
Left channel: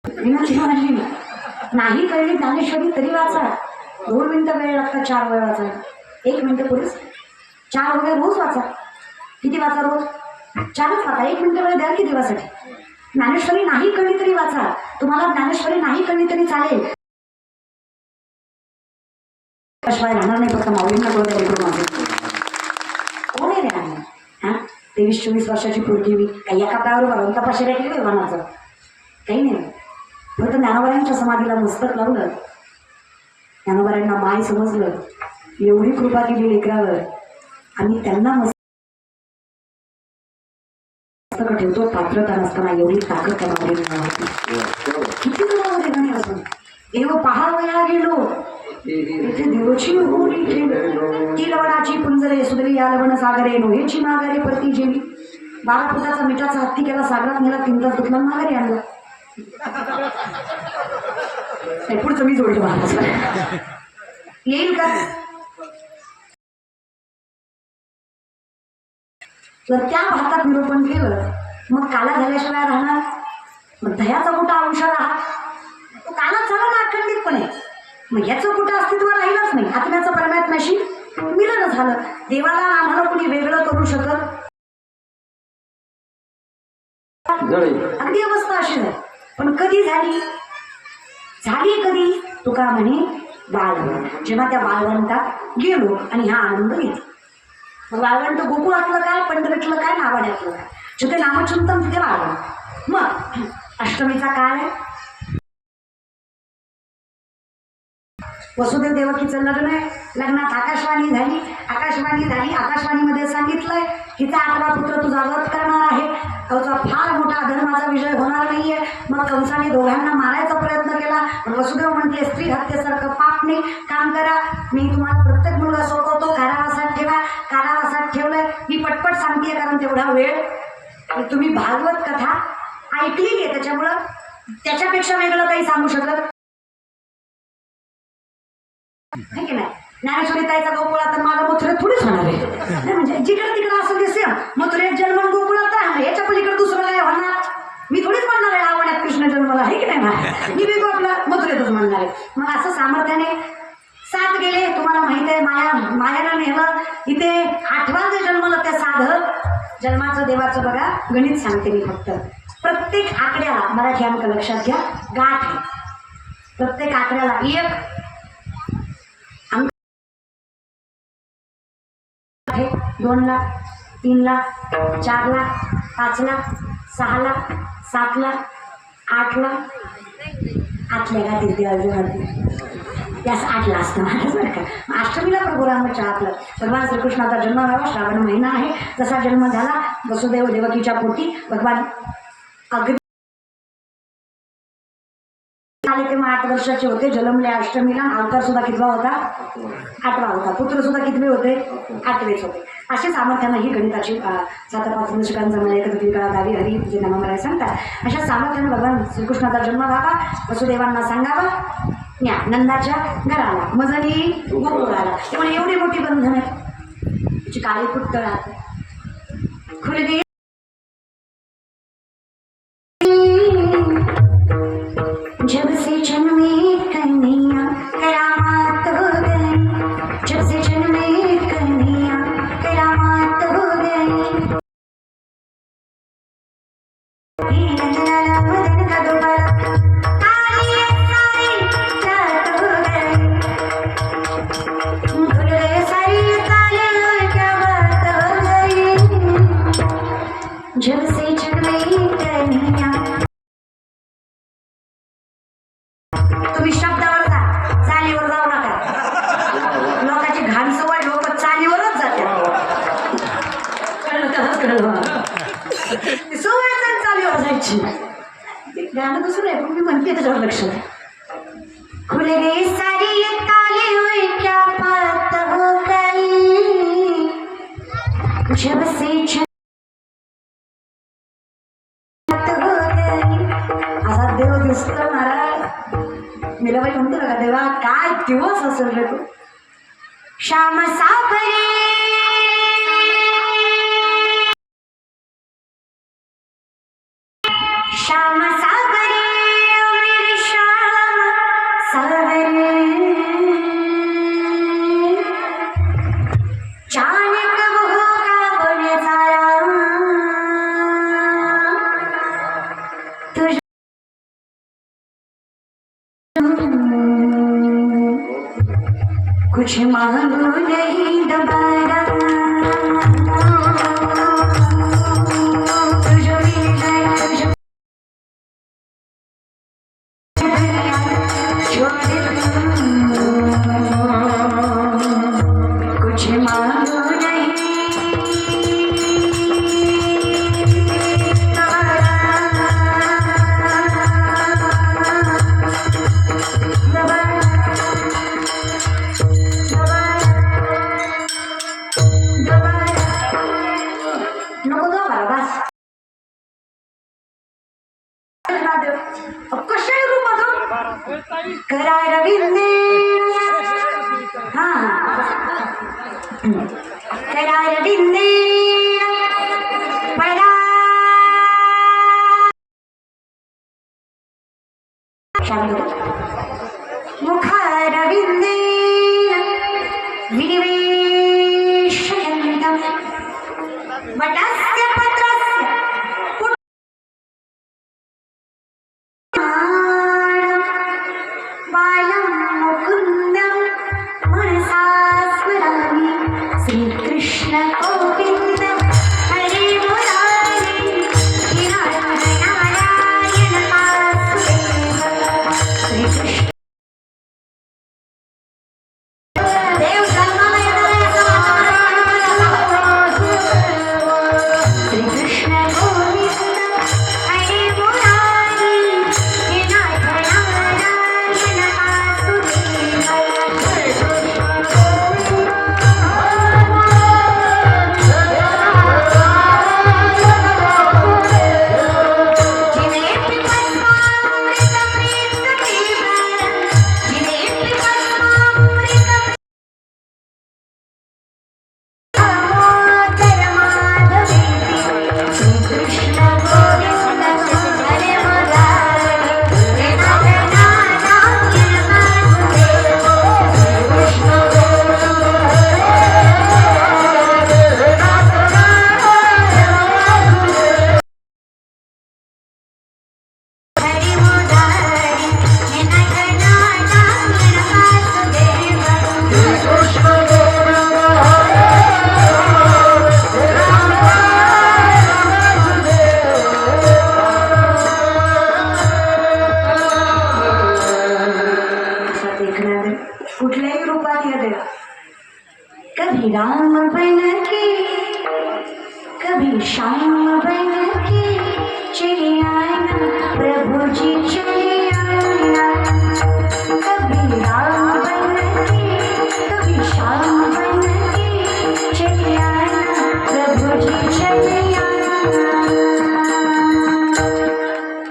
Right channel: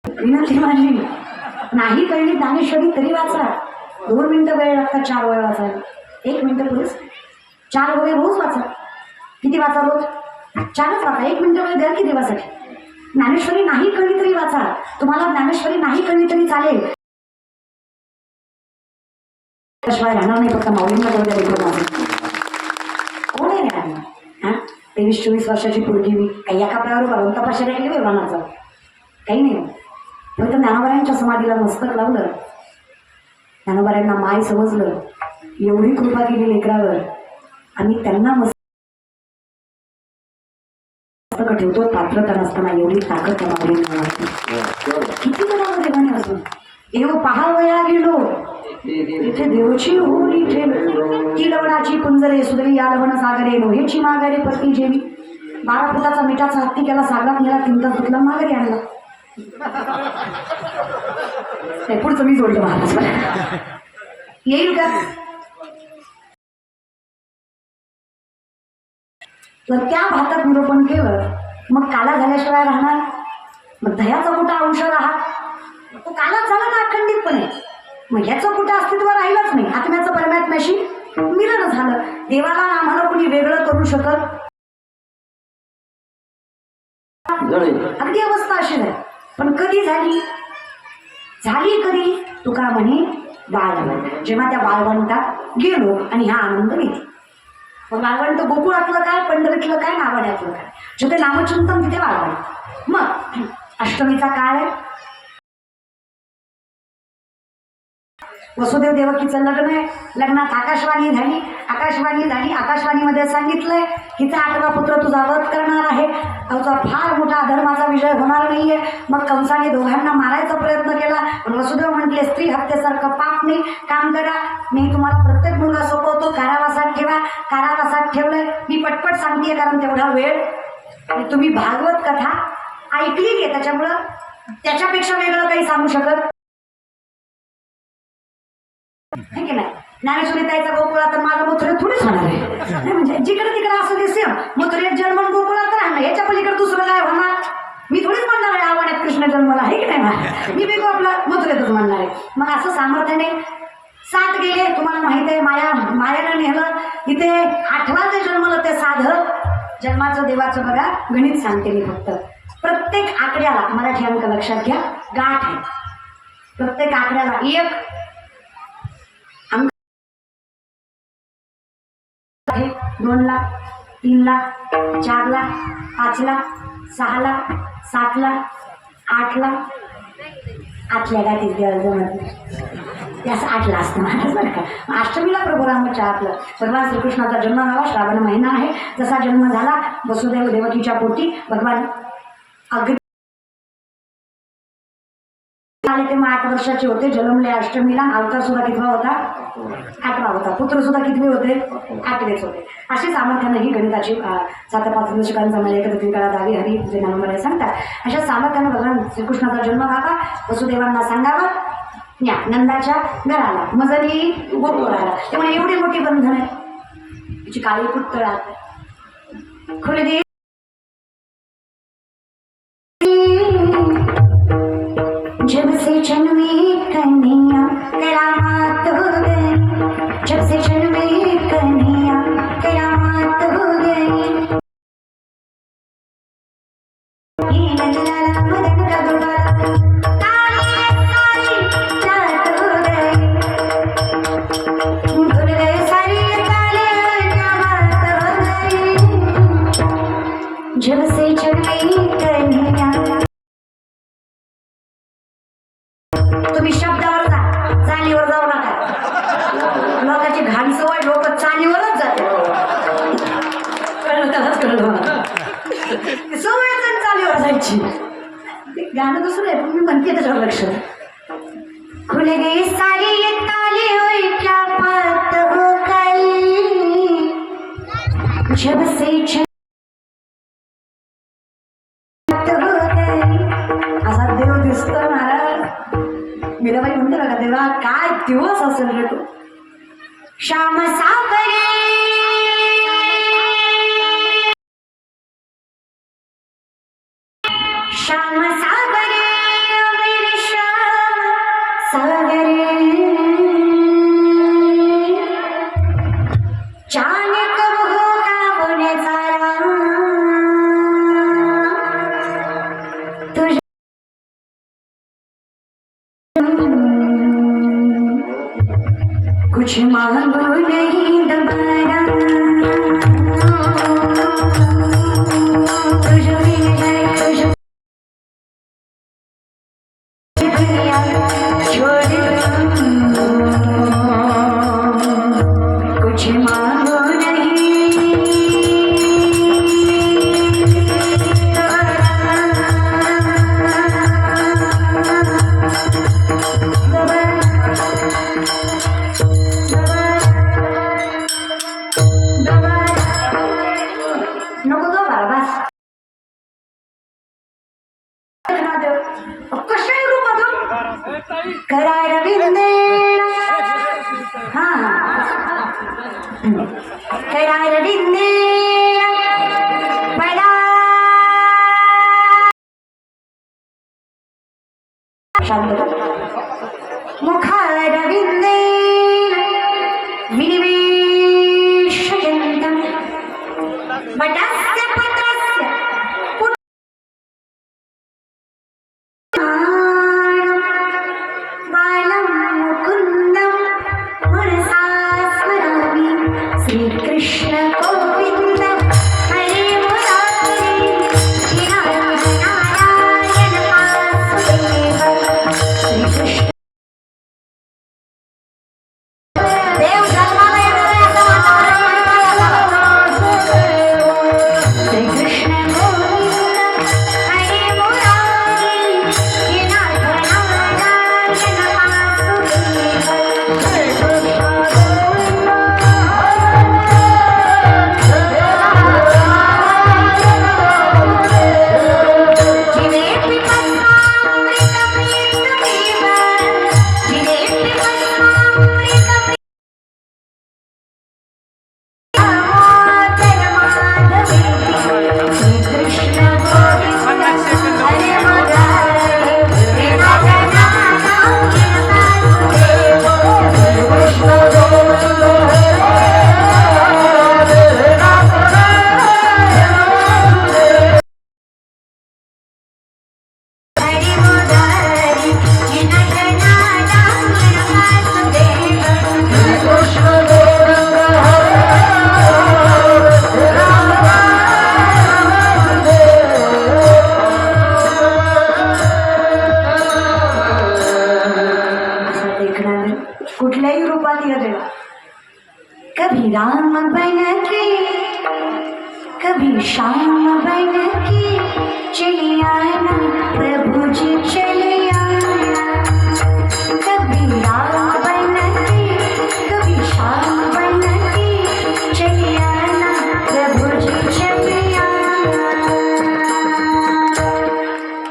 विनंती माझी नाही कळली ज्ञानेश्वरी तरी वाचा. 2 मिनिटं वेळ लागतात 4 वेळ वाचायला. 1 मिनिटं पुढेच 4 वगैरे रोज वाचा. किती वाचा रोज? 4च वाचा. 1 मिनिटं वेळ द्या की देवासाठी. ज्ञानेश्वरी नाही कळली तरी वाचा. तुम्हाला ज्ञानेश्वरी नाही कळली तरी चालेल. शिवाय राहणार नाही. फक्त माऊलींना बोलता ऐकून माझं कोण आहे रे. हां 23-24 वर्षाची पोरगी मी काही एका पायावर भरून तपाशी राहिली वेवानाचं काही नाही. फक्त ज्ञानोबरायांच्या समाधीला मस्तक लावलं. ज्ञानोबरायांना माय समजलं. एवढी कृपा केली लेकरावर आणि त्यांना ठेवतो, पात्रता नसताना एवढी ताकद त्यामध्ये किती जणांमध्ये गाणे असून एव पहावया गेलो तेथे देवची होळी ठेव ती लवणाची कुंजरे सुदरी या लवण सागरे नोहेची माघारे पती जेवी 12 फुटाचा मिठाचा हत्ती केला सागरात नेला 3 तास धुतला माघारी आणला. पुढचं मी जोडलं महाराज येईल का. तर त्या भातात निरूपण केलं मग काला झाल्याशिवाय राहणार. मग दह्याचा कुठं अंश राहा तो कालाच झाला ना अखंडितपणे. मग ह्याचं कुठं अस्तित्व राहिलंच नाही. आत्म्याचं परमात्म्याशी मिलन झालं. देवाला आम्हाला कुणी वेगळं करू शकत अगदी अवस्था अशी आहे. पण कधी झाली कधी तुका म्हणे बाळवण. जेव्हा त्या बाळवंटात गेलो आणि हा आनंद घेतला. मग बाळवंट गोकुळातलं काय पंढरीतलं काय नावाड्यातलं काय जिथे नामचिंतन तिथे बाळवंट. मग अष्टमीचा काळ आहे. वसुदेव देवकीचं लग्न आहे. लग्नात आकाशवाणी झाली. आकाशवाणीमध्ये सांगितलंय हिचा 8वा पुत्र तुझा वध करणार आहे. त्याचा फार मोठा अधर्माचा विजय होणार नाहीये. मग कंसाने दोघांना मारायचा प्रयत्न केला. पण वसुदेव म्हटले स्त्री हत्येसारखं पाप नाही. काम करा, मी तुम्हाला प्रत्येक मुलगा सोपवतो, कारावासात ठेवा. कारावासात ठेवलंय. मी पटपट सांगतेय कारण तेवढा वेळ. तुम्ही भागवत कथा ऐकली आहे त्याच्यामुळं त्याच्यापेक्षा वेगळं काही सांगू शकत नाही की नाही. ज्ञानेश्वरी ताईचा गोकुळा तर माझा मथुरेत थोडीच होणार आहे. म्हणजे जिकडे तिकडे असं दिसेल मथुरेत जन्म गोकुळात तर आहे. याच्या पलीकडे दुसरं काय होणार. मी थोडीच म्हणणार आहे आवड्यात कृष्ण जन्मला आहे की नाही. मी बिगो आपला मथुरेतच म्हणणार आहे. मग असं सामर्थ्याने 7 गेले. तुम्हाला माहित आहे मायानं नेलं. इथे 8वा जे जन्मलं ते साधं जन्माचं देवाचं बघा गणित सांगते मी फक्त. प्रत्येक आकड्याला मराठी अंक लक्षात घ्या गाठ आहे. प्रत्येक आकड्याला 1 2 लाख 3 लाख 4 लाख 5 लाख 6 लाख 7 लाख 8 लाख आतल्या गाठीत देवाला त्यास 8 लाख असतं महाराज बरं का. अष्टमीला प्रभू रामाच्या आपलं भगवान श्रीकृष्णाचा जन्म व्हावा. श्रावण महिना आहे. जसा जन्म झाला वसुदेव देवकीच्या पोटी भगवान अगदी तेव्हा 8 वर्षाचे होते. जन्मले अष्टमीला. अवतार सुद्धा कितवा होता 8वा होता. पुत्र सुद्धा कितवे होते 8वेच होते. अशी सामर्थ्यानं ही गणिताची 7-5 दशकांचा मला एकत्रित काळात आली हरी जे नाव मला सांगतात. अशा सामर्थ्यानं भगवान श्रीकृष्णाचा जन्म व्हावा. वसुदेवांना सांगावं या नंदाच्या घराला मजली गोकुळाला. त्यामुळे एवढी मोठी बंधन आहे. तिची काळी पुतळात खुलगी जब से जन्मी कन्हैया करामात हो गई. जब से जन्मी कन्हैया करामात हो गई. जब से जन्मी कन्हैया तुम्ही शब्दावर जा, चालीवर जाऊ नका. लोकांची घाण सवय लोक चालीवरच जाते. सवय चालीवर जायची. गाणं दुसरं आहे पण मी म्हणते त्याच्यावर लक्ष. खुले गे सारी ताली हुई क्या बात हो गई. जब से असा देव दिसतो महाराज. मीराबाई म्हणते बघा देवा काय दिवस असेल रे तू. श्याम सागरे श्याम सागरे मेरे श्याम सागरे जाने कब होगा वो नजारा तुझे कुछ मांगो नहीं दोबारा. कुछ मांगो नहीं कैलारविंदे पैदा मुखारविंदे विनिवेशयन्तं वटस्य पत्रस्य बालं मुकुन्दं मनसा स्मरामि श्रीकृष्ण गोविन्द हरे मुरारी नारायण वासुदेव श्रीकृष्ण देव जन्माला येणार आहे असं श्रीकृष्ण गोविंद हरे मुरारी नारायण कुठल्याही रूपात या देवा कभी राम बन के कभी श्याम बन के चले आना प्रभु जी चले आना कभी राम बन के कभी श्याम बन के चले आना प्रभु जी चले आना.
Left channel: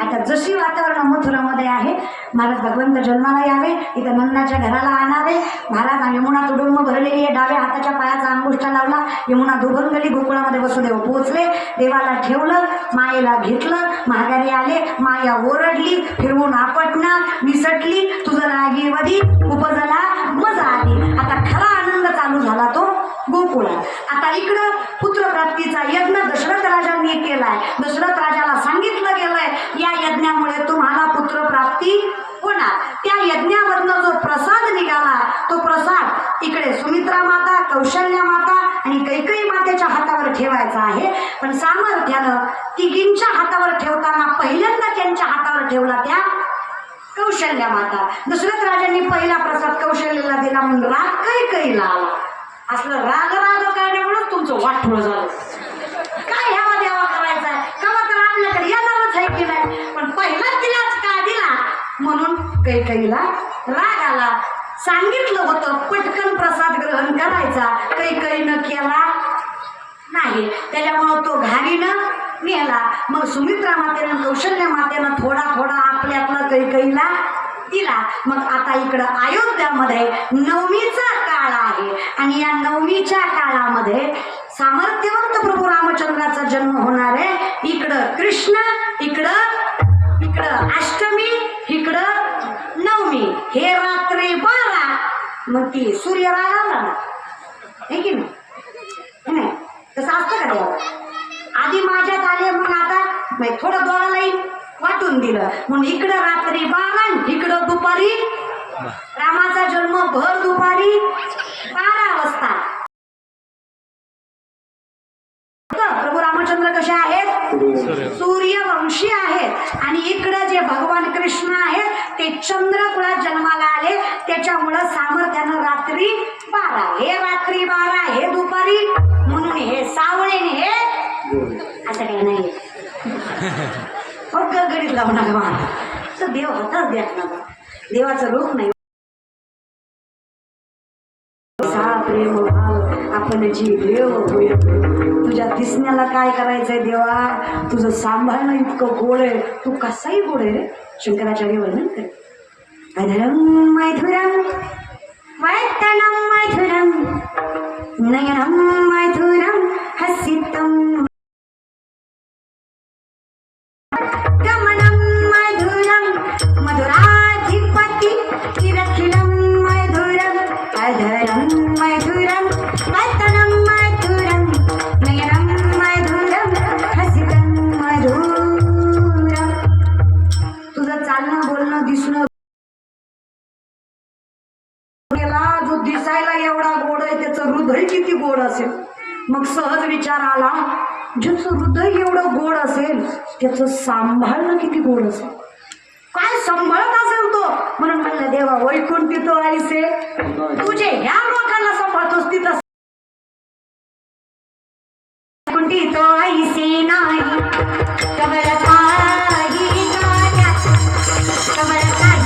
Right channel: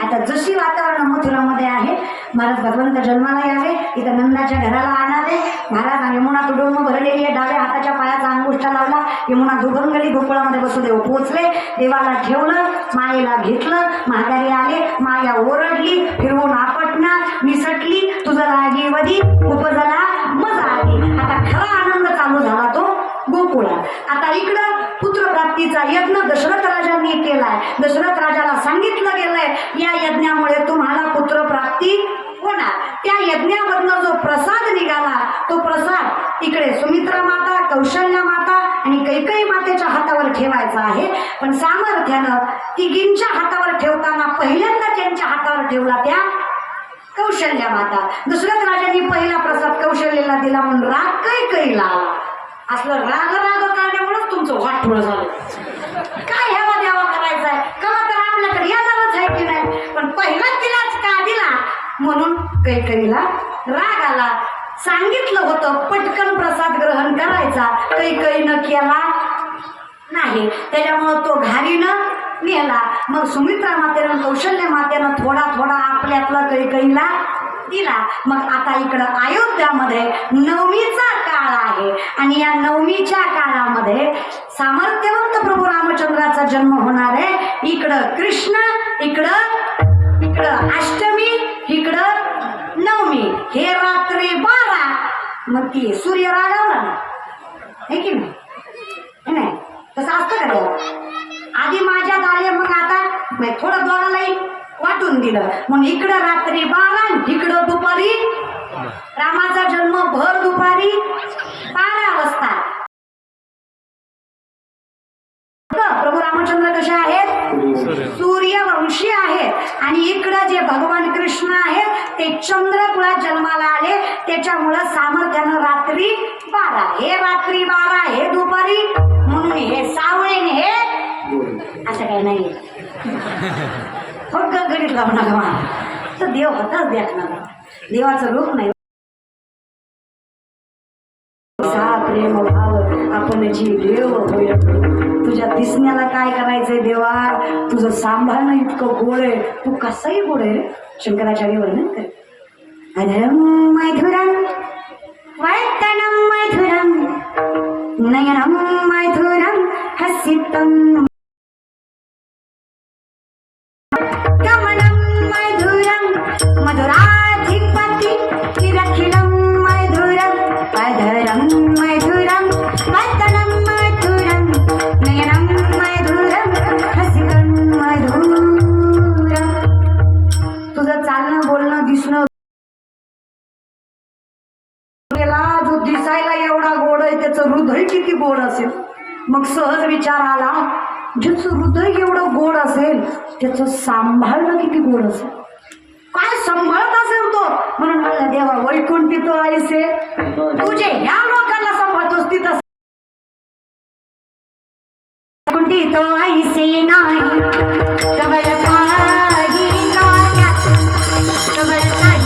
आता जशी वातावरण मथुरामध्ये आहे महाराज भगवंत जन्माला यावे इथं नंदाच्या घराला आणावे. महाराज यमुना तुडुंब भरलेली आहे. डाव्या हाताच्या पायाचा अंगुष्ठा लावला. यमुना दुभंगली गोकुळामध्ये वसुदेव पोहोचले. देवाला ठेवलं, मायेला घेतलं, माघारी आले. माया ओरडली, फिरवून आपटणार, निसटली, तुझं लागेवधी उपजला मजा आली. आता खरा आनंद चालू झाला तो गोकुळात. आता इकडं पुत्रप्राप्तीचा यज्ञ दशरथ राजांनी केलाय. दशरथ राजाला सांगितलं गेलंय या यज्ञामुळे तुम्हाला पुत्रप्राप्ती होणार. त्या यज्ञामधनं जो प्रसाद निघाला तो प्रसाद इकडे सुमित्रा माता, कौशल्या माता आणि कैकेयी मातेच्या हातावर ठेवायचा आहे. पण सामर्थ्यानं तिघींच्या हातावर ठेवताना पहिल्यांदा त्यांच्या हातावर ठेवला त्या कौशल्या माता. दशरथ राजांनी पहिला प्रसाद कौशल्याला दिला म्हणून राग कैकेयीला आला. असलं राग करण्यामुळेच तुमचं वाटोळं झालं. काय ह्यावा द्यावा करायचा आहे कवा तर आपल्याकडे येणारच आहे की नाही. पण पहिला तिलाच का दिला म्हणून कैकेयीला राग आला. सांगितलं होतं पटकन प्रसाद ग्रहण करायचा, कैकेयीनं केला नाही. त्याच्यामुळं तो घारीनं नेला. मग सुमित्रा मातेनं कौशल्य मातेनं थोडा थोडा आपल्यातला कैकेयीला दिला. मग आता इकडं अयोध्यामध्ये नवमीचा काळ आहे आणि या नवमीच्या काळामध्ये सामर्थ्यवंत प्रभू रामचंद्राचा जन्म होणार आहे. इकडं कृष्ण, इकडं अष्टमी, इकडं नवमी. हे रात्री 12 मग ती सूर्य रागावला ना हे की नाही तसं असतं का देवा. आधी माझ्यात आले मग आता थोडं दोघालाही वाटून दिलं म्हणून इकडं रात्री 12 इकडं दुपारी रामाचा जन्म भर दुपारी 12 वाजता. प्रभू रामचंद्र कसे आहेत सूर्यवंशी आहेत आणि इकडं जे भगवान कृष्ण आहेत ते चंद्रकुळात जन्माला आले. त्याच्यामुळं सामर्थ्यानं रात्री 12 हे रात्री 12 हे दुपारी म्हणून हे सावळे हे असं काही नाही. फक्त गणित लावणार मला तर देव होताच द्याकणार. देवाचं रूप नाही. प्रेम भाव आपण जी देव होय. तुझ्या दिसण्याला काय करायचंय देवा. तुझं सांभाळणं इतकं गोड आहे. तू कसंही गोड आहे. शंकराचार्य वर्णन कर. अधरम मैथुरम वैतनम मैथुरम नयन आहे त्याचं हृदय किती गोड असेल. मग सहज विचार आला, ज्याचं हृदय एवढं गोड असेल त्याचं सांभाळणं किती गोड असेल, काय सांभाळत असेल तो. म्हणून म्हणलं देवा वैकुंठी तो आईसे, तुझे ह्या लोकांना सांभाळतोस तिथं वैकुंठी तो आईसे नाही कमळ काही नाया, कमळ काही नाया, कमळ काही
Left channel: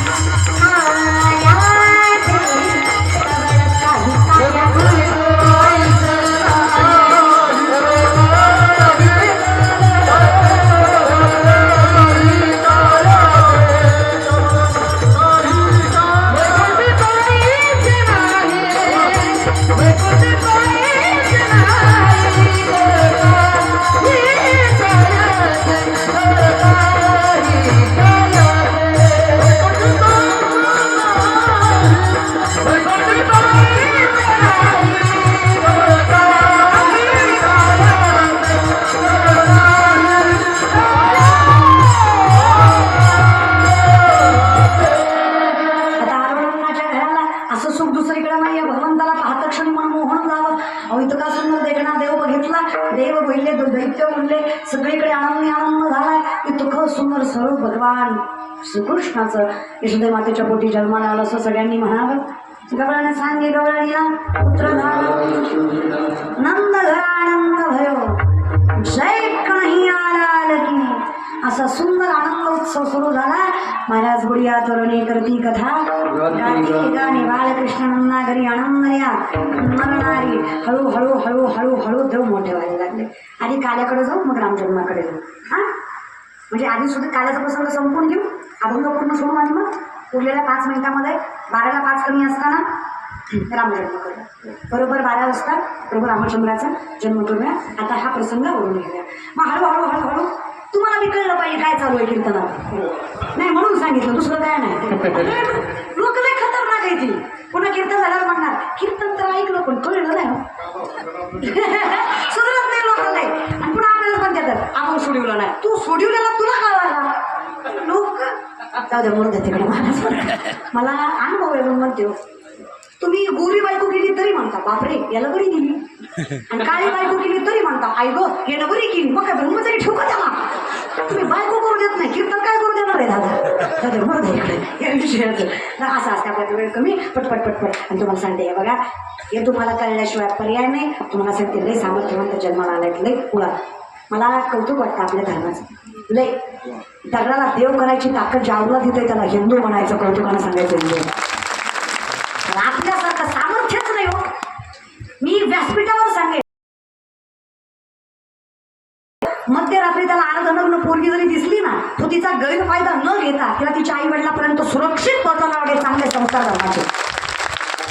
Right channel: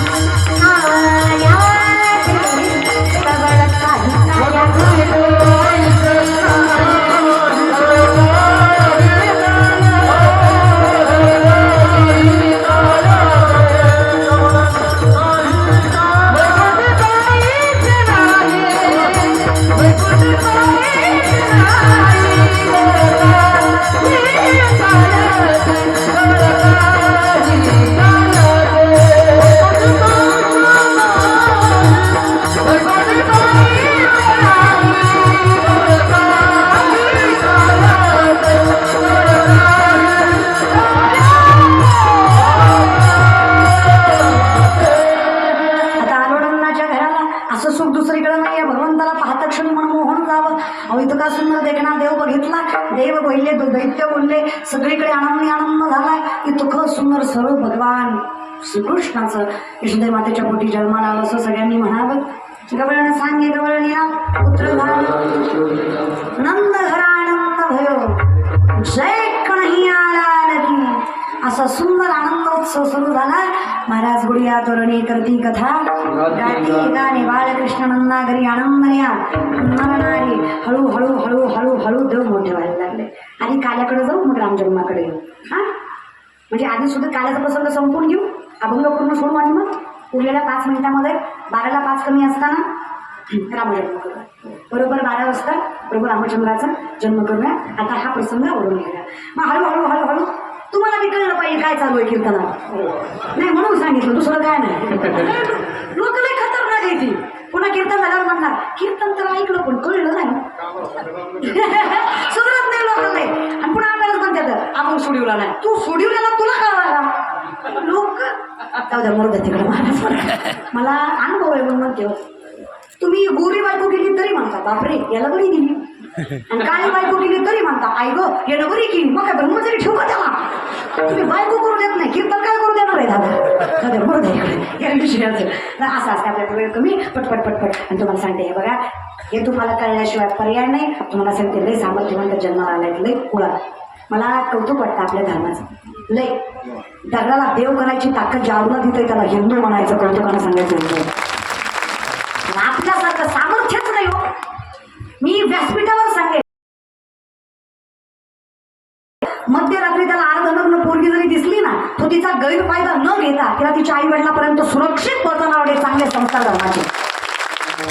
इतका सुंदर देखणार देव बघितला. देव बोलले, दैत्य बोलले, सगळीकडे आनंद आनंद झालाय. इतकं सुंदर सर्व भगवान श्रीकृष्णाचं यशोदे मातेच्या पोटी जन्माला आलं असं सगळ्यांनी म्हणावं. गवळण सांगे गवळणीला पुत्र झालं, नंद घरानंद भयो, जय कन्हैया लाल की. असा सुंदर आनंदोत्सव सुरू झाला. महाराज गुडिया तोरणे करती कथा, गाती गाणे बाळकृष्ण नंदा घरी आनंदल्या. नरनारी हळूहळू हळूहळू हळू देव मोठे व्हायला लागले. आधी काल्याकडे जाऊ, मग रामजन्माकडे जाऊ. हां, म्हणजे आधी सुद्धा काल्याचं प्रसंग संपून घेऊ, अभंग पूर्ण सोडून आणि मग उरलेल्या 5 मिनिटामध्ये 12ला 5 कमी असताना रामजन्म करूया. बरोबर 12 वाजता बरोबर रामचंद्राचा जन्म करूया. आता हा प्रसंग ओढून घेऊया. मग हळूहळू हळूहळू तुम्हाला मी कळलं पाहिजे काय चालू आहे कीर्तनात. नाही म्हणून सांगितलं, दुसरं काय नाही. लोक लय खतरनाक आहे ती. पुन्हा कीर्तन झाल्यावर म्हणणार कीर्तन तर ऐकलं पण कळलं नाही. सुधरत नाही लोक लय. आणि पुन्हा आपल्यालाच म्हणतात आपण सोडवला नाही. तू सोडवलेला तुला कळाला. लोक जाऊ द्या मरू द्या तिकडे. मला अनुभव आहे म्हणते, तुम्ही गोरी बायको केली तरी म्हणता बापरे याला बरी दिली, आणि काळी बायको केली तरी म्हणता आई गो याला बरी केली. मग काय ब्रह्मचारी ठेवू का त्याला. तुम्ही बायको करू देत नाही, कीर्तन काय करू देणार आहे दादा. बरोबर असं असते आपल्याकडे. वेळ कमी, पटपट पटपट. आणि तुम्हाला सांगते हे बघा, हे तुम्हाला कळल्याशिवाय पर्याय नाही. तुम्हाला सांगते लय सामर्थ्यवंत जन्माला आलाय, लय पुळा. मला कौतुक वाटतं आपल्या धर्माचं. लय दगडाला देव करायची ताकद जाऊला तिथे त्याला हिंदू म्हणायचं, कौतुकानं सांगायचं हिंदू. आपल्यासारखं सामर्थ्यच नाही हो. मी व्यासपीठावर सांगेन, मध्यरात्री त्याला अर्धनग्न पोरगी जरी दिसली ना, तो तिचा गैरफायदा न घेता तिला तिच्या आई वडिलांपर्यंत सुरक्षित पोहोचवणारे चांगले संस्कार धर्माचे.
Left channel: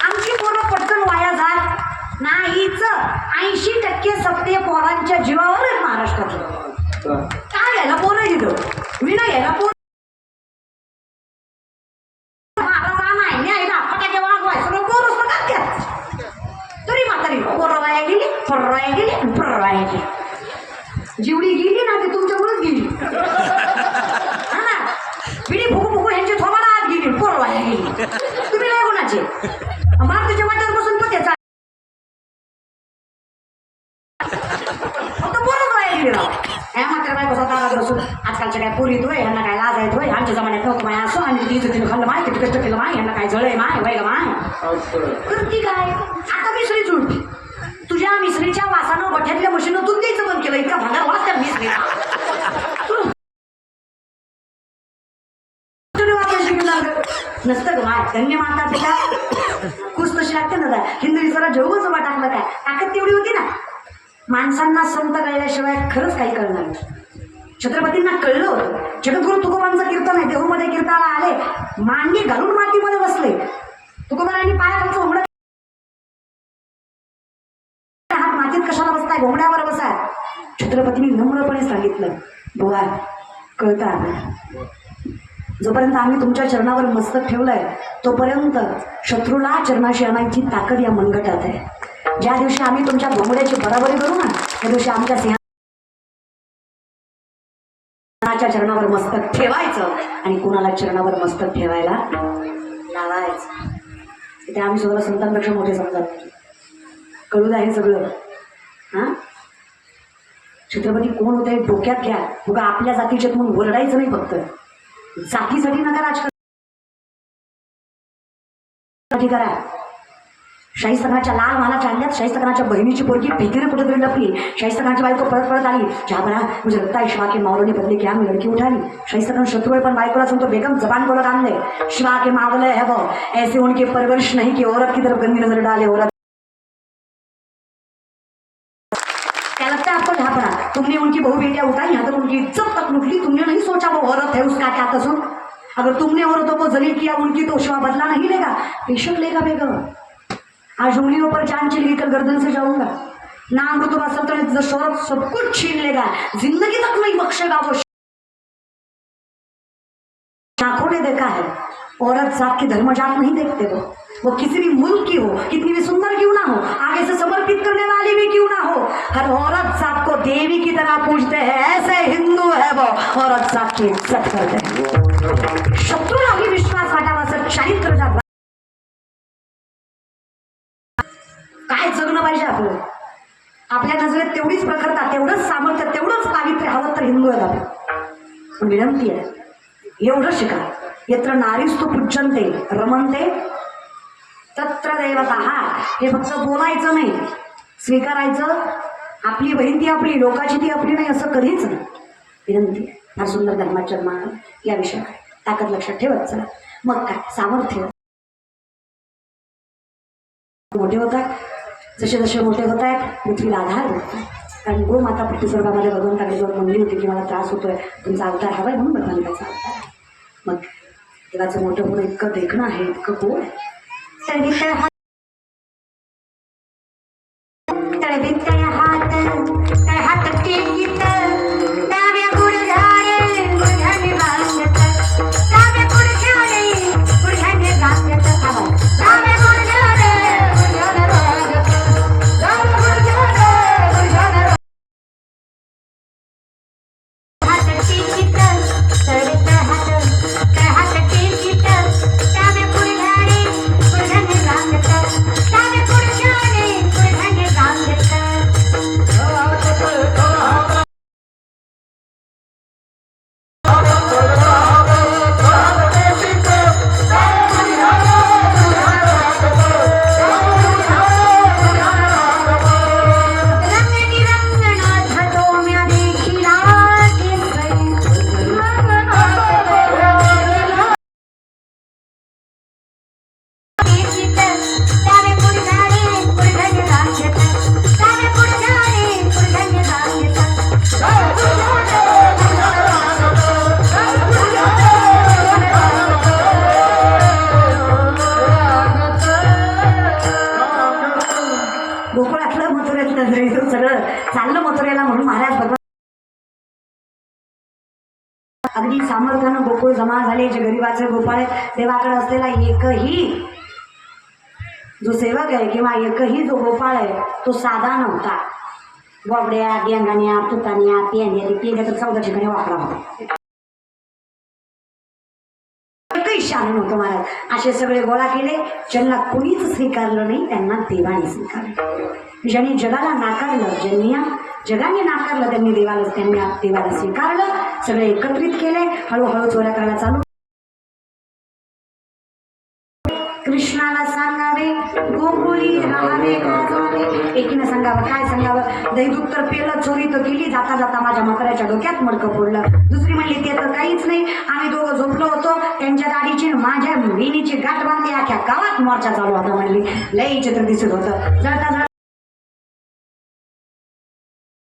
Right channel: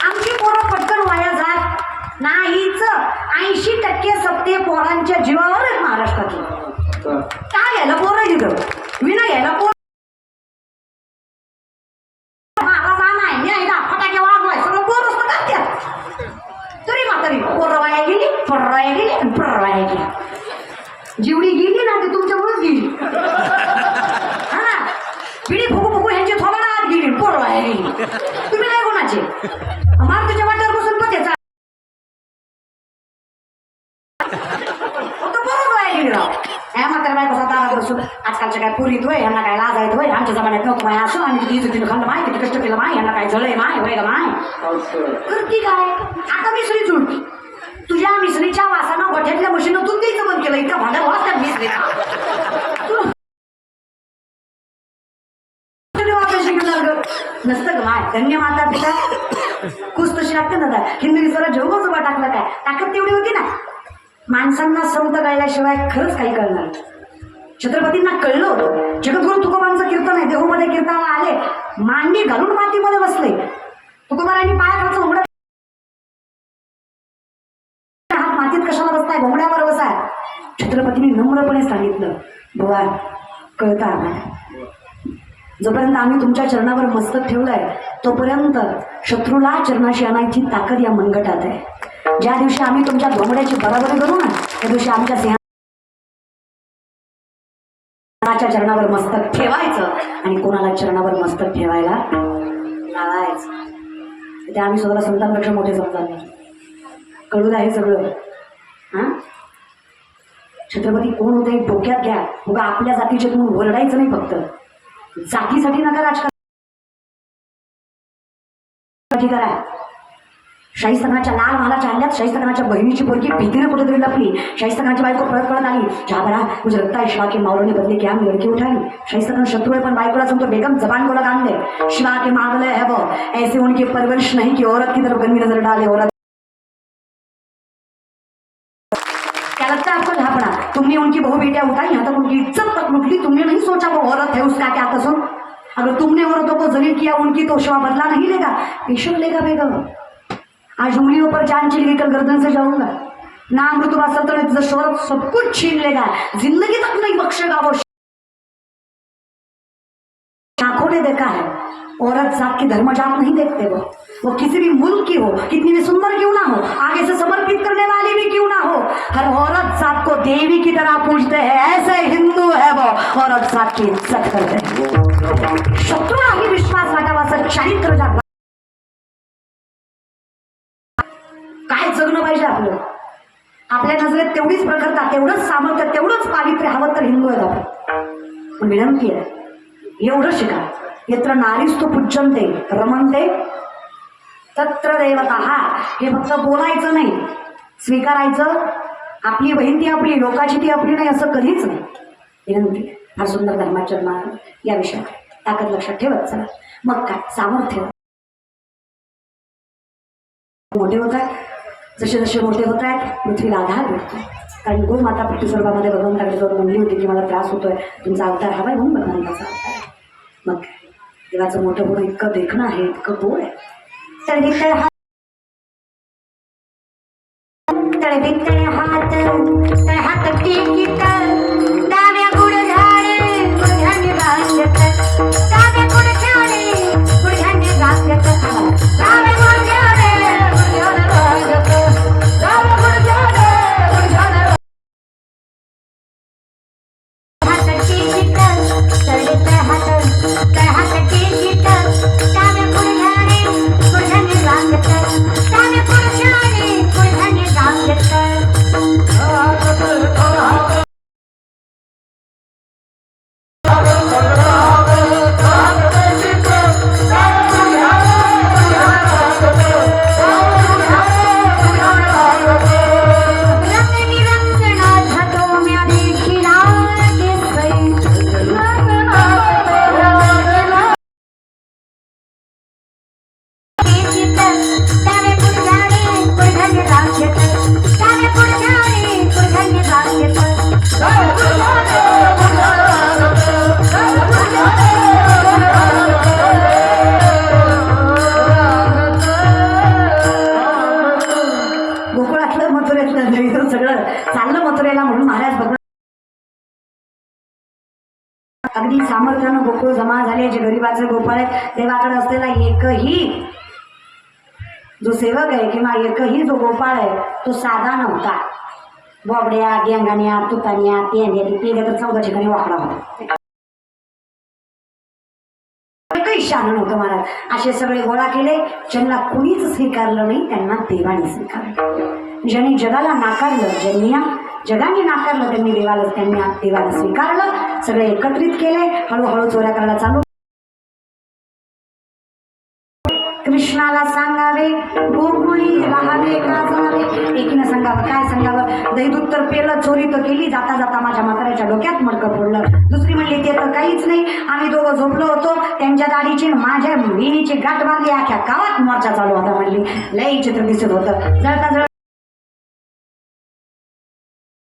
आमची पोरं पटकन वाया जात नाहीच. 80% सत्य पोरांच्या जीवावर आहेत महाराष्ट्रातलं. काय यायला पोरं दिलं मी नाही यायला पोर जीवडी गेली ना ती तुमच्यामुळेच गेली. हा ना, पिढी फुकू फुकू यांची थोबाडा आत गेली, पोरवाया गेली. तुम्ही नाही कोणाचे मार तुझ्या वाट्यावर बसून तो त्याचा फक्त पोरच वाया गेली. राव ह्या मात्र बाय कसा दारात बसून आजकालच्या काय पुरीत होय, यांना काय लाज आहेत होय, आमच्या जमान्यात नको माय असो, आणि किती इज्जतीनं खाल्लं माय, किती कष्ट केलं माय, यांना काय जळय माय वय का माय. तर ती काय आता मिसरी जुळती. तुझ्या मिसरीच्या वासानं गोठ्यातल्या मशीनं दूध द्यायचं बंद केलं. इतकं भांडण होत त्या मिसरी नसतं ग माय. धन्य माता पिता खुश तशी लागतं ना. हिंदवी जरा जेवढं जोबा टाकलं काय ताकद तेवढी होती ना. माणसांना संत कळल्याशिवाय खरंच काही कळणार नाही. छत्रपतींना कळलं होतं. जगद्गुरु तुकोबांचं कीर्तन आहे, देहूमध्ये कीर्तनाला आले, मांडी घालून मातीमध्ये बसले. तुकोबारांनी पायाखालचं घोंगडं, हात मातीत कशाला बसताय, घोंगड्यावर बसाय. छत्रपतींनी नम्रपणे सांगितलं, बुवा कळतं आम्हाला, जोपर्यंत आम्ही तुमच्या चरणावर मस्तक ठेवलंय तोपर्यंत शत्रूला चरणाशी आणायची ताकद या मनगटात आहे. ज्या दिवशी आम्ही तुमच्या घोंगड्याची बराबरी करू ना, त्या दिवशी आमच्या सिंहाच्या चरणावर मस्तक ठेवायचं आणि कोणाला चरणावर मस्तक ठेवायला लावायचं. ते आम्ही स्वतःला संतांपेक्षा मोठे समजायला. कळून आहे सगळं. हां, छत्रपती कोण होते डोक्यात घ्या. बघा आपल्या जातीचे म्हणून ओरडायचं नाही, फक्त जातीसाठी नका राजकारण करा. शाहिस्तखानाच्या लाल महालाच्या हल्ल्यात शाहिस्तखानाच्या बहिणीची पोरगी भीतीने कुठेतरी लपली. शाहिस्तखानाची बायको पळत आली. जहाबरा मुझे लगता है शिवा के मावलों बदले क्या हम लड़की उठाई. शाहिस्तखान शत्रु है, पण बायकोला समजतो बेगम जबान बोला काम दे. शिवा के मावले है वो ऐसे उनकी परवरिश नहीं कि औरत की तरफ गंदी नजर डाले. औरत क्या लगता है आपको जहाबरा, तुमने उनकी बहू बेटियां उठाई, यहाँ तक उनकी इज्जत तक लूट ली. तुमने नहीं सोचा वो औरत है, उसका क्या कसूर. अगर तुमने औरतों को जलील किया, उनकी तो शिवा बदला नहीं लेगा, बेशक लेगा बेगम. आज उंगलियों पर जान चली कर गर्दन से जाऊंगा. नाम रुतबा सल्तनत शोहरत सब कुछ छीन लेगा, जिंदगी तक नहीं बख्शेगा वो. आंखों ने देखा है, औरत जात की धर्म जात नहीं देखते. वो किसी भी मुल्क की हो, कितनी भी सुंदर क्यों ना हो, आगे से समर्पित करने वाली भी क्यों ना हो, हर औरत जात को देवी की तरह पूजते हैं. ऐसे हिंदू है वो, औरत जात की इज्जत करते हैं. शत्रूला भी विश्वास वाटावा, सच्चाई कर जा. काय जगलं पाहिजे आपलं. आपल्या नजरेत तेवढीच प्रखरता, तेवढंच सामर्थ्य, तेवढंच पावित्र्य हवं तर हिंदू आहेत आपण. विनंती आहे, एवढं शिका. यत्र नारीस्तु पूज्यन्ते रमन्ते तत्र देवता. हे फक्त बोलायचं नाही, स्वीकारायचं. आपली बहीण ती आपली, लोकाची ती आपली नाही, असं कधीच नाही. विनंती आहे. फार सुंदर धर्माचरण या विषयाकडे ताकद लक्षात ठेवत चला. मग काय सामर्थ्य मोठे होत आहेत. जसे जसे मोठे होत आहेत पृथ्वीला आधार होत. कारण गोमाता पृथ्वीस्वर्गामध्ये भगवंताकडे जवळ म्हणली होती की मला त्रास होतोय, तुमचा अवतार हवाय म्हणून भगवंताचा अवतार आहे. मग देवाचं मोठं होणं इतकं देखणं आहे, इतकं गोड आहे. सगळं चाललं मथुरेला. म्हणून महाराज भगवान अगदी सामर्थ्यानं गोकुळ जमा झाले. जे गरीबाचे गोपाळ आहेत, देवाकडे असलेला एकही जो सेवक आहे किंवा एकही जो गोपाळ आहे तो साधा नव्हता. बोबड्या, गेंगाण्या, तुताण्या, पेंड्या तर 14 ठिकाणी वापरा होता. एकही शान नव्हतं महाराज. असे सगळे गोळा केले. ज्यांना कुणीच स्वीकारलं नाही त्यांना देवाने स्वीकारलं. ज्यांनी जगाला नाकारलं, ज्यांनी जगाने नाकारलं त्यांनी देवाला स्वीकारलं. सगळे एकत्रित केले. हळूहळू चोऱ्या करायला चालू. कृष्णाला सांगावे गोकुळी राहावे का जावे. एकीनं सांगावं, काय सांगावं. दहीदूध तर पेलं, चोरी तर केली, जाता जाता माझ्या म्हाताऱ्याच्या डोक्यात मडकं फोडलं. दुसरी म्हणली ते तर काहीच नाही, आम्ही दोघं झोपलो होतो, त्यांच्या गाडीची माझ्या विणीची गाठ बांधली, अख्ख्या गावात मोर्चा चालू होता. म्हणली लई चित्र दिसत होतं. जळता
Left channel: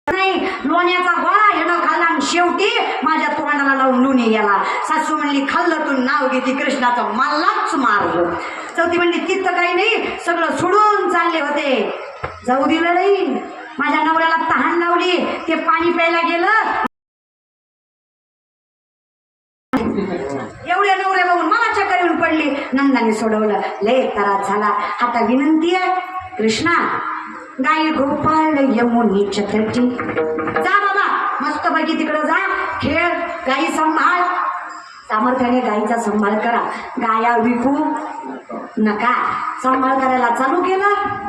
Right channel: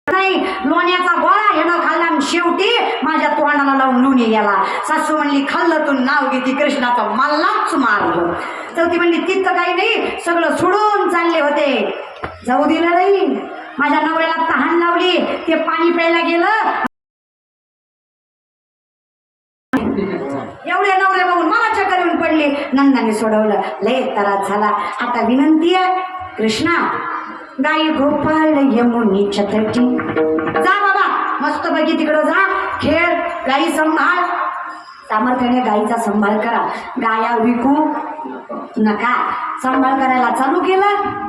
नाही, लोण्याचा गोळा हेनं खाल्ला आणि शेवटी माझ्या तोंडाला लावून लुणी गेला. सासू म्हणली खाल्लं तू नाव घेती कृष्णाचं, मलाच मारलं. चौथी म्हणली तिथं काही नाही, सगळं सोडून चालले होते, जाऊ दिलं नाही. माझ्या नवऱ्याला तहान लावली, ते पाणी प्यायला गेलं. एवढे नवरे बघून मला चक्कर येऊन पडली. नंदाने सोडवलं. लय त्रास झाला. आता विनंती आहे कृष्णा, गाई गोपाळ यमुनीच्या तटी जा बाबा, मस्त पैकी तिकडं जा, खेळ, गाई सांभाळ. सामर्थ्याने गाईचा सांभाळ करा. गाया विकू नका. सांभाळ करायला चालू केलं.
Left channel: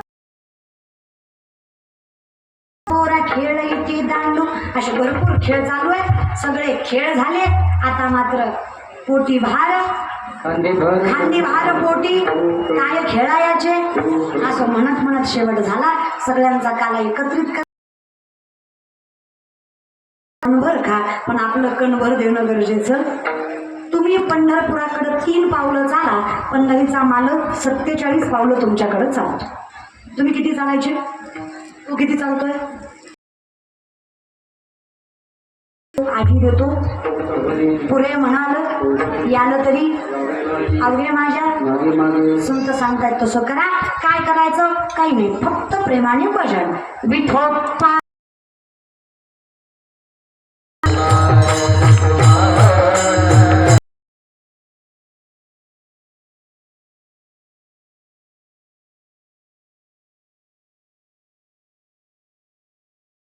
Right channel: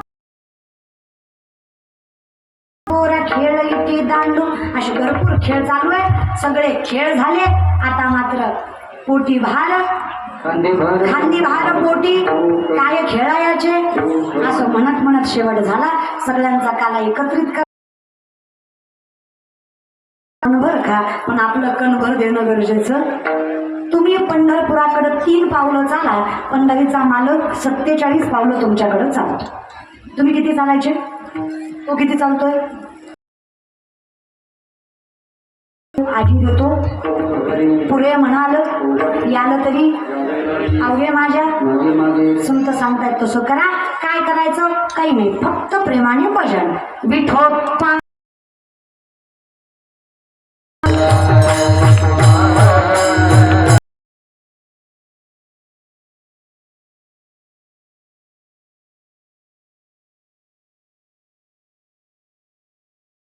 खेळ इथे दांडू, असे भरपूर खेळ चालू आहे. सगळे खेळ झाले. आता मात्र पोटी भार, खांदी भार पोटी, काय खेळायचे असं म्हणत म्हणत शेवट झाला. सगळ्यांचा काला एकत्रित कर कणभर खा, पण आपलं कणभर देणं गरजेचं. तुम्ही पंढरपुराकडे 3 पावलं चाला, पंढरीचा मालक 47 पावलं तुमच्याकडे चालतो. तुम्ही किती चालायचे? तो किती चालतोय? आधी देतो पुरे म्हणाल, याला तरी अवघे माझ्या. संत सांगतायत तसं करा. काय करायचं? काही नाही, फक्त प्रेमाने भजन. विठोबा